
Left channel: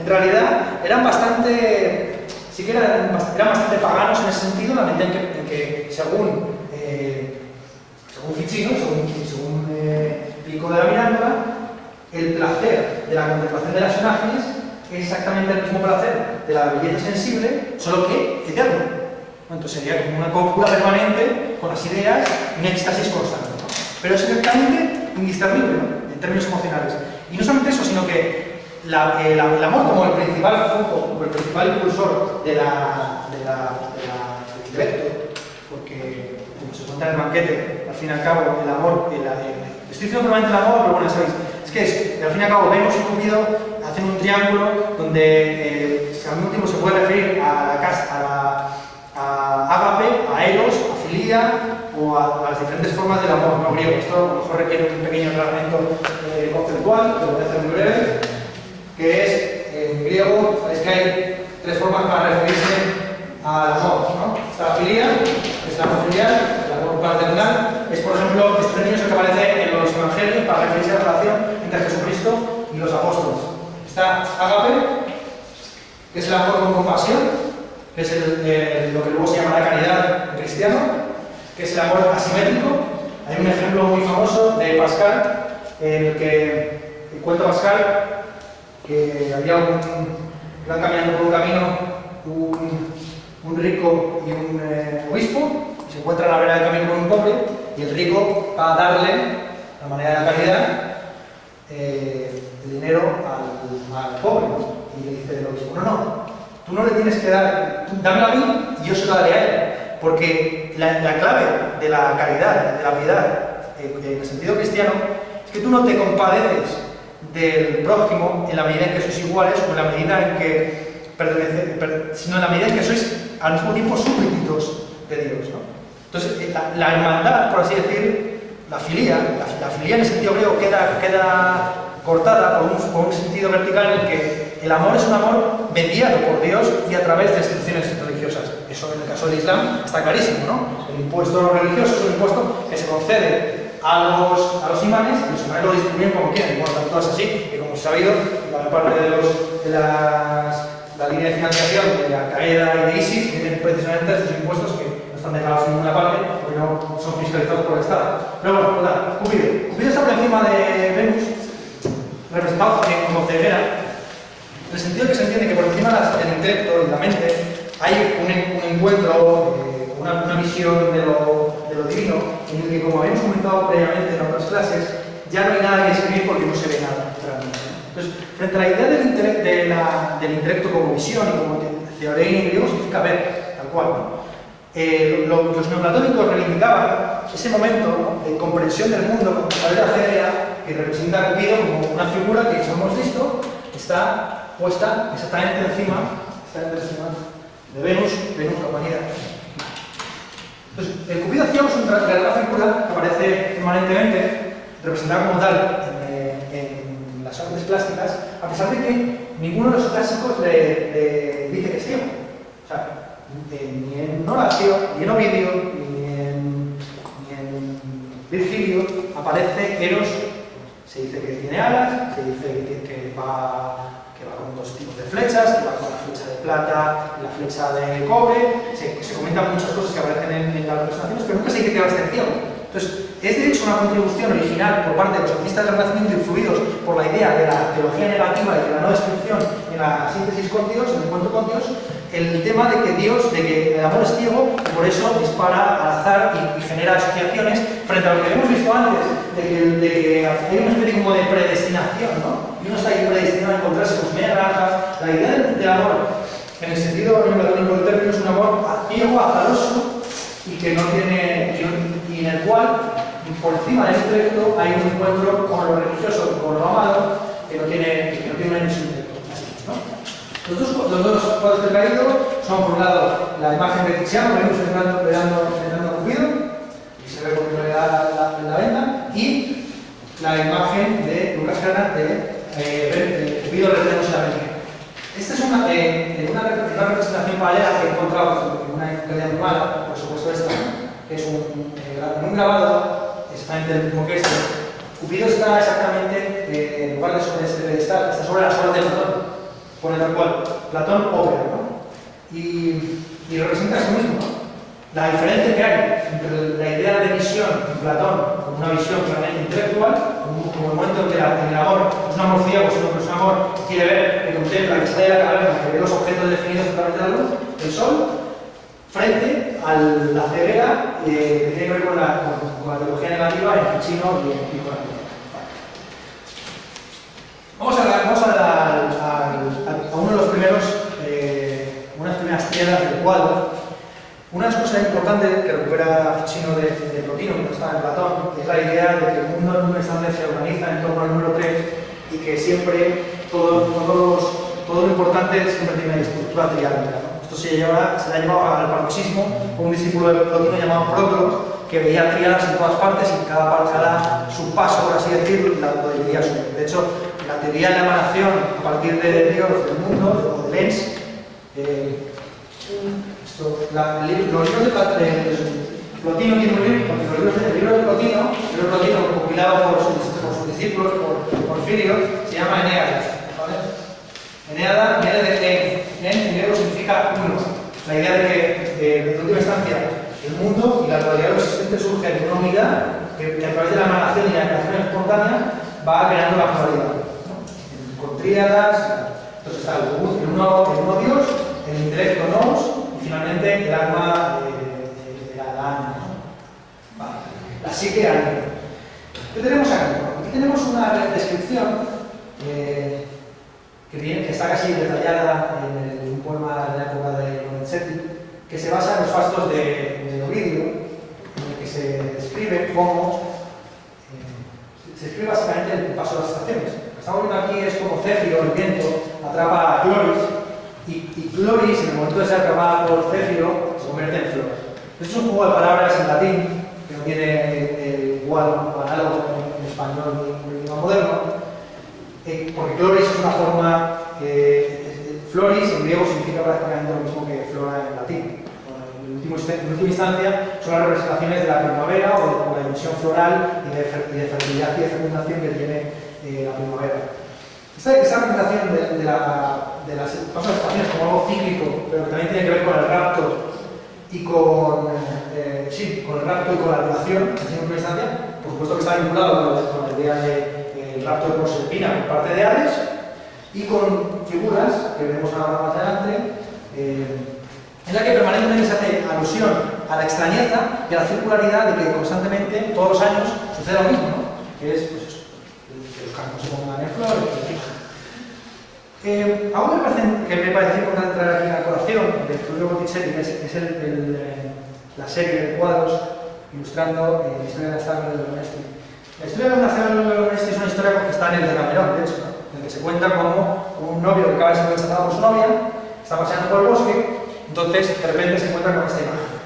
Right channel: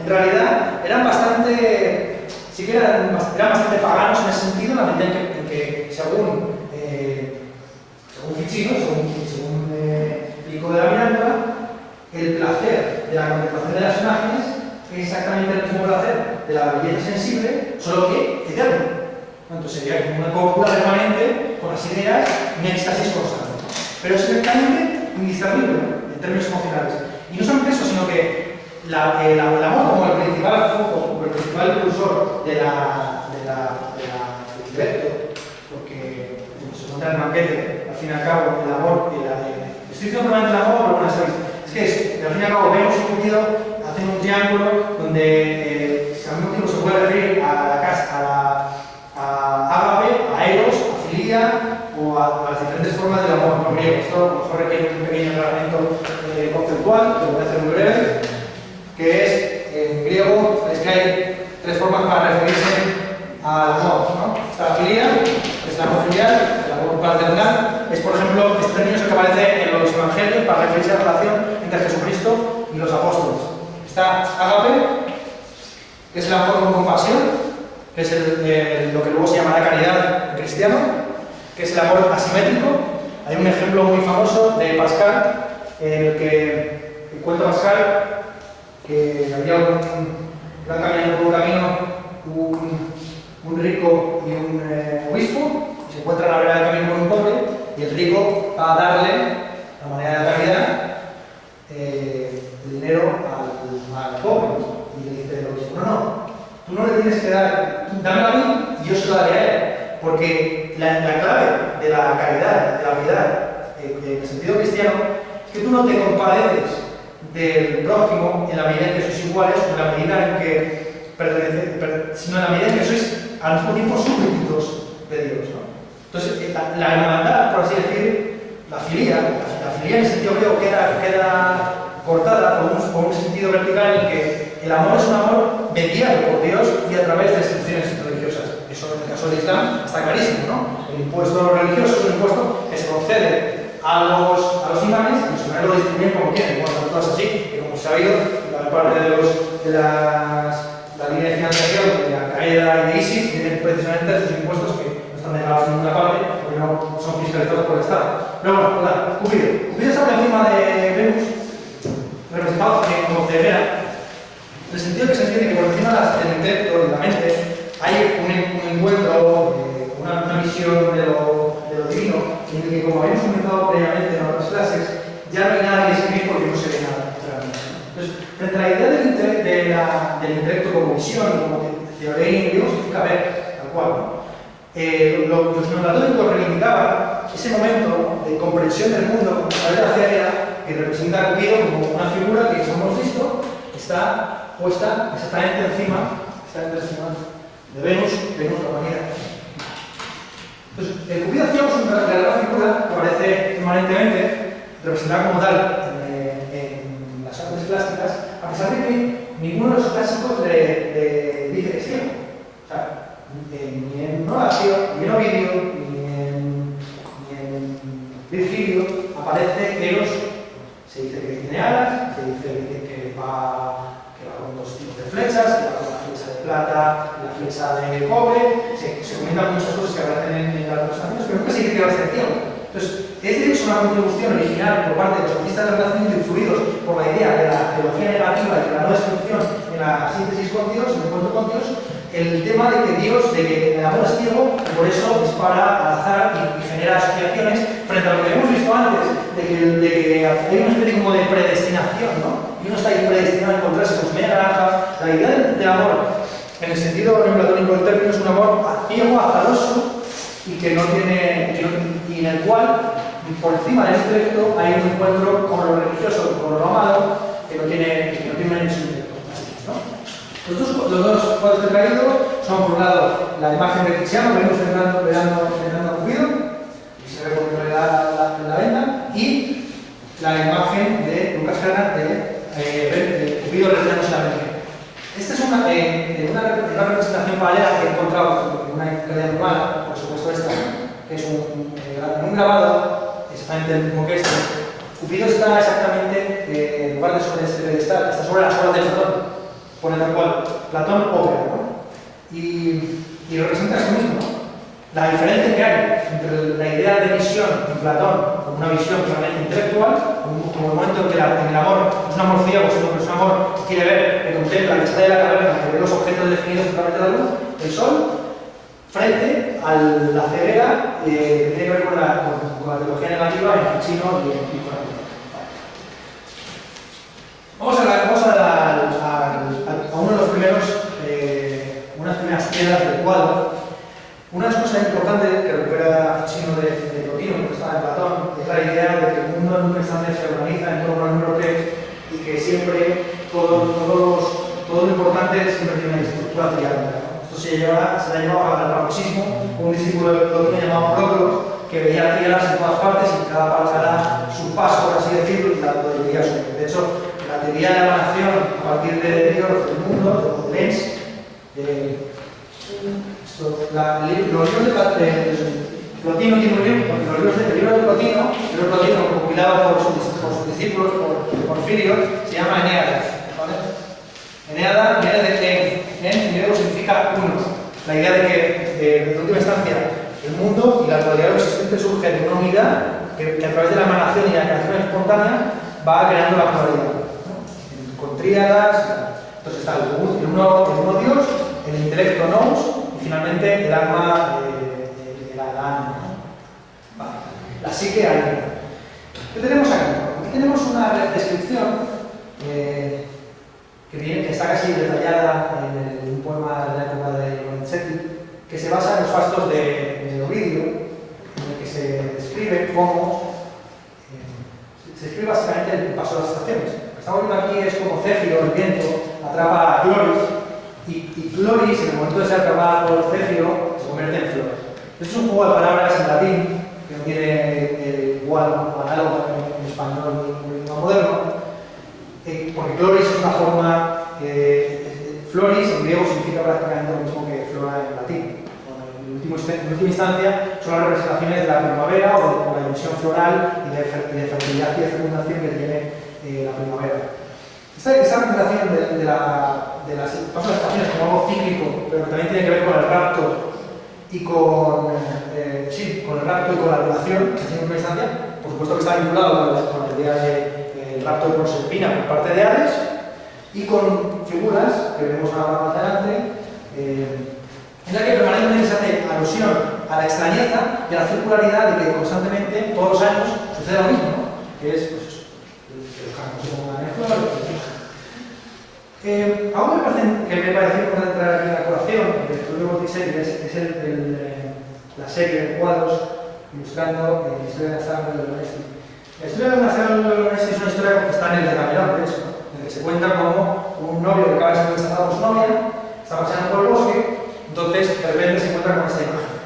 en realidad eran bastante paganos en ese sentido, en la medida en que según Ficino, según Pico de la Mirándola, el placer de la contemplación de las imágenes es exactamente el mismo placer de la belleza sensible, solo que eterno. Entonces sería como una cópula permanente con las ideas, un éxtasis constante. Pero es exactamente indiscernible, ¿no?, en términos emocionales. Y no solamente eso, sino que el amor como el principal foco, como el principal impulsor del intelecto, porque como se cuenta en el banquete, al fin y al cabo, el amor, estoy diciendo probablemente el amor, pero bueno, sabéis, es que al fin y al cabo Venus y Cupido hacen un triángulo donde al mismo tiempo se puede referir a ágape, a eros, a filia o a las diferentes formas del amor no griego. Esto a lo mejor requiere un pequeño reglamento conceptual, que lo voy a hacer muy breve, que es, en griego, sabéis que hay tres formas para referirse al amor, ¿no? Está la filia, que es el amor filial, el amor paternal, es por ejemplo, este término es el que aparece en los evangelios para referirse a la relación entre Jesucristo y los apóstoles. Está ágape, que es el amor con compasión, que es lo que luego se llamará caridad en cristiano, que es el amor asimétrico. Hay un ejemplo muy famoso de Pascal, en el que cuenta Pascal que había iban caminando por un camino un rico y un obispo, y se encuentran a la vera del camino con un pobre, y el rico va a darle, a la manera de la caridad, el dinero al pobre. Y le dice el obispo, no, tú no le tienes que dar, dámelo a mí y yo se lo daré a él. Porque la clave de la caridad, de la piedad, en el sentido cristiano, es que tú no te compadeces del prójimo en la medida en que sois iguales o en la medida en que sino en la medida en que sois al mismo tiempo súbditos de Dios, ¿no? Entonces, la hermandad, por así decir, la filía en el sentido griego queda cortada por un sentido vertical en el que el amor es un amor mediado por Dios y a través de instituciones religiosas. Eso en el caso del Islam está clarísimo, ¿no? El impuesto religioso es un impuesto que se concede a los imanes y los imanes lo distribuyen como quieren. Bueno, están todas así, que como se ha sabido, la parte de la línea de financiación de Al-Qaeda y de ISIS tienen precisamente esos impuestos que no están declarados en ninguna parte porque no son fiscalizados por el Estado. Pero bueno, ¿verdad? Cupido está por encima de Venus, representado como ceguera, en el sentido que se entiende que por encima del intelecto y de la mente hay un encuentro, una visión de lo divino, en el que, como habíamos comentado previamente en otras clases, ya no hay nada que escribir porque no se ve nada realmente. Entonces, frente a la idea del intelecto como visión y como teoría en griego significa ver, tal cual, ¿no? Los neoplatónicos reivindicaban ese momento, ¿no?, de comprensión del mundo a través de la ceguera, que representa a Cupido como una figura que, como hemos visto, está puesta exactamente encima de Venus, compañera. Entonces, el Cupido hacía una figura que aparece permanentemente representada como tal en las artes plásticas, a pesar de que ninguno de los clásicos le dice que es ciego. O sea, ni en Horacio, ni en Ovidio, ni en Virgilio aparece Eros. Se dice que tiene alas, se dice que va con dos tipos de flechas, que va con la flecha de plata y la flecha de cobre. Se comentan muchas cosas que aparecen en las representaciones, pero nunca se dice que va a ser ciego. Entonces, es de hecho una contribución original por parte de los artistas del Renacimiento influidos por la idea de la teología negativa y de la no descripción en la síntesis con Dios, en el encuentro con Dios, el tema de que el amor es ciego y por eso dispara al azar y genera asociaciones frente a lo que hemos visto antes, de que hay una especie como de predestinación, ¿no? Y uno está ahí predestinado a encontrarse con su media naranja. La idea del amor, en el sentido neoplatónico del término, es un amor ciego, azaroso y y en el cual, por encima del intelecto, hay un encuentro con lo religioso, con lo amado, que no tiene una dimensión intelectual, ¿no? Los dos cuadros que he traído son, por un lado, la imagen de Tiziano, que vemos entrando a Cupido, y se ve por la venda, y la imagen de Lucas Cranach de Cupido retirándose la venda. Esta es una representación paralela que he encontrado en una enciclopedia normal, por supuesto esta, que es en un grabado, exactamente el mismo que este. Cupido está exactamente en lugar de sobre este pedestal, está sobre las obras de Platón. Pone tal cual, Platón ópera, ¿no? Y representa eso mismo, ¿no? La diferencia que hay entre la idea de visión en Platón, como una visión puramente intelectual, como el momento en que el amor no es un amor ciego, sino que es un amor que quiere ver, que contempla, que está de la caverna, que ve los objetos definidos a través de la luz, el sol, frente a la ceguera que tiene que ver con la teología negativa en Ficino y en Corazón. Vamos a uno de los primeros, unas primeras piedras del cuadro. Una de las cosas importantes que recupera Ficino de Plotino, que está en Platón, es la idea de que el mundo en un instante se organiza en torno al número 3 y que siempre todo lo importante siempre tiene una estructura triangular, ¿no? Esto se le ha llevado al paroxismo, un discípulo de Plotino llamado Próclus, que veía triadas en todas partes y cada subpaso, por así decirlo, y lo dividía su. De hecho, la teoría de la emanación a partir de Dios, del mundo, de Lenz, los libros de Plotino tiene un libro, porque el libro de Plotino, compilado por sus discípulos, por Porfirio, se llama Eneadas, ¿vale? Eneada viene de en griego significa uno. La idea de que, en última instancia, el mundo y la realidad existente surge de una unidad que a través de la emanación y la creación espontánea va creando la pluralidad, ¿no? Con tríadas, entonces está el uno Dios, el intelecto nous y finalmente el alma de la alma, ¿no? Vale. La psique alma. ¿Qué tenemos aquí? Aquí tenemos una descripción que está casi detallada en un poema de la época de Lorenzetti, que se basa en los fastos de Ovidio, en el que se describe cómo se describe básicamente el paso de las estaciones. Lo que estamos viendo aquí es como Céfiro, el viento, atrapa a Cloris y Chloris, en el momento de ser atrapada por Céfiro, se convierte en flor. Esto es un juego de palabras en latín, que no tiene igual o análogo en español ni en idioma moderno, porque Chloris es una forma, Floris en griego significa prácticamente lo mismo que flora en latín. En última instancia son las representaciones de la primavera o de la dimensión floral y de fertilidad y de fecundación que tiene la primavera. Esta representación de las estaciones como algo cíclico, pero que también tiene que ver con el rapto y con el rapto y con la relación, en última instancia, por supuesto que está vinculado con la idea del rapto de Proserpina por parte de Hades y con figuras que veremos ahora más adelante, en la que permanentemente se hace alusión a la extrañeza y a la circularidad de que constantemente, todos los años, sucede lo mismo, ¿no? Que es pues eso, que los campos se pongan en flor, algo que me parece importante traer aquí en la colación de Tullio Botticelli es la serie de cuadros ilustrando la historia de la saga de Lorenzi. La historia de la saga de Lorenzi es una historia que está en el Decamerón, de hecho, ¿no? En el que se cuenta como un novio que acaba de ser rechazado por su novia, está paseando por el bosque, entonces de repente se encuentra con esta imagen.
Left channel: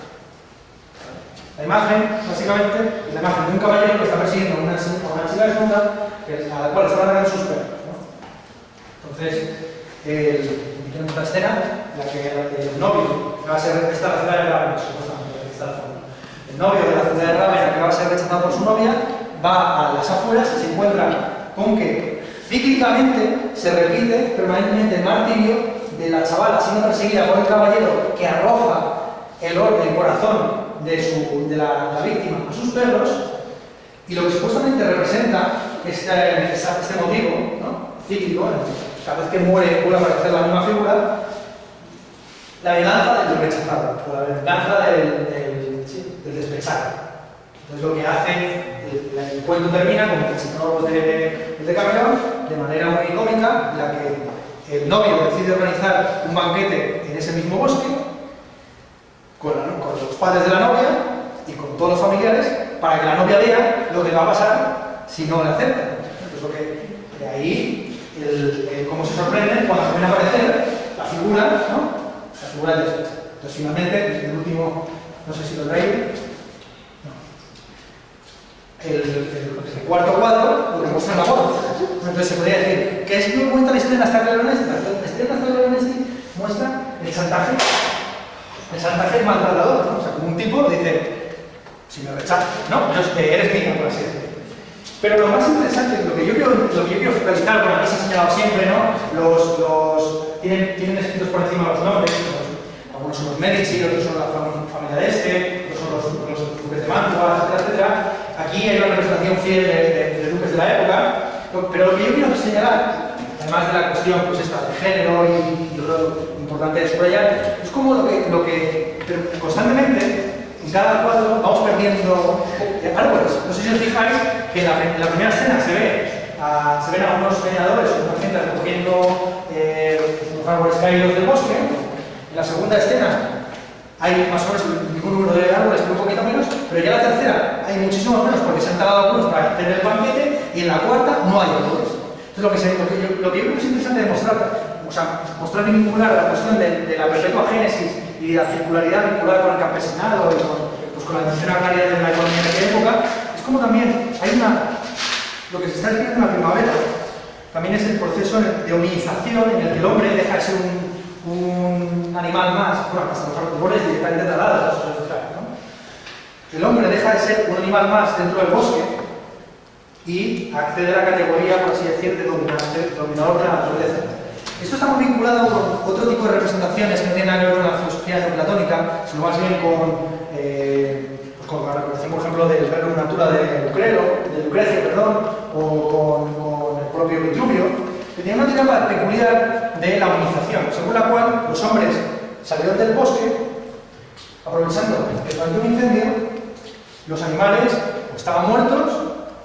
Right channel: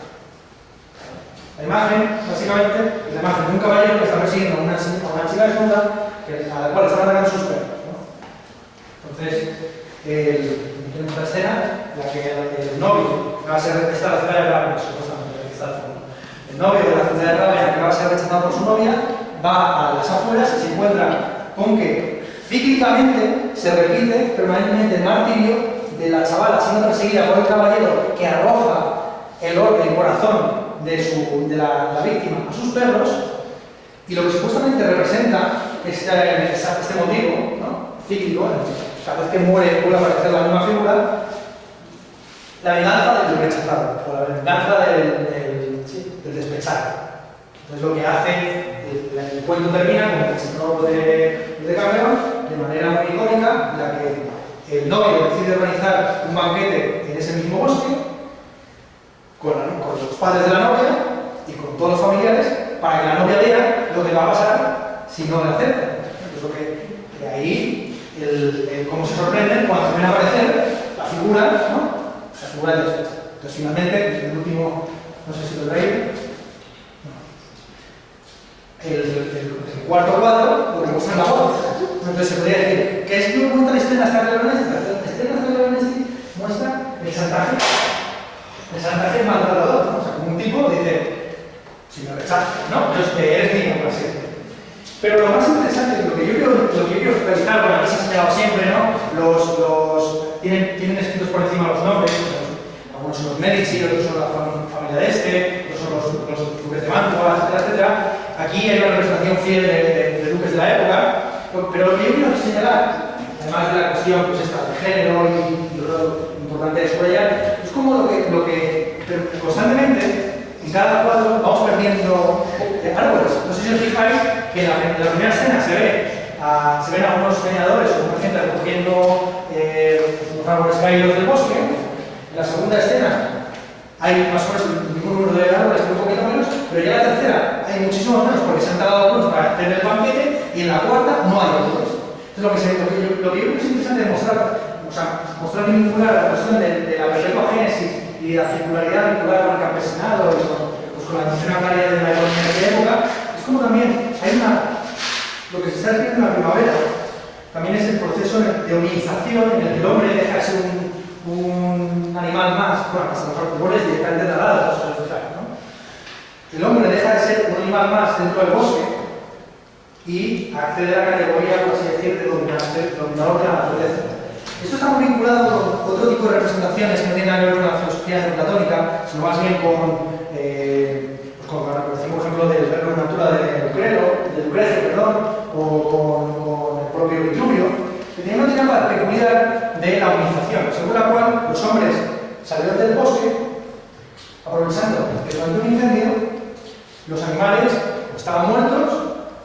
La imagen, básicamente, es la imagen de un caballero que está persiguiendo a una chica desnuda a la cual están atacando sus perros, ¿no? Entonces, en esta escena, la que el novio, que va a ser la ciudad de Ravenna, supuestamente, está al fondo. El novio de la ciudad de Ravenna, que va a ser rechazado por su novia, va a las afueras y se encuentra con que cíclicamente se repite permanentemente el martirio de la chavala siendo perseguida por el caballero que arroja el corazón de la víctima a sus perros, y lo que supuestamente representa este motivo, ¿no? Cíclico, cada vez que muere vuelve a aparecer la misma figura, la venganza del rechazado, o la venganza del despechado. Entonces lo que hace, el cuento termina como que el señor de Camerón, de manera muy icónica, en la que el novio decide organizar un banquete en ese mismo bosque, con los padres de la novia y con todos los familiares, para que la novia vea lo que va a pasar si no le aceptan. Entonces, lo que, de ahí, cómo se sorprenden cuando se ven aparecer la figura, ¿no? La figura del despecho. Entonces, finalmente, el último, no sé si lo veis, el cuarto cuadro, lo que muestra la voz. Entonces, se podría decir, ¿qué es lo que cuenta la historia de la Star Leonesti? La historia de la Star Leonesti muestra el chantaje. El chantaje maltratador, ¿no? O sea, como un tipo dice, si me rechazas, ¿no? Eres mío, por así decirlo. Pero lo más interesante, lo que yo quiero focalizar, bueno, aquí se ha señalado siempre, ¿no? Tienen escritos por encima los nombres, algunos son los Medici, otros son la familia de este, otros son los duques de Mantua, etcétera, etcétera. Aquí hay una representación fiel de duques de la época, pero lo que yo quiero señalar, además de la cuestión pues esta de género y lo importante de subrayar, es como lo que constantemente en cada cuadro vamos perdiendo árboles. No sé si os fijáis que en la primera escena se ven a unos leñadores o una gente recogiendo unos árboles caídos del bosque. En la segunda escena hay más o menos el mismo número de árboles, pero un poquito menos, pero ya en la tercera hay muchísimos menos porque se han talado algunos para hacer el banquete, y en la cuarta no hay árboles. Entonces lo que yo creo que es interesante demostrar, mostrar y vincular la cuestión de la perpetua génesis y la circularidad vinculada con el campesinado y con la dimensión agraria de la economía de aquella época, es como también hay lo que se está escribiendo en la primavera, también es el proceso de hominización en el que el hombre deja de ser un animal más, bueno, hasta los árboles directamente talados, ¿no? El hombre deja de ser un animal más dentro del bosque y accede a la categoría, por así decir, de dominador de la naturaleza. Esto está muy vinculado con otro tipo de representaciones que no tienen nada que ver con la filosofía neoplatónica, sino más bien con la representación, por ejemplo, del verbo natura de Lucrecio, o con el propio Vitruvio, que tiene una dinámica peculiar de la hominización, según la cual los hombres salieron del bosque aprovechando que durante un incendio los animales o estaban muertos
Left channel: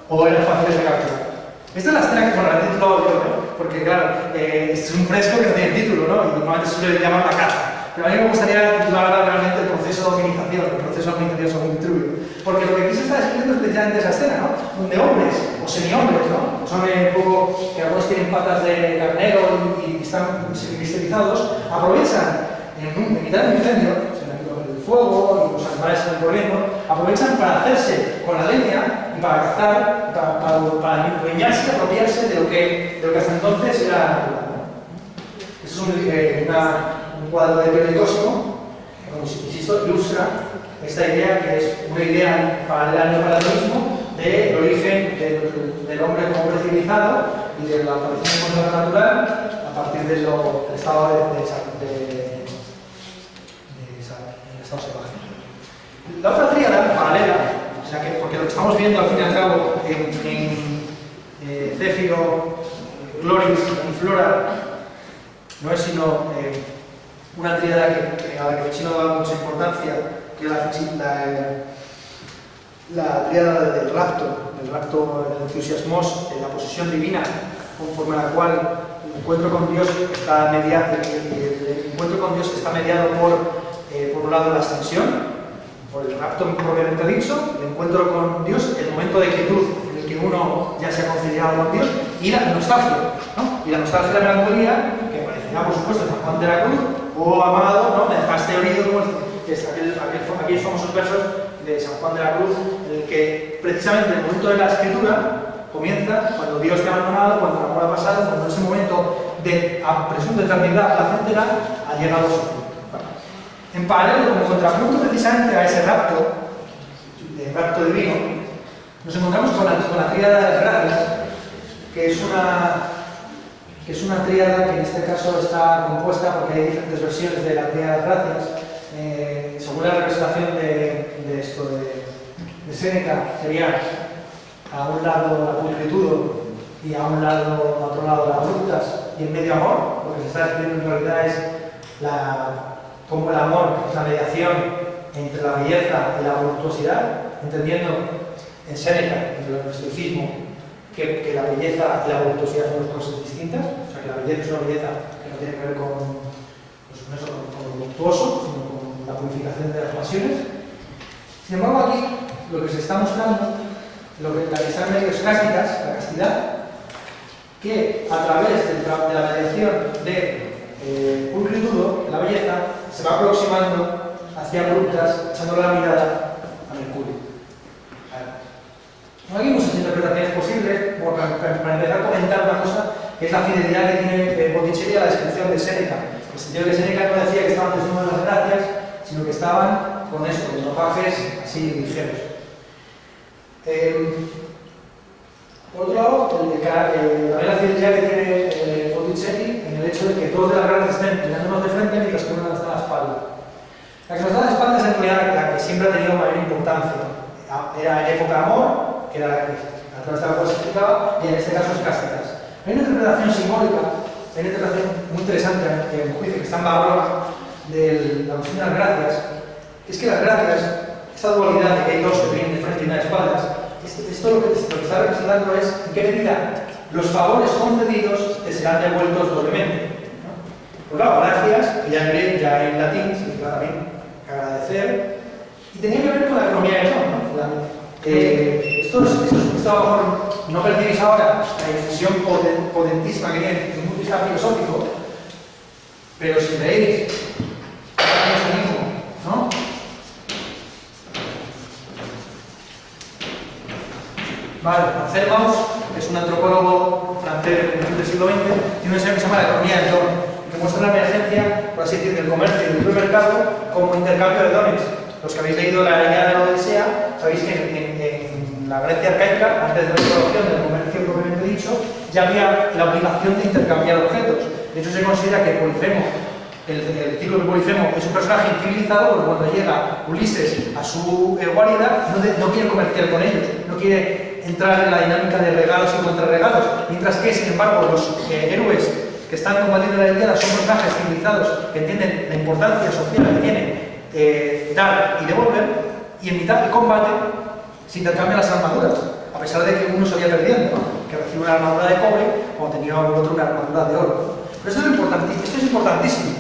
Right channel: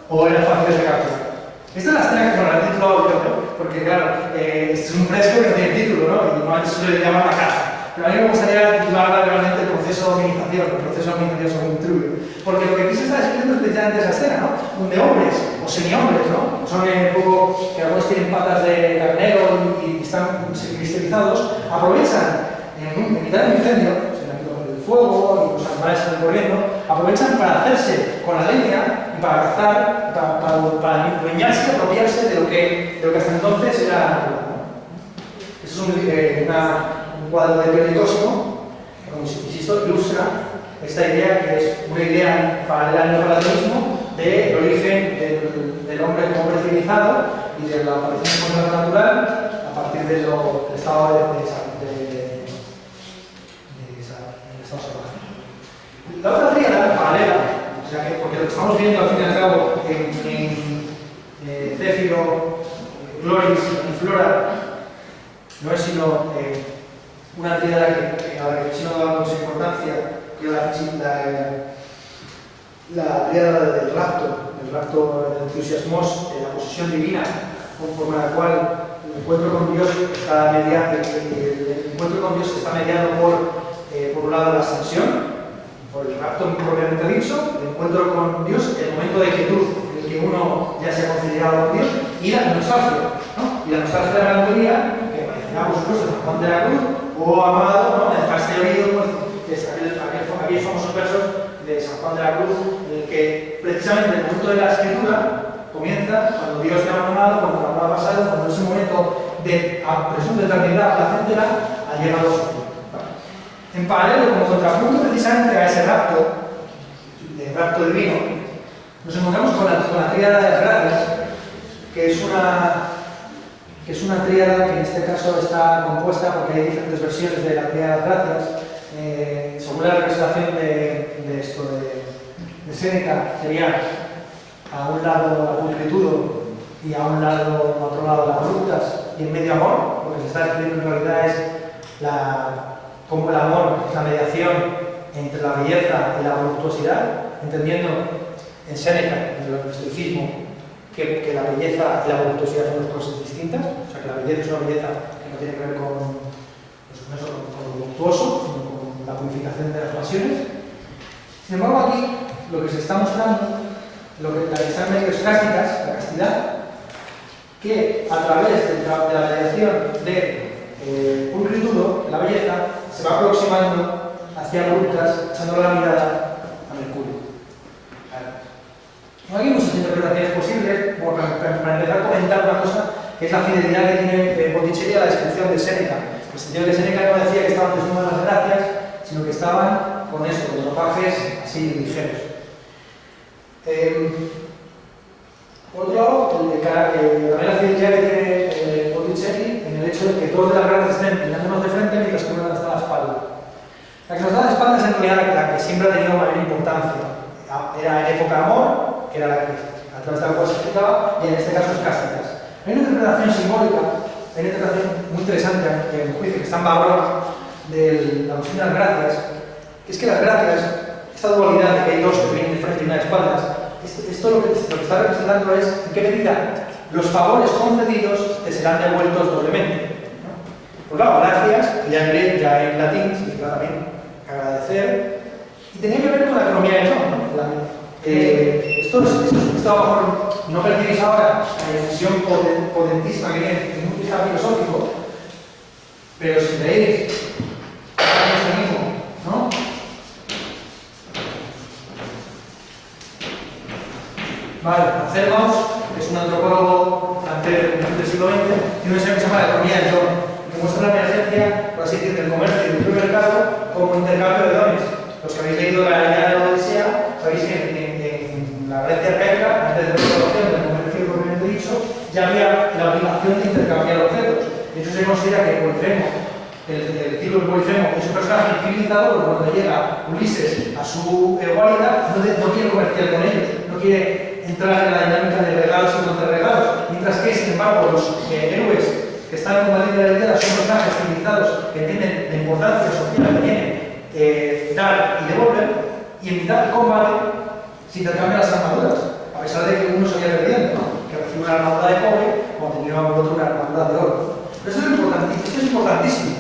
o eran fáciles de capturar. Esta es la escena que, bueno, la he titulado yo, ¿no? Porque claro, es un fresco que no tiene título, ¿no? Y normalmente se le llama la casa. Pero a mí me gustaría titular realmente el proceso de hominización, el proceso de hominización según Vitruvio. Porque lo que aquí se está describiendo es precisamente esa escena, ¿no? Donde hombres, o semi-hombres, ¿no? son un poco, que algunos tienen patas de carnero y están cristalizados, aprovechan en mitad del incendio, el fuego y los animales están corriendo, aprovechan para hacerse con la leña y para cazar, para dueñarse y apropiarse de lo que hasta entonces era. Esto es un cuadro de Pietricósimo, que, como insisto, ilustra esta idea, que es una idea paralela al neoplatonismo del origen del hombre como hombre civilizado y de la aparición de la natural a partir del estado del estado salvaje. La otra tríada paralela, o sea porque lo que estamos viendo al fin y al cabo en Céfiro, Gloris y Flora no es sino una tríada a la que Ficino da mucha importancia, que es la tríada del rapto entusiasmos, la posesión divina, conforme a la cual el encuentro con Dios está mediado por un lado la ascensión, por el rapto propiamente dicho, el encuentro con Dios, el momento de quietud en el que uno ya se ha conciliado con Dios, y la nostalgia, ¿no? Y la nostalgia de la melancolía, que parecerá por supuesto San Juan de la Cruz, oh amado, ¿no? Me dejaste oído, pues, que es aquellos famosos versos de San Juan de la Cruz, en el que precisamente el momento de la escritura comienza cuando Dios te ha abandonado, cuando el amor ha pasado, cuando ese momento de presunta eternidad placentera ha llegado a su fin. En paralelo, como contrapunto precisamente a ese rapto divino, nos encontramos con la tríada de las gracias, que es una tríada que en este caso está compuesta porque hay diferentes versiones de la tríada de las gracias. Según la representación de Séneca, sería a un lado la pulcritudo y a otro lado las voluptas, y en medio amor. Lo que se está describiendo en realidad es como el amor es la mediación entre la belleza y la voluptuosidad, entendiendo en Séneca, en el estoicismo, que la belleza y la voluptuosidad son dos cosas distintas. O sea, que la belleza es una belleza que no tiene que ver con lo voluptuoso, sino con la purificación de las pasiones. Sin embargo, aquí lo que se está mostrando, lo que están medios cásticas, la castidad, que a través de la mediación de pulcritudo, la belleza, se va aproximando hacia voluptas, echando la mirada a Mercurio. Aquí hay muchas interpretaciones posibles. Bueno, para empezar a comentar una cosa, que es la fidelidad que tiene Botticelli a la descripción de Séneca. En el sentido de que Séneca no decía que estaban desnudos las gracias, sino que estaban con esto, con ropajes así ligeros. Por otro lado, la fidelidad que tiene Botticelli en el hecho de que todos de las gracias estén mirándonos de frente mientras que uno nos da la espalda. La que nos da la espalda es en realidad la que siempre ha tenido mayor importancia. Era en época de amor, que era la que a través de la cual se explicaba, y en este caso es cásticas. Hay una interpretación simbólica, hay una interpretación muy interesante, que en juicio que está en Barroa, de la cuestión de las gracias, que es que las gracias, esta dualidad de que hay dos que vienen de frente y una de espaldas, esto lo que está representando es en qué medida los favores concedidos te serán devueltos doblemente, ¿no? Por claro, gracias, que ya en latín significa también agradecer, y tenía que ver con la economía del don, ¿no? Esto a lo mejor no percibís ahora la dimensión potentísima que tiene desde un punto de vista filosófico, pero si veis eso mismo, ¿no? Vale, Marcel Mauss es un antropólogo francés del siglo XX, tiene un ensayo que se llama La economía del don, que muestra la emergencia, por así decir, del comercio y del libre mercado como intercambio de dones. Los que habéis leído la Ilíada de la Odisea, sabéis que en la Grecia arcaica, antes de la introducción del comercio propiamente dicho, ya había la obligación de intercambiar objetos. De hecho, se considera que Polifemo, el ciclo de Polifemo, es un personaje civilizado, porque cuando llega Ulises a su guarida, no quiere comerciar con ellos, no quiere entrar en la dinámica de regalos y contrarregalos, mientras que, sin embargo, los héroes que están combatiendo la Ilíada son personajes civilizados que entienden la importancia social que tiene dar y devolver, y en mitad del combate se intercambian las armaduras, a pesar de que uno salía perdiendo, ¿no? Que recibe una armadura de cobre como tenía el otro una armadura de oro. Pero esto es importantísimo.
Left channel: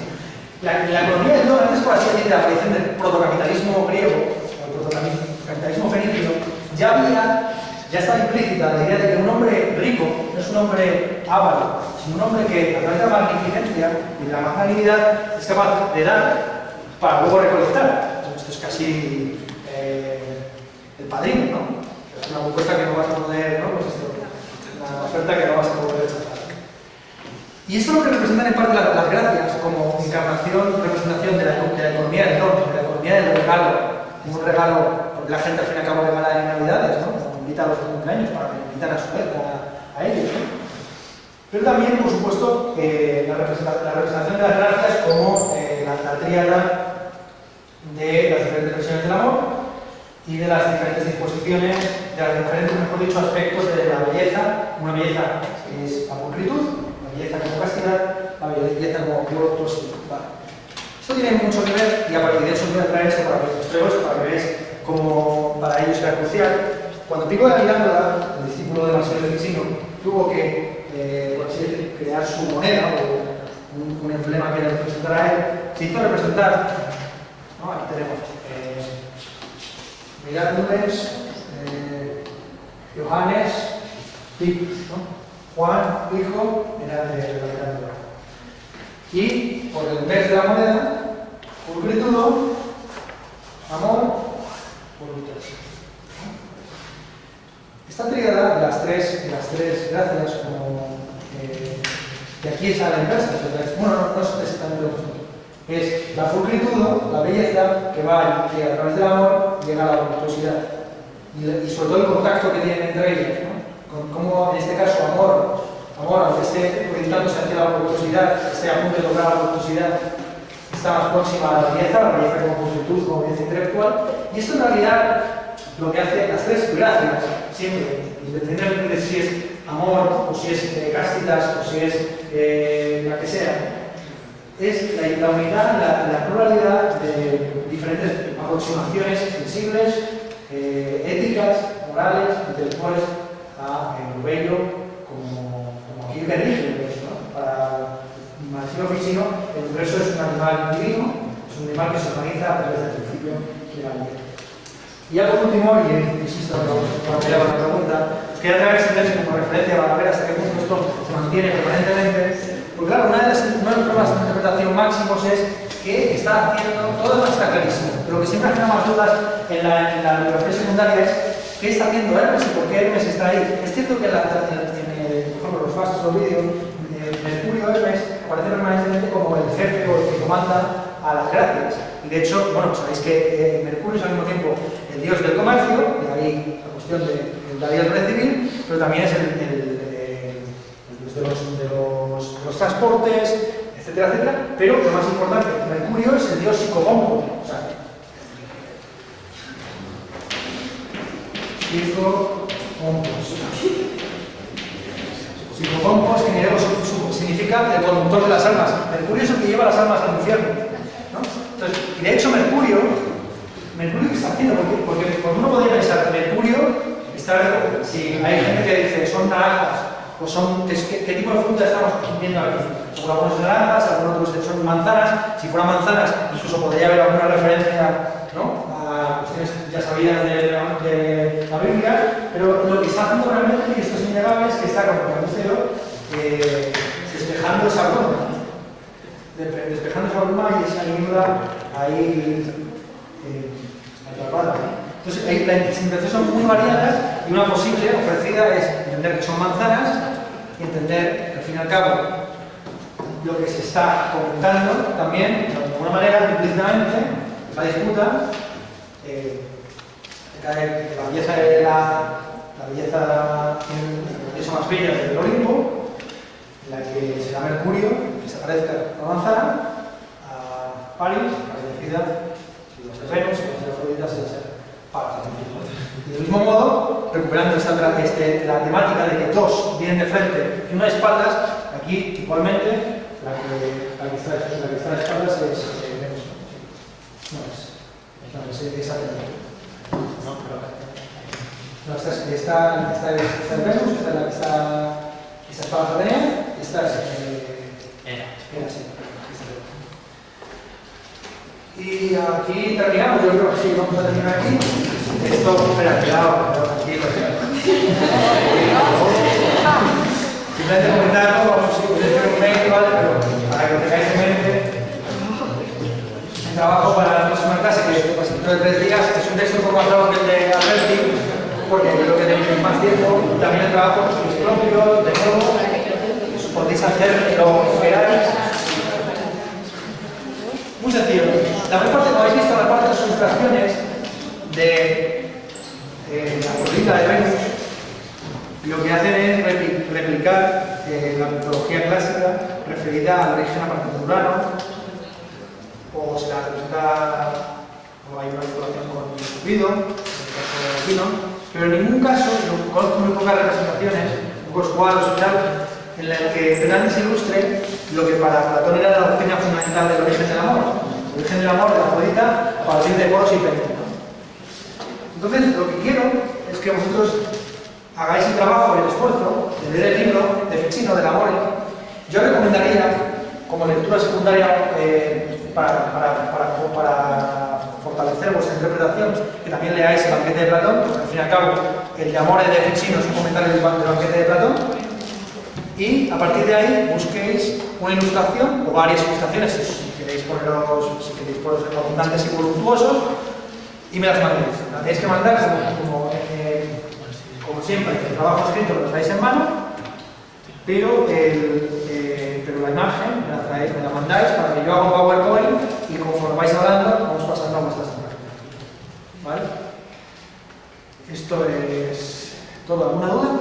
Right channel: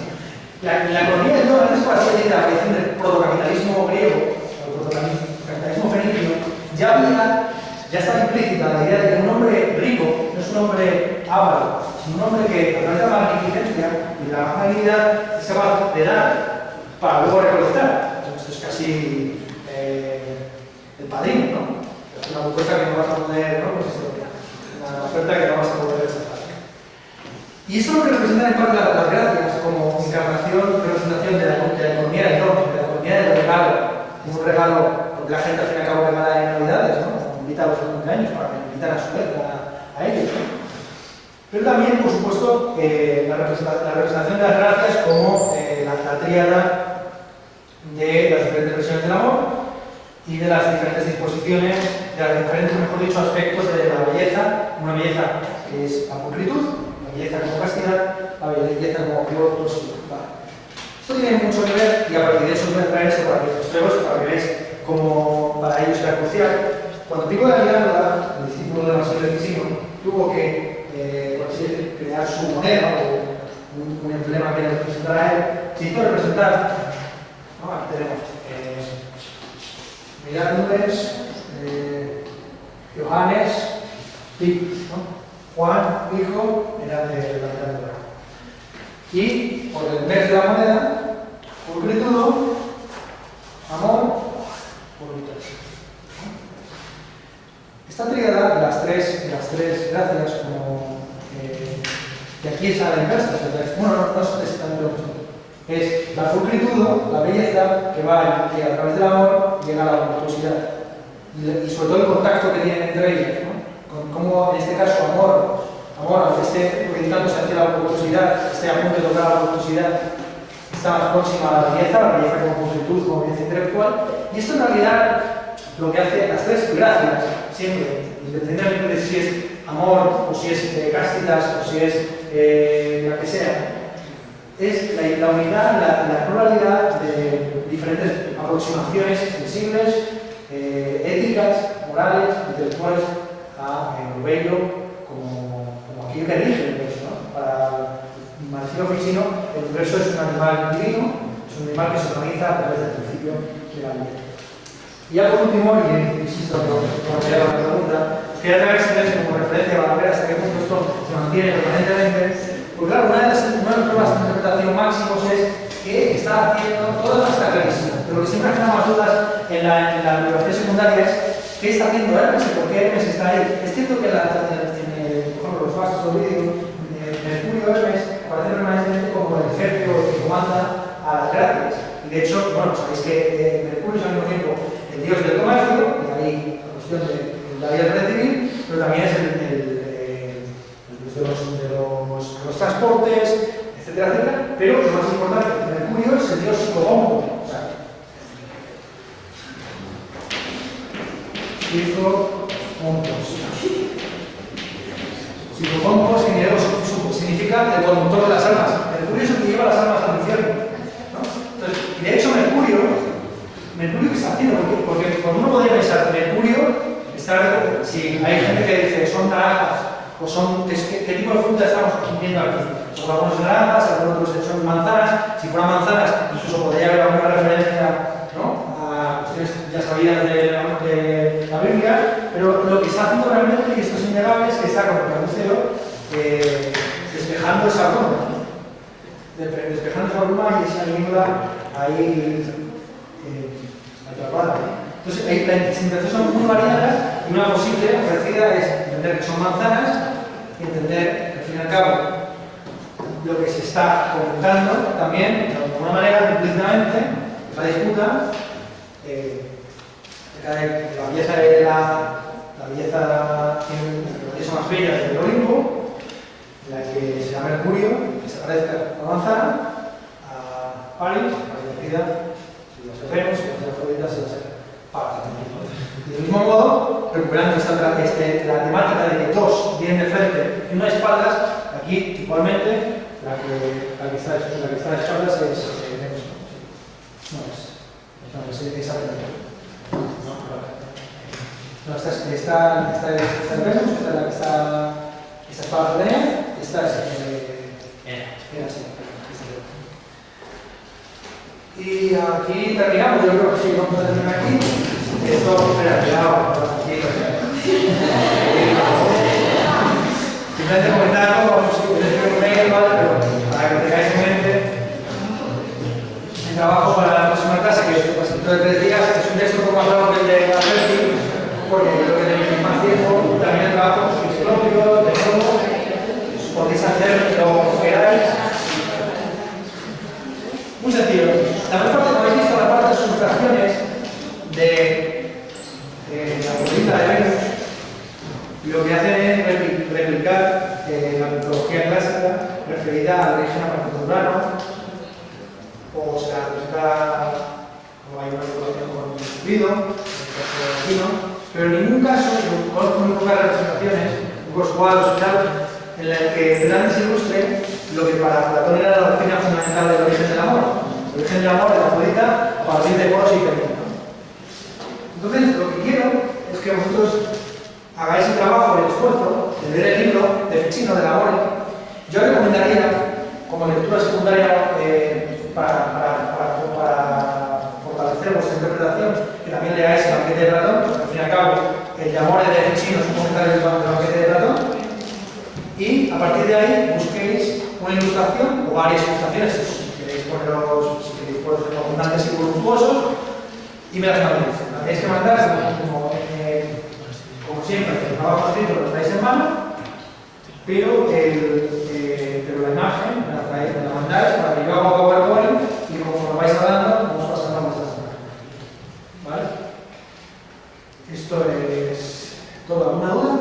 La economía del don, antes, por así decir, de la aparición del protocapitalismo griego, o el protocapitalismo fenicio, ya estaba implícita la idea de que un hombre rico es un hombre avaro, sino un hombre que a través de la magnificencia y de la magnanimidad es capaz de dar para luego recolectar. Esto es casi el padrino, ¿no? Es una propuesta que no vas a poder, ¿no? Pues esto, una oferta que no vas a poder rechazar. Y eso es lo que representan en parte las gracias como encarnación, representación de la economía del don, de la economía del regalo. Un regalo, porque la gente al fin y al cabo regala en Navidades, ¿no? Invita a los cumpleaños para que invitan a su vez a ellos, ¿no? Pero también, por supuesto, la representación de las gracias como la tríada de las diferentes versiones del amor y de las diferentes disposiciones, de los diferentes, mejor dicho, aspectos de la belleza. Una belleza que es la pulcritud, la belleza como castidad, la belleza como virtuosidad. Vale. Esto tiene mucho que ver, y a partir de eso voy a traer esto para que os traigo esto, para que veáis cómo para ellos era crucial. Cuando Pico de la Miranda, el discípulo de Marsilio Ficino, tuvo que crear su moneda o un emblema que le representara a él, se hizo representar, ¿no? Aquí tenemos mirad Nubes, Johannes, Pico, ¿no? Juan, hijo, era de la Miranda. Y por el mes de la moneda, pulcritud, amor, voluntad. Esta tríada de las tres gracias, como que aquí es a la inversa, bueno, no es exactamente lo mismo. Es la pulcritud, la belleza, que va que a través del amor llega a la voluptuosidad. Y sobre todo el contacto que tienen entre ellos, ¿no? Con cómo en este caso amor, aunque esté orientándose hacia la voluptuosidad, esté a punto de lograr la voluptuosidad, está más próxima a la belleza como pulcritud, como belleza intelectual. Y esto en realidad lo que hace las tres gracias, siempre, independientemente de si es amor, o si es cástidas, o si es la que sea, es la unidad, la pluralidad de diferentes aproximaciones sensibles, éticas, morales, intelectuales a lo bello, como aquí que rige, ¿no? Para Marsilio Ficino, el universo es un animal divino, es un animal que se organiza a través del principio de la vida. Y ya por último, y insisto, para que la pregunta, os quería traer este como referencia para ver hasta qué punto esto se mantiene permanentemente. Porque claro, una de las pruebas de interpretación máximos es que está haciendo, todo esto está clarísimo, pero lo que siempre genera más dudas en la bibliografía secundaria es qué está haciendo Hermes y por qué Hermes está ahí. Es cierto que por ejemplo, los fastos o vídeos, Mercurio Hermes aparece permanentemente como el jefe o el que comanda a las gracias. Y de hecho, bueno, sabéis que Mercurio es al mismo tiempo el dios del comercio, de ahí la cuestión de la vida del civil, pero también es el dios de los transportes, etcétera, etcétera. Pero lo más importante, Mercurio es el dios psicopompo. O sea, psicopompos, significa el conductor de las almas. Mercurio es el que lleva las almas al infierno, ¿no? Entonces, y de hecho Mercurio, ¿qué está haciendo? Porque uno podría pensar, Mercurio está, si hay gente que dice son naranjas, o son, ¿qué tipo de fruta estamos viendo aquí? Son algunos naranjas, algunos otros son manzanas. Si fueran manzanas, incluso podría haber alguna referencia, ¿no?, a cuestiones ya sabidas de la Biblia, pero lo que está haciendo realmente, y esto es innegable, es que está como carnicero despejando esa bruma, y esa niebla ahí atrapada. Entonces, las interpretaciones son muy variadas y una posible ofrecida es entender que son manzanas y entender que al fin y al cabo lo que se está comentando también, de alguna manera, implícitamente, la disputa de la belleza más bella del Olimpo, en la que será Mercurio, que se parezca a la manzana, a París, parecida, si los Venus, si los Afroditas, se va a ser París. Y del mismo modo, recuperando la temática de que dos vienen de frente y una de espaldas, aquí igualmente la que está de espaldas es Venus. No, es esa no, esta es Venus, esta es la que está espalda de Atenea, esta es Hera, sí. Y aquí terminamos, yo creo que sí, vamos a terminar aquí. Esto, espera, cuidado, aquí, simplemente comentarlo, vamos a decir un mail, ¿vale? Pero para que tengáis en mente, el trabajo para la próxima clase, que es dentro de 3 días, es un texto un poco más largo que el de Alberti, porque yo creo que tenéis más tiempo, también el trabajo es propio, de nuevo, podéis hacer lo que queráis. Muy sencillo. La mayor parte, como habéis visto, la parte de las ilustraciones de la política de Venus, lo que hacen es replicar la mitología clásica referida al origen apartitudurano, o se la representa como hay una vinculación con Cupido, en el caso de Aquino, pero en ningún caso, yo conozco muy pocas representaciones, pocos cuadros y tal, en el que realmente se ilustre lo que para Platón era la doctrina fundamental del origen del amor. El origen del amor de la Afrodita a partir de Poros y Penina. Entonces, lo que quiero es que vosotros hagáis el trabajo y el esfuerzo de leer el libro de Ficino, del amor. Yo recomendaría, como lectura secundaria, para fortalecer vuestra interpretación, que también leáis el banquete de Platón, porque al fin y al cabo, el de amor de Ficino es un comentario del banquete de Platón. Y a partir de ahí busquéis una ilustración o varias ilustraciones, si queréis poneros abundantes y voluptuosos, y me las mandéis. Las tenéis que mandar como siempre, el trabajo escrito lo traéis en mano, pero la imagen me la mandáis para que yo haga un PowerPoint y conforme vais hablando vamos pasando a vuestras imágenes. ¿Vale? Esto es todo. ¿Alguna duda?